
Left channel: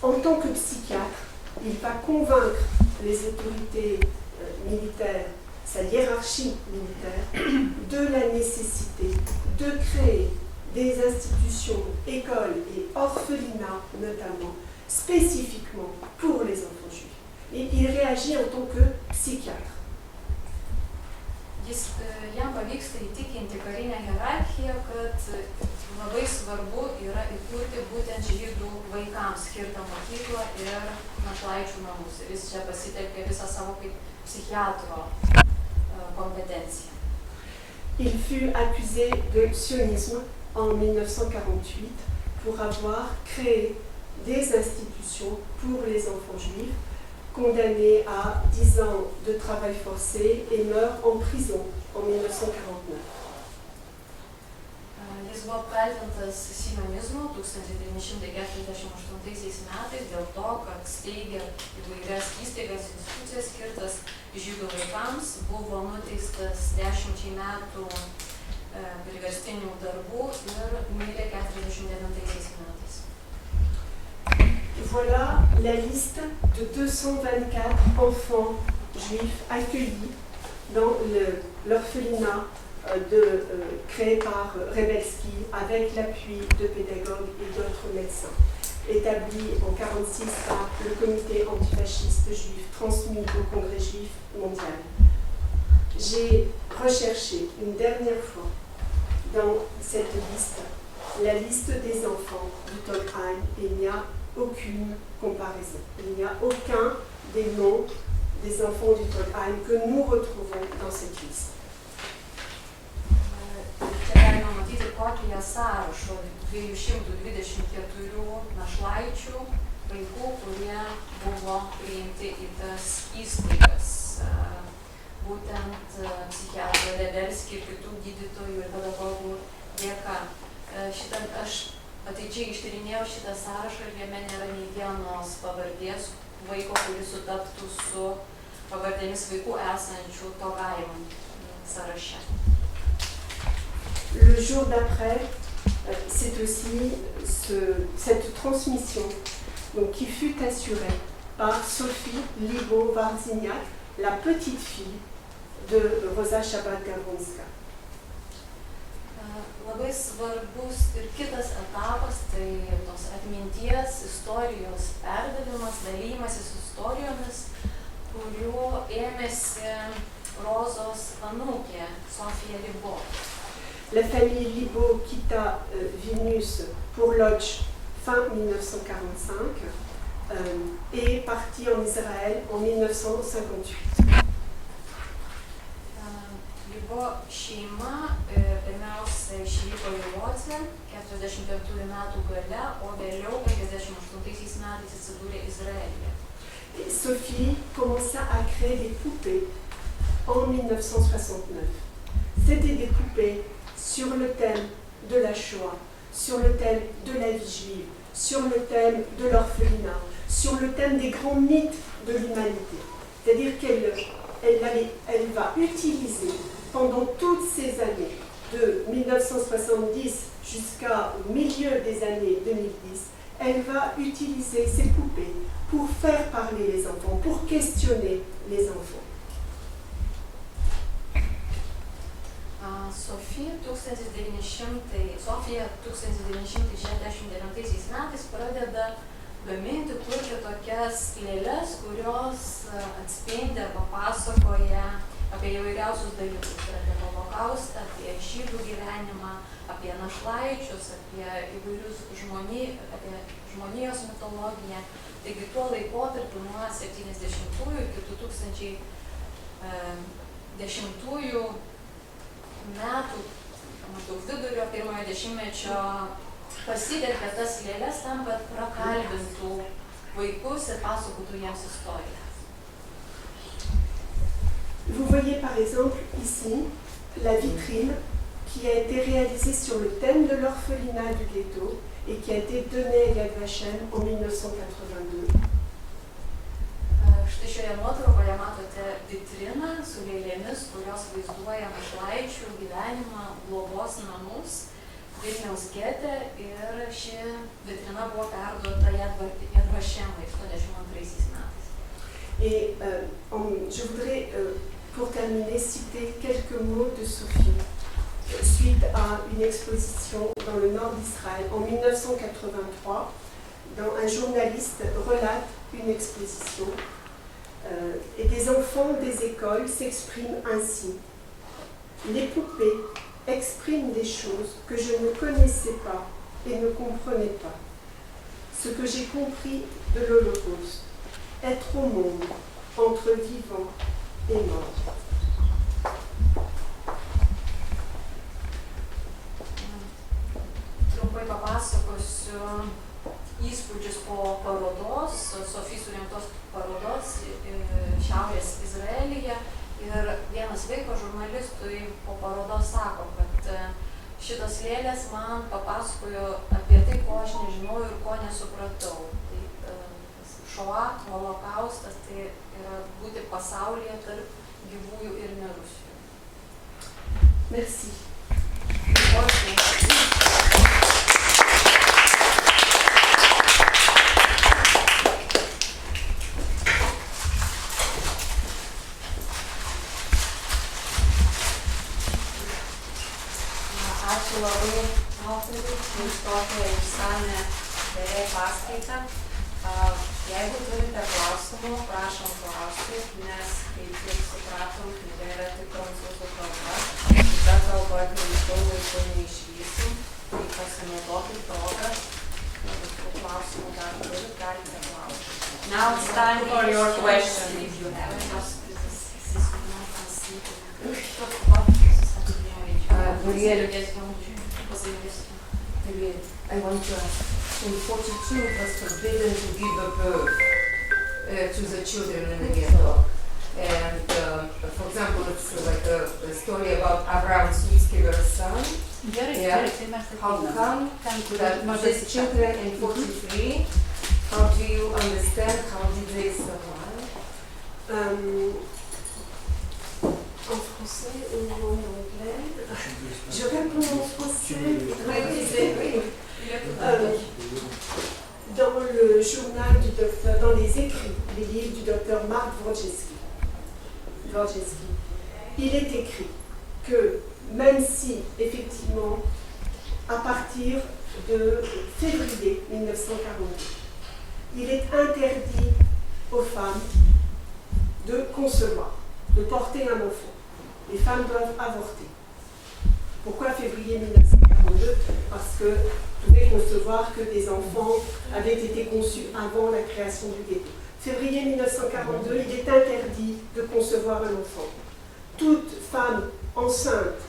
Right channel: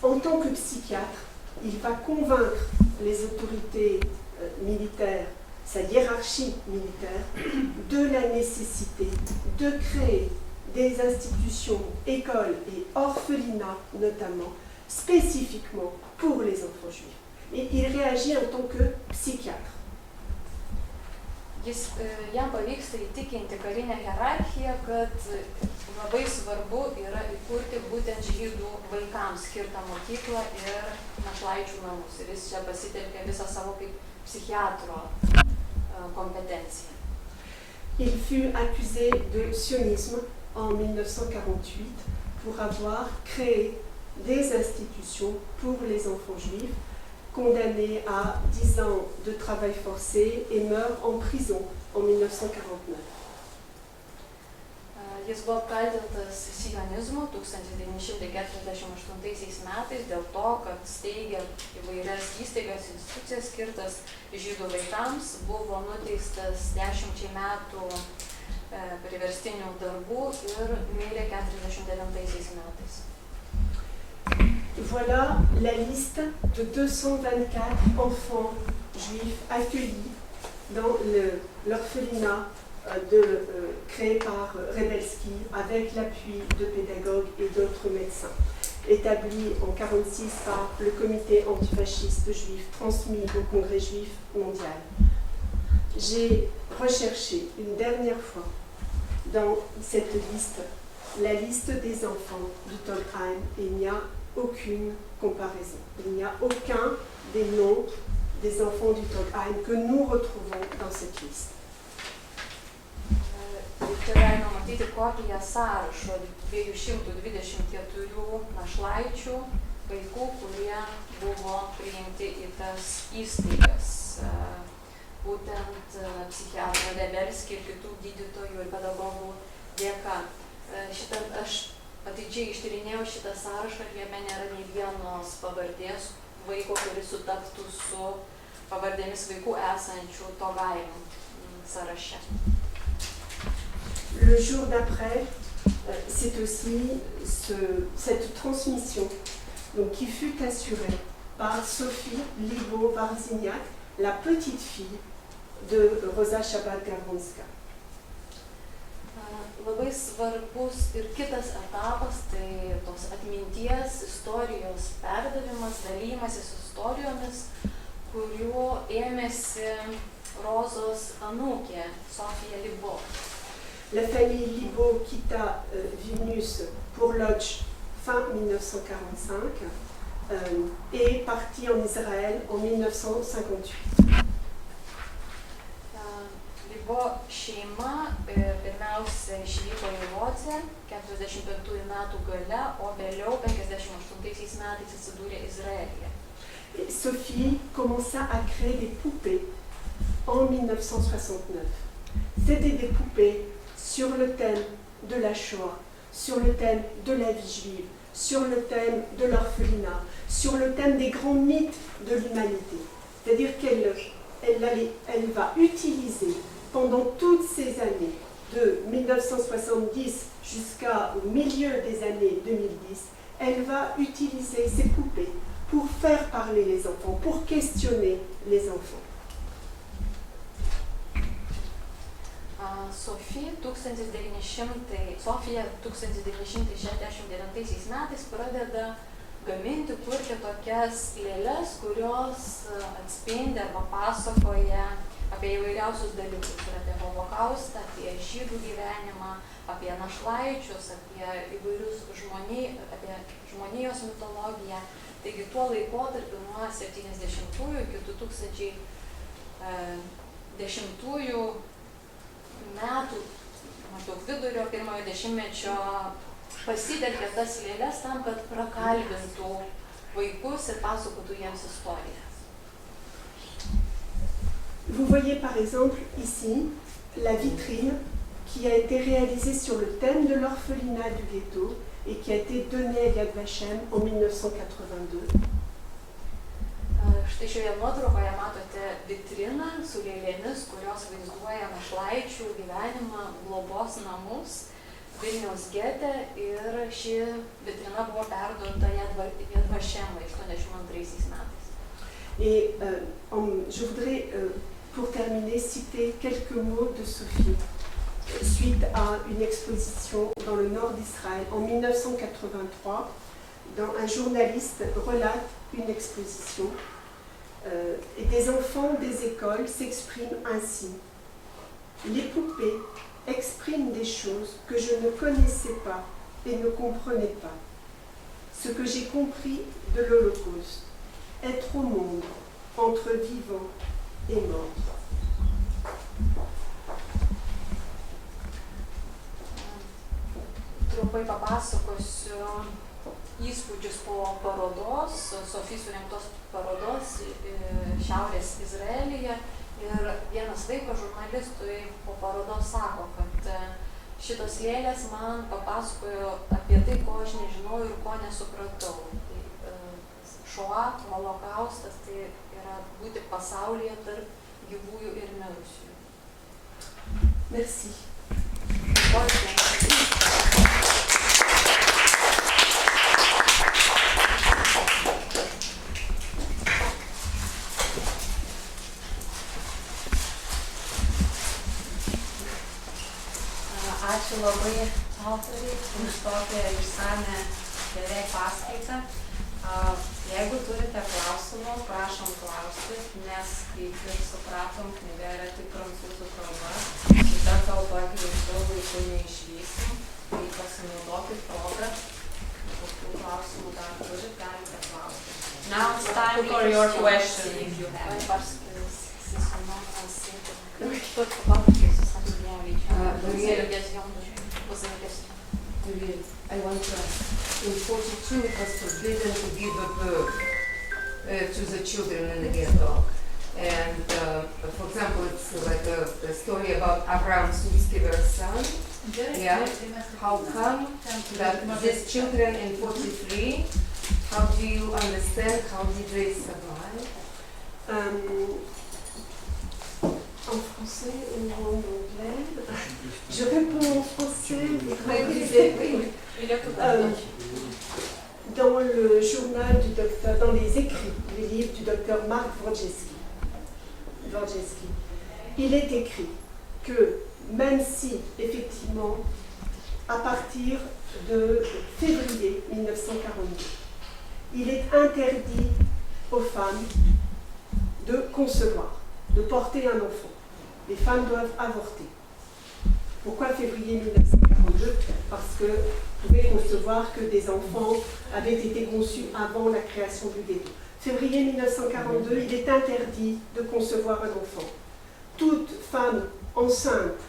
En tant que psychiatre, il va convaincre les autorités militaires, sa hiérarchie militaire, de la nécessité de créer des institutions, écoles et orphelinats notamment, spécifiquement pour les enfants juifs. Et il réagit en tant que psychiatre. Jam pavyksta įtikinti karinę hierarchiją, kad labai svarbu yra įkurti būtent žydų vaikams skirtą mokyklą ir našlaičių namus. Ir jis čia pasitelkė visą savo kaip psichiatro kompetenciją. Il fut accusé de sionisme en 1948 pour avoir créé des institutions pour les enfants juifs, condamné à 10 ans de travail forcé et meurt en prison en 1949. Jis buvo apkaltintas sionizmu 1948 metais dėl to, kad steigė įvairias įstaigas, institucijas skirtas žydų vaikams, buvo nuteistas 10 metų priverstinių darbų ir mirė 49 metais. Voilà la liste de 224 enfants juifs accueillis dans l'orphelinat créé par Rebelski avec l'appui de pédagogues et d'autres médecins, établi en 1946 par le comité antifasciste juif transmis au Congrès juif mondial. J'ai recherché une dernière fois dans cette liste la liste des enfants du Tolkheim et il n'y a aucune comparaison. Il n'y a aucun des noms des enfants du Tolkheim que nous retrouvons dans cette liste. Čia galima matyti kokį sąrašą 224 našlaičių vaikų, kurie buvo priimti į tas įstaigas. Būtent psichiatro Rebelski ir kitų gydytojų ir pedagogų dėka. Aš atidžiai ištyrinėjau šitą sąrašą ir jame nėra nei vienos pavardės vaiko, kuris sutaptų su pavardėmis vaikų esančių Tolkheim sąraše. Le jour d'après, c'est aussi cette transmission donc, qui fut assurée par Sophie Libo-Warziniak, la petite fille de Rosa Shabbat-Gavronska. Labai svarbus ir kitas etapas, tai tos atminties, istorijos perdavimas, dalymasis istorijomis, kurių ėmėsi Rozos anūkė Sofija Libo. La famille Libo quitta Vilnius pour Lodz fin 1945 et est partie en Israël en 1958. Libo šeima pirmiausia išvyko į Lodzę 45 metų gale, o vėliau 58 metais atsidūrė Izraelyje. Sophie commença à créer des poupées en 1969. C'était des poupées sur le thème de la Shoah, sur le thème de la vie juive, sur le thème de l'orphelinat, sur le thème des grands mythes de l'humanité. C'est-à-dire qu'elle va utiliser pendant toutes ces années, de 1970 jusqu'au milieu des années 2010, elle va utiliser ces poupées pour faire parler les enfants, pour questionner les enfants. Sofija 1969 metais pradeda gaminti, kurti tokias lėles, kurios atspindi arba pasakoja apie įvairiausius dalykus, ir apie holokaustą, apie žydų gyvenimą, apie našlaičius, apie įvairius apie žmonijos mitologiją. Taigi tuo laikotarpiu nuo 70-ųjų iki 2010-ųjų metų, maždaug vidurio, pirmojo dešimtmečio, pasitelkė tas lėles tam, kad prakalbintų vaikus ir pasakotų jiems istoriją. Vous voyez par exemple ici la vitrine qui a été réalisée sur le thème de l'orphelinat du ghetto et qui a été donnée à Yad Vashem en 1982. Štai šioje nuotraukoje matote vitriną su lėlėmis, kurios vaizduoja našlaičių gyvenimą, globos namus Vilniaus gete, ir ši vitrina buvo perduota Yad Vashemui 82 metais. Et je voudrais, pour terminer, citer quelques mots de Sophie suite à une exposition dans le nord d'Israël en 1983. Un journaliste relate une exposition et des enfants des écoles s'expriment ainsi. Les poupées expriment des choses que je ne connaissais pas et ne comprenais pas. Ce que j'ai compris de l'Holocauste, être au monde entre vivants et morts. Trumpai papasakosiu įspūdžius po parodos, Sofijos surengtos parodos Šiaurės Izraelyje. Ir vienas vaikas žurnalistui po parodos sako, kad šitos lėlės man papasakojo apie tai, ko aš nežinau ir ko nesupratau. Tai šoa, holokaustas, tai yra būti pasaulyje tarp gyvųjų ir mirusiųjų. Merci. Ačiū labai autoriui už tokią išsame beveik paskaitą. Jeigu turite klausimų, prašom klausti, nes kaip ir supratom, knyga yra tik prancūzų kalba. Kita kalba greitų laikų neišvysim, tai pasinaudokit progą. Jeigu klausimų dar turit, galite klausti. Now it's time for your question if you have it. I want to ask, in 42 it was forbidden to give a birth to the children in the ghetto. And for example, it's like a story about Abraham Sutskever's son. Yeah. How come that these children in 43, how do you understand, how did they survive? En français ou en anglais? Je réponds en français. Dans le journal du docteur, dans les écrits, les livres du docteur Mark Dworjewski, il est écrit que même si, effectivement, à partir de février 1942, il est interdit aux femmes de concevoir, de porter un enfant. Les femmes doivent avorter. Pourquoi février 1942? Parce que vous pouvez concevoir que des enfants avaient été conçus avant la création du ghetto. Février 1942, il est interdit de concevoir un enfant. Toute femme enceinte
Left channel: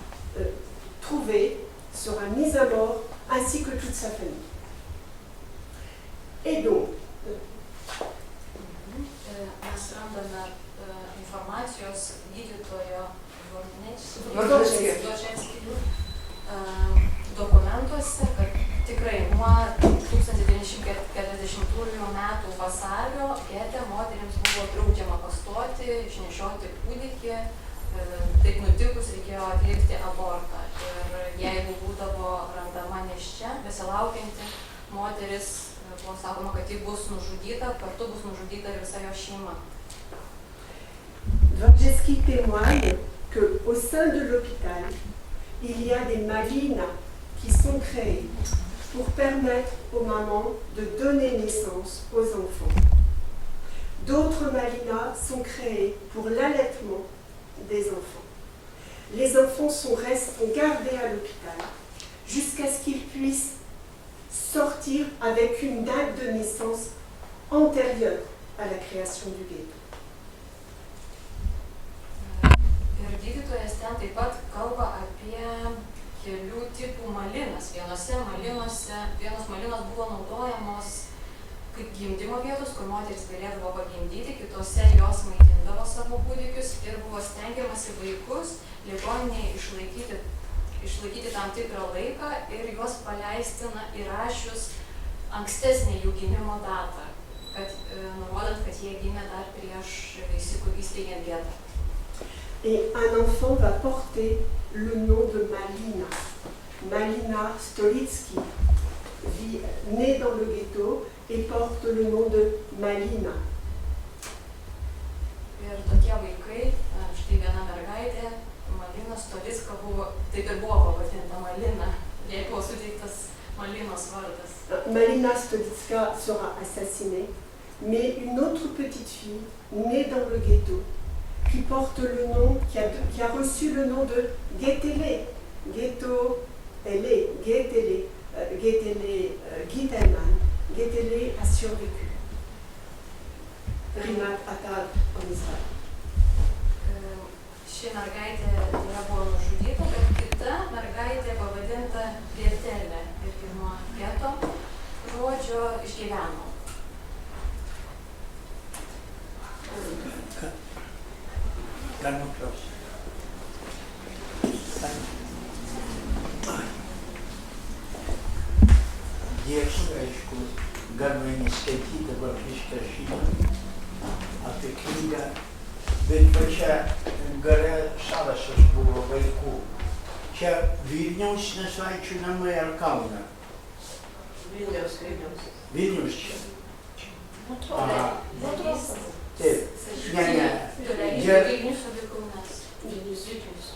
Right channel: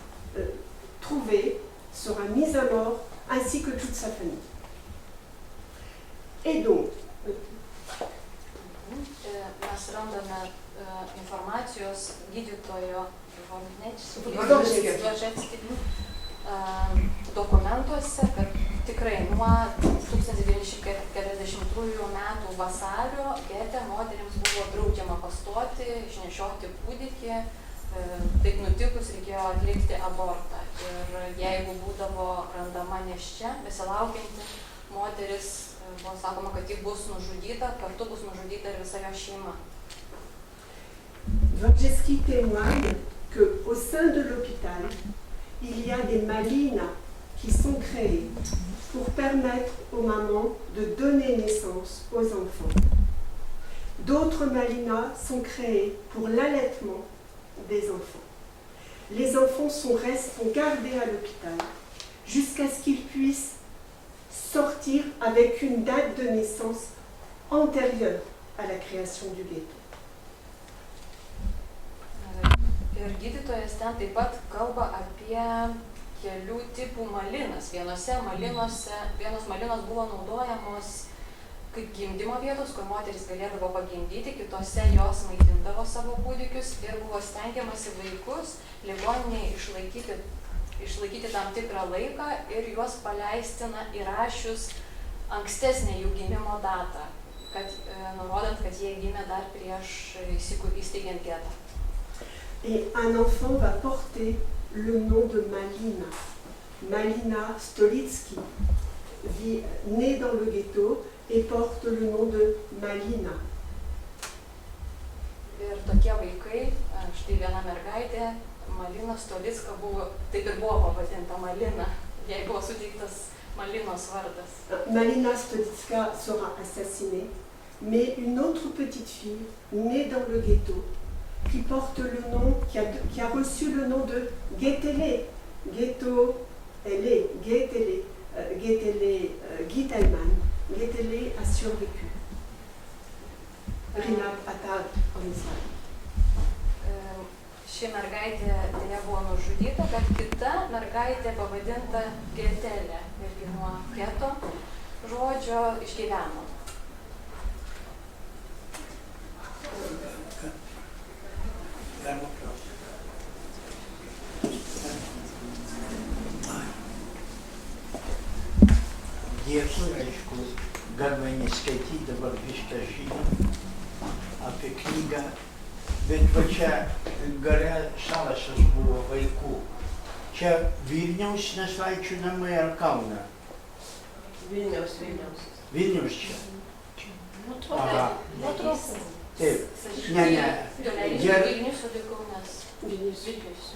trouvée sera mise à mort, ainsi que toute sa famille. Et donc, mes randame informacijos gydytojo dokumentuose, kad tikrai nuo 1940 metų vasario gete moterims buvo draudžiama pastoti, išnešioti kūdikį, taip nutikus reikėjo atlikti abortą. Ir jeigu būdavo randama nėščia, besilaukianti moteris, buvo sakoma, kad ji bus nužudyta, kartu bus nužudyta ir visa jo šeima. Dworjewski témoigne qu'au sein de l'hôpital, il y a des malinas qui sont créées pour permettre aux mamans de donner naissance aux enfants. D'autres malinas sont créés pour l'allaitement des enfants. Les enfants sont gardés à l'hôpital jusqu'à ce qu'ils puissent sortir avec une date de naissance antérieure à la création du ghetto. Ir gydytojas ten taip pat kalba apie kelių tipų malinas. Vienos malinos buvo naudojamos kaip gimdymo vietos, kur moteris galėdavo pagimdyti, kitose jos maitindavo savo kūdikius ir buvo stengiamasi vaikus ligoninėje išlaikyti tam tikrą laiką ir juos paleisti įrašius ankstesnę jų gimimo datą, nurodant, kad jie gimė dar prieš įsteigiant getą. Et un enfant va porter le nom de Malina. Malina Stolitsky, née dans le ghetto et porte le nom de Malina. Ir tokie vaikai, štai viena mergaitė, Malina Stolicka taip ir buvo pavadinta Malina, jai buvo suteiktas Malinos vardas. Malina Stolitska sera assassinée, mais une autre petite fille née dans le ghetto qui porte le nom, qui a reçu le nom de Getele, Getele Gitelman. Getele a survécu. Rinat Atar en Israël. Ši mergaitė dėja buvo nužudyta, bet kita mergaitė pavadinta Getelė irgi nuo geto žodžio išgyveno. Dėkui, aišku, galima neskaityti dabar viską žinią apie knygą, bet va čia gale sąrašas buvo vaikų. Čia Vilniaus našlaičių namai ar Kauno? Vilniaus. Vilniaus čia? Aha. Taip, ne. Vilnius ir Kaunas.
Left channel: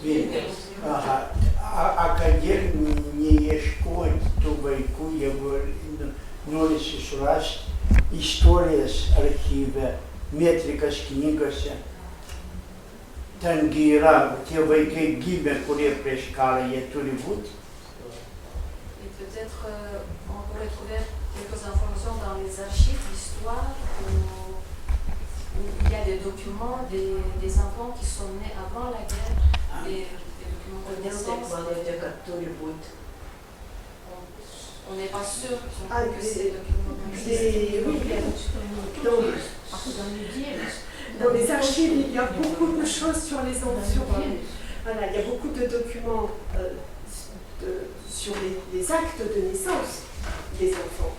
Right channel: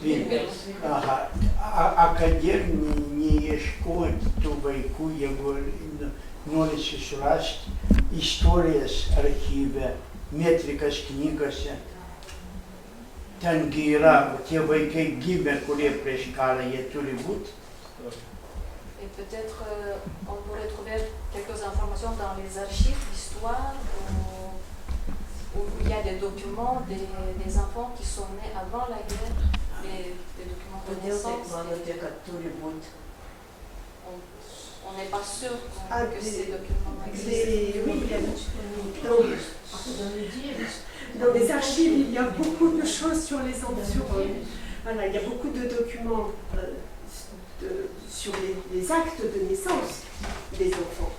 Vilnius. Aha. A kodėl neieškoti tų vaikų, jeigu norisi surasti istorijas archyve, metrikas knygose? Tengi yra tie vaikai gimę, kurie prieš karą jie turi būti. Et peut-être on pourrait trouver quelques informations dans les archives d'histoire où il y a des documents des enfants qui sont nés avant la guerre et des documents de naissance. On n'est pas sûr que ces documents existent. Oui, dans les archives, il y a beaucoup de choses sur les enfants. Voilà, il y a beaucoup de documents sur les actes de naissance des enfants.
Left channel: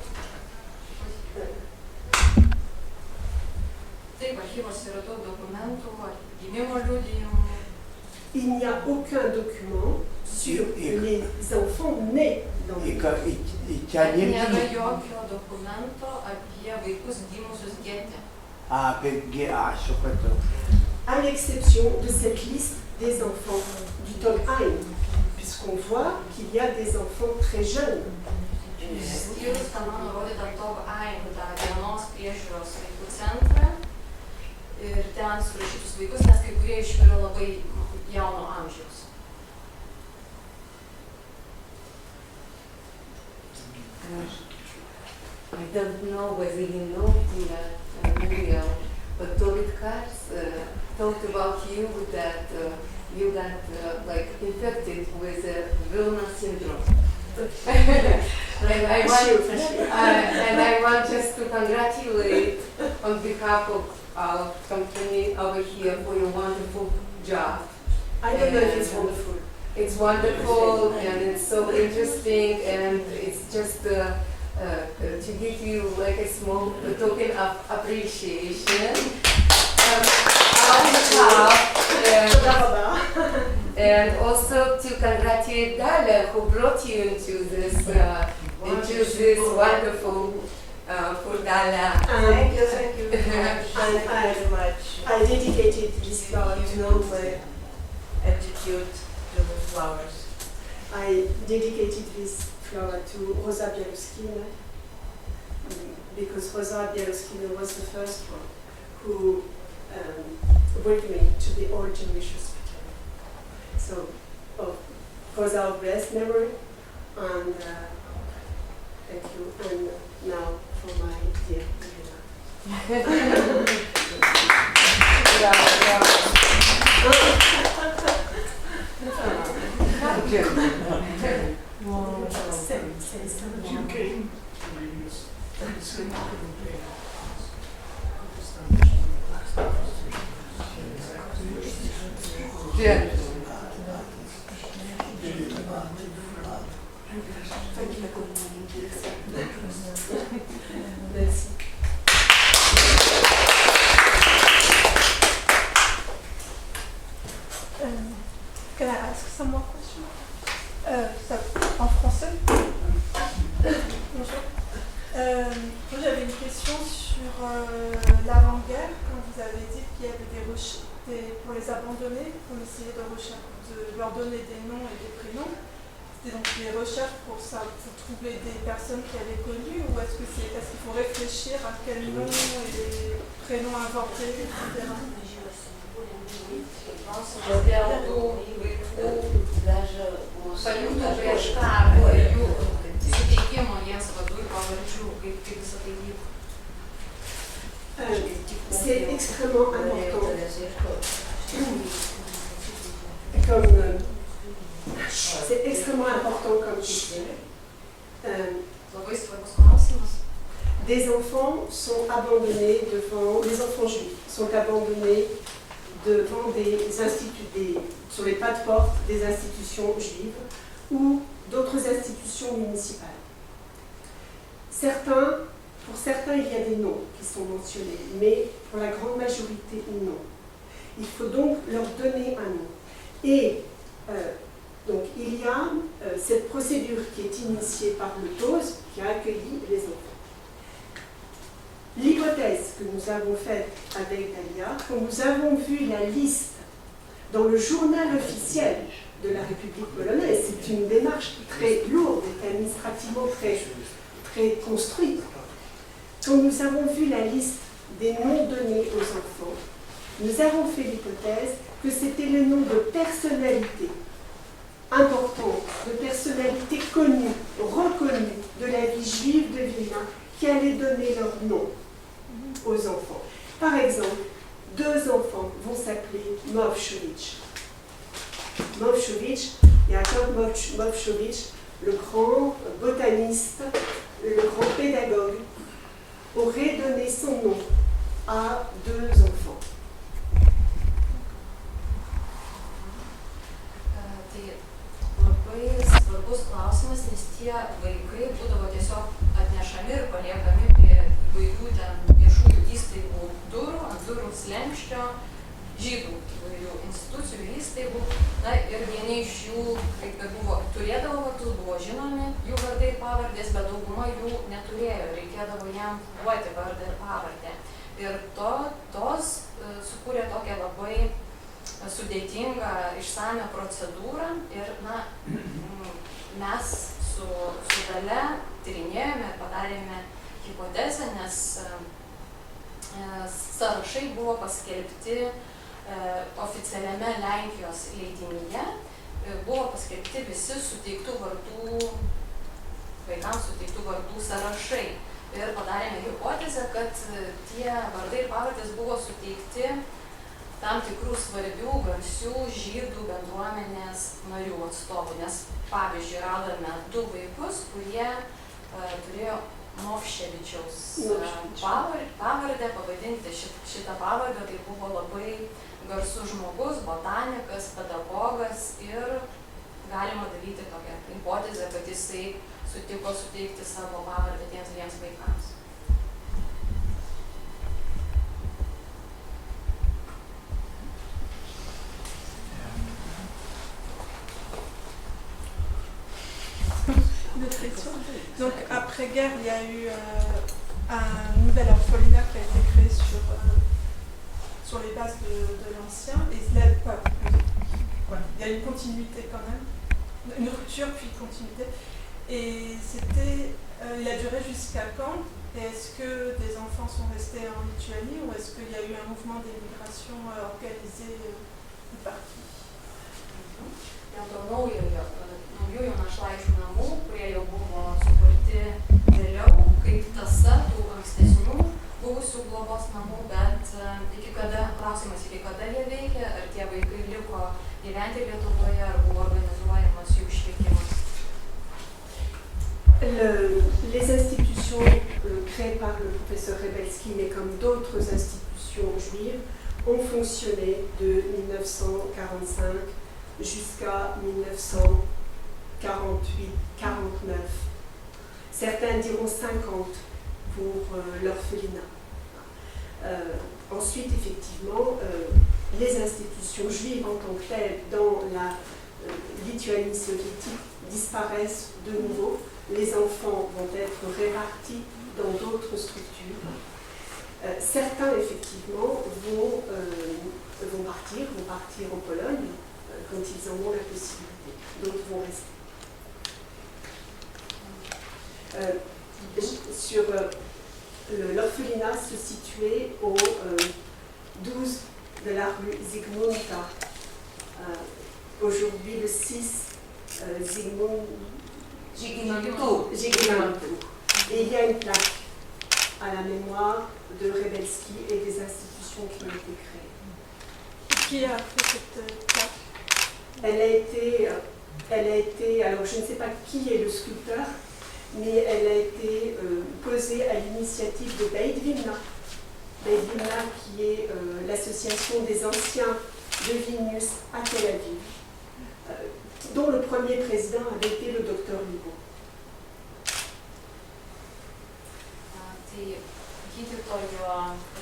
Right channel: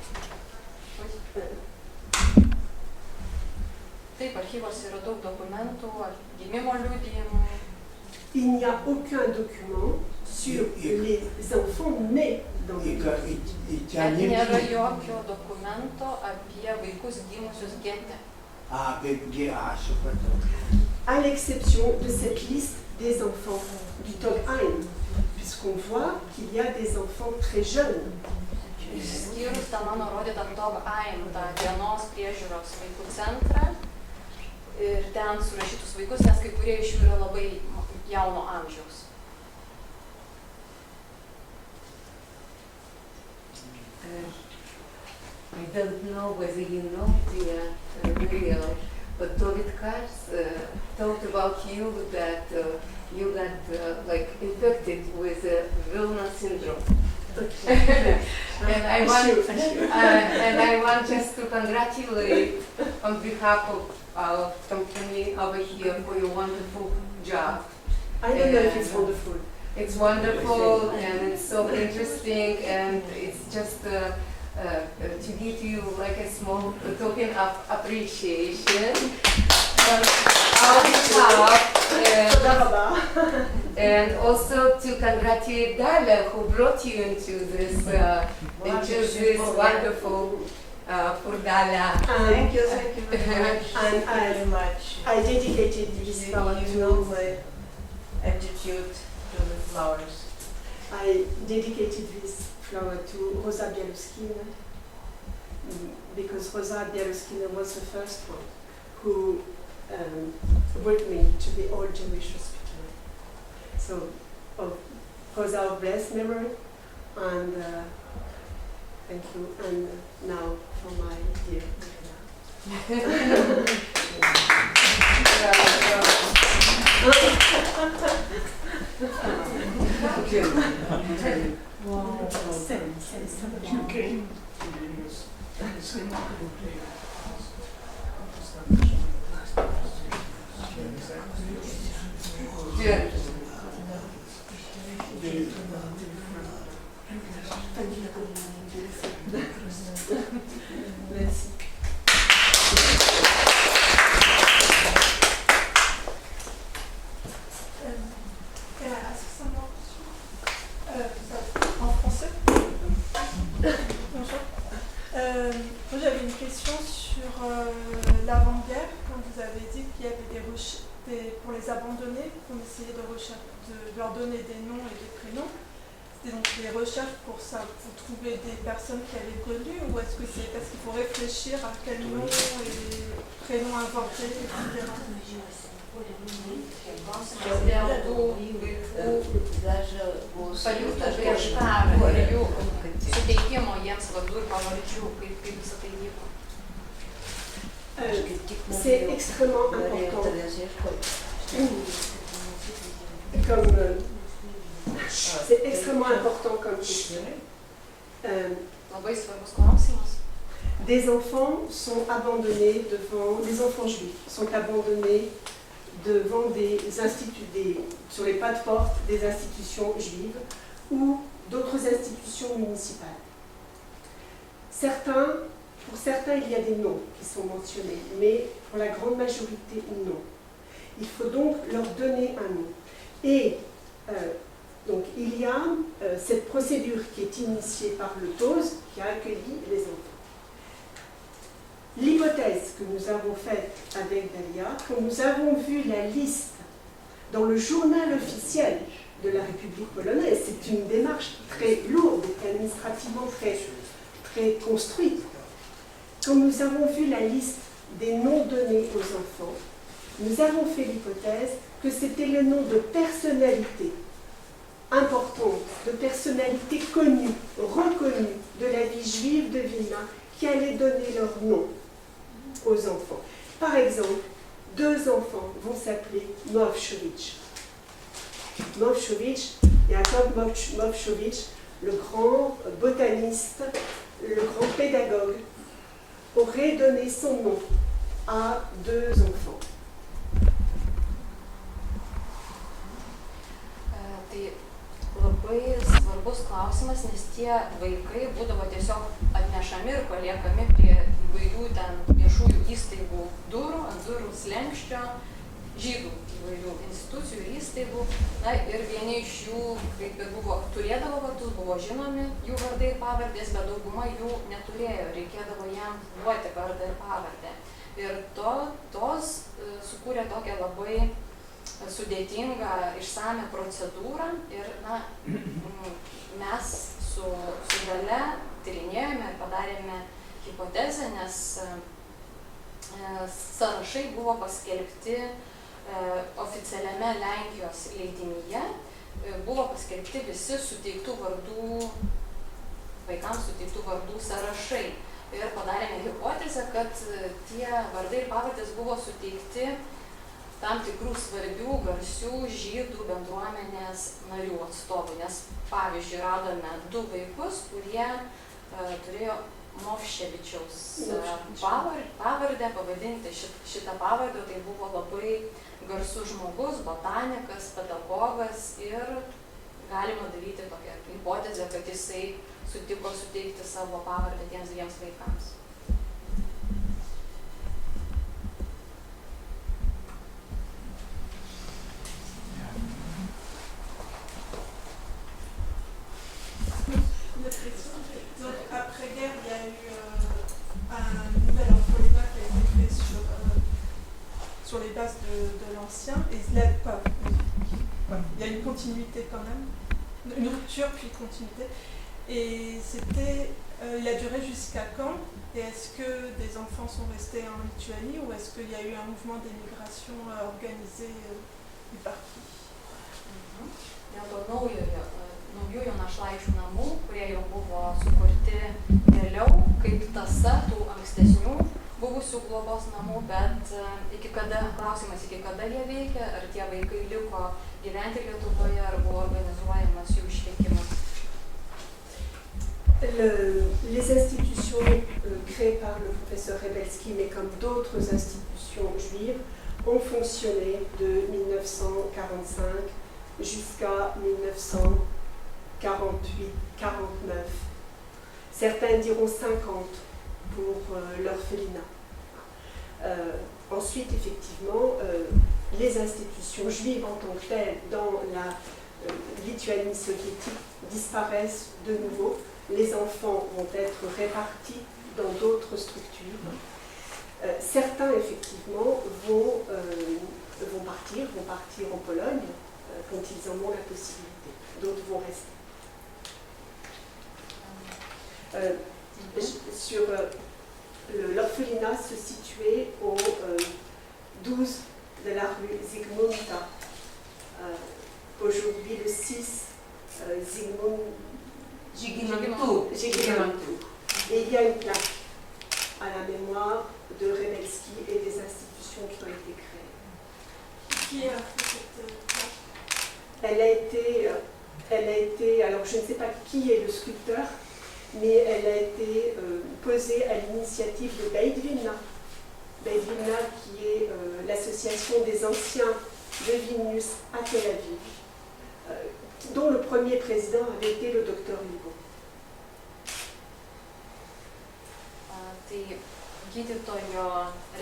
Taip, archyvos yra daug dokumentų, gimimo liudijimų. Il n'y a aucun document sur les enfants nés dans le ghetto. Nėra jokio dokumento apie vaikus gimusius gete. Supratau. À l'exception de cette liste des enfants du Togheim, puisqu'on voit qu'il y a des enfants très jeunes. Išskyrus tą mano rodytą Togheim, tą dienos priežiūros vaikų centrą ir ten surašytus vaikus, nes kai kurie iš jų yra labai jauno amžiaus. I don't know whether you know, dear Miriam, but David Katz talked about you that you got infected with Vilna syndrome. And I want just to congratulate on behalf of our company over here for your wonderful job. I don't know if it's wonderful. It's wonderful and it's so interesting, and it's just to give you like a small token of appreciation from our behalf, and also to congratulate Dalia, who brought you into this wonderful Furdala. Thank you very much. I dedicated this flower to my attitude to the flowers. I dedicated this flower to Rosa Bialuskina, because Rosa Bialuskina was the first one who brought me to the Old Jewish Hospital. So, of course, our blessed memory, and thank you. And now for my dear Elena. Merci. Can I ask some more questions? En français. Bonjour. Moi j'avais une question sur l'avant-guerre, quand vous avez dit qu'il y avait pour les abandonnés, qu'on essayait de leur donner des noms et des prénoms. C'était donc des recherches pour trouver des personnes qui avaient connu, ou est-ce que c'est parce qu'il faut réfléchir à quel nom et prénom inventer, etc. Pajūtų prieš karą ir jų suteikimo jiems vardų ir pavardžių, kaip visą tai vyko. C'est extrêmement important. C'est extrêmement important comme question. Labai svarbus klausimas. Des enfants sont abandonnés devant, les enfants juifs sont abandonnés devant sur les pas de porte des institutions juives ou d'autres institutions municipales. Pour certains, il y a des noms qui sont mentionnés, mais pour la grande majorité, non. Il faut donc leur donner un nom. Et donc, il y a cette procédure qui est initiée par le TOS, qui a accueilli les enfants. L'hypothèse que nous avons faite avec Dalia, quand nous avons vu la liste dans le journal officiel de la République polonaise, c'est une démarche très lourde et administrativement très construite. Quand nous avons vu la liste des noms donnés aux enfants, nous avons fait l'hypothèse que c'était le nom de personnalités importantes, de personnalités connues, reconnues de la vie juive de Vilna, qui allaient donner leur nom aux enfants. Par exemple, 2 enfants vont s'appeler Mowshowicz. Mowshowicz, Jakob Mowshowicz, le grand botaniste, le grand pédagogue, aurait donné son nom à 2 enfants. Tai labai svarbus klausimas, nes tie vaikai būdavo tiesiog atnešami ir paliekami prie įvairių ten viešųjų įstaigų durų, ant durų slenkščio, žydų įvairių institucijų ir įstaigų. Na ir vieni iš jų, kaip ir turėdavo vardus, buvo žinomi jų vardai ir pavardės, bet dauguma jų neturėjo, reikėdavo jam duoti vardą ir pavardę. Ir tos sukūrė tokią labai sudėtingą, išsamią procedūrą ir mes su Dalia tyrinėjome ir padarėme hipotezę, nes sąrašai buvo paskelbti oficialiame Lenkijos leidinyje, buvo paskelbti visi suteiktų vardų, vaikams suteiktų vardų sąrašai. Ir padarėme hipotezę, kad tie vardai ir pavardės buvo suteikti tam tikrų svarbių, garsių žydų bendruomenės narių atstovų, nes pavyzdžiui radome 2 vaikus, kurie turėjo Movševičiaus pavardę, pavadinti šitą pavardę, tai buvo labai garsus žmogus, botanikas, pedagogas ir galima daryti tokią hipotezę, kad jisai sutiko suteikti savo pavardę tiems 2 vaikams. Donc après-guerre, il y a eu un nouvel orphelinat qui a été créé sur les bases de l'ancien. Et il y a une continuité quand même, une rupture puis continuité. Et il a duré jusqu'à quand? Et est-ce que des enfants sont restés en Lituanie ou est-ce qu'il y a eu un mouvement d'émigration organisé et par qui? Dėl to naujųjų našlaičių namų, kurie jau buvo sukurti vėliau, kaip tąsa tų ankstesnių buvusių globos namų, bet klausimas, iki kada jie veikia, ar tie vaikai liko gyventi Lietuvoje, ar buvo organizuojamas jų išvykimas. Les institutions créées par le professeur Rebelski, mais comme d'autres institutions juives, ont fonctionné de 1945 jusqu'à 1948-49. Certains diront 50 pour l'orphelinat. Ensuite, effectivement, les institutions juives en tant que telles dans la Lituanie soviétique disparaissent de nouveau. Les enfants vont être répartis dans d'autres structures. Certains, effectivement, vont partir en Pologne quand ils en ont la possibilité. D'autres vont rester. L'orphelinat se situait au 12 de la rue Zygmunta. Aujourd'hui, le 6 Zygmuntu. Et il y a une plaque à la mémoire de Rebelski et des institutions qui ont été créées. Qui a fait cette plaque? Elle a été, alors je ne sais pas qui est le sculpteur, mais elle a été posée à l'initiative de Beit Vilna. Beit Vilna qui est l'association des anciens de Vilnius à Tel Aviv, dont le premier président avait été le docteur Libo. Tai gydytojo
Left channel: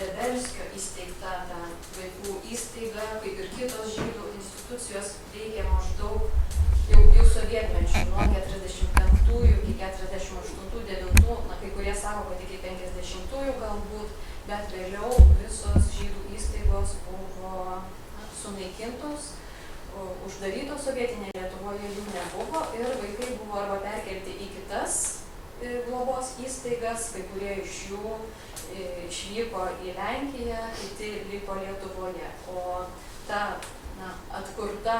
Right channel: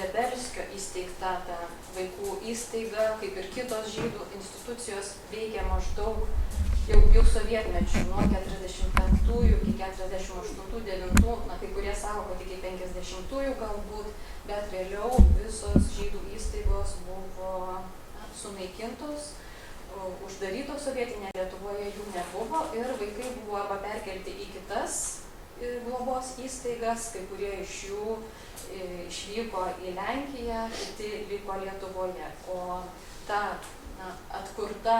Rebelskio įsteigta vaikų įstaiga, kaip ir kitos žydų institucijos, veikia maždaug jau sovietmečių, nuo 45 iki 48-9, kai kurie sako, kad iki 50 galbūt, bet vėliau visos žydų įstaigos buvo sunaikintos, uždarytos sovietinėje Lietuvoje jų nebuvo ir vaikai buvo arba perkelti į kitas globos įstaigas, kai kurie iš jų išvyko į Lenkiją, kiti liko Lietuvoje. O ta atkurta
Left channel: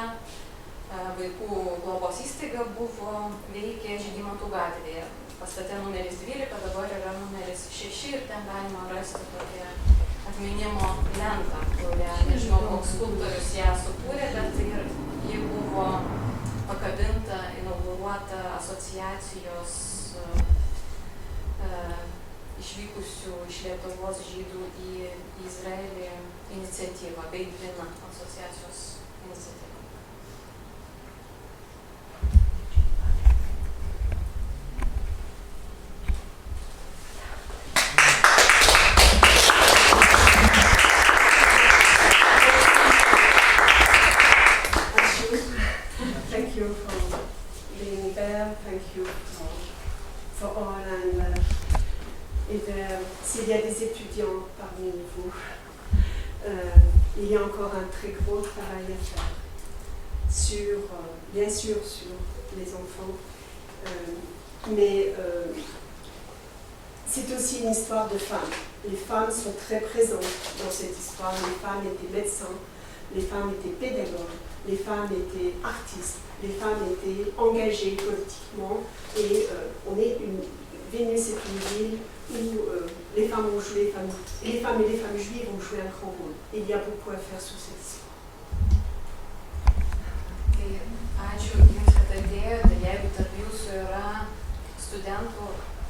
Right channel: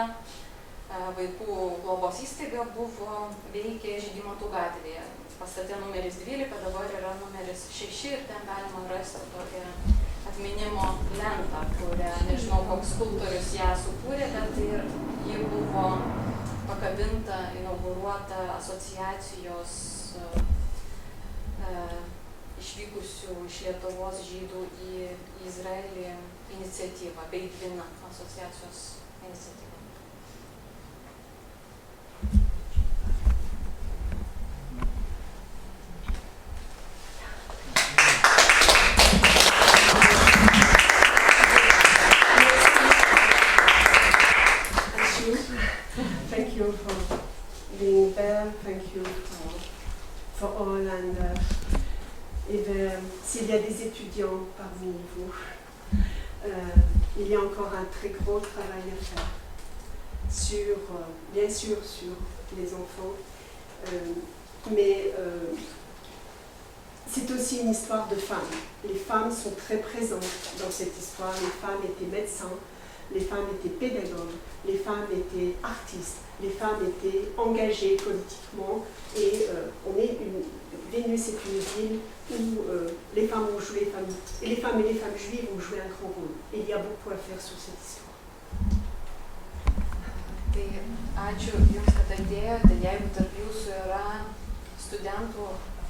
vaikų globos įstaiga veikė Žygimantų gatvėje. Pastate numeris 12, dabar yra numeris 6 ir ten galima rasti tokią atminimo lentą, kurią, nežinau, koks skulptorius ją sukūrė, bet ji buvo pakabinta, inauguruota asociacijos išvykusių iš Lietuvos žydų į Izraelį iniciatyva, Beit Vilna asociacijos iniciatyva. Thank you for being there. Thank you for all. S'il y a des étudiants parmi vous, il y a encore un très gros travail à faire bien sûr sur les enfants, mais c'est aussi une histoire de femmes. Les femmes sont très présentes dans cette histoire. Les femmes étaient médecins, les femmes étaient pédagogues, les femmes étaient artistes, les femmes étaient engagées politiquement et Vilnius est une ville où les femmes ont joué, les femmes et les femmes juives ont joué un grand rôle. Et il y a beaucoup à faire sur cette histoire. Tai ačiū Jums, kad atėjote. Jeigu tarp Jūsų yra studentų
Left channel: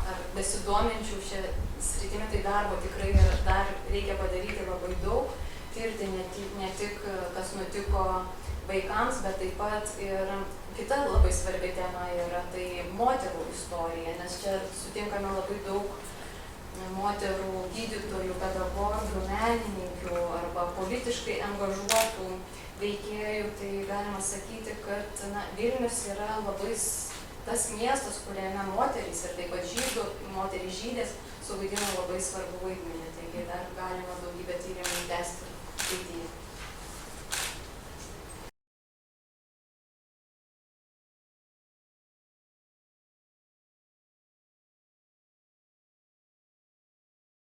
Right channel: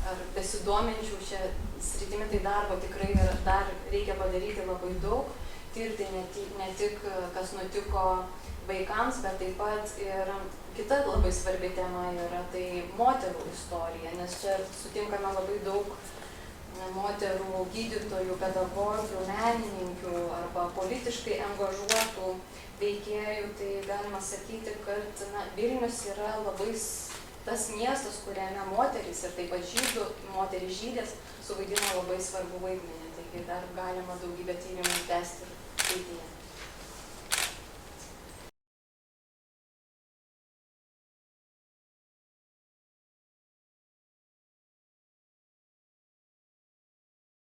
ar besidominčių šią sritimį, tai darbo tikrai dar reikia padaryti labai daug. Tirti ne tik, kas nutiko vaikams, bet taip pat ir kita labai svarbi tema yra tai moterų istorija, nes čia sutinkame labai daug moterų gydytojų, pedagogų, menininkių arba politiškai angažuotų veikėjų. Tai galima sakyti, kad Vilnius yra labai tas miestas, kuriame moterys ir taip pat moterys žydės suvaidino labai svarbu vaidmenį. Taigi dar galima daugybę tyrimų tęsti ateityje.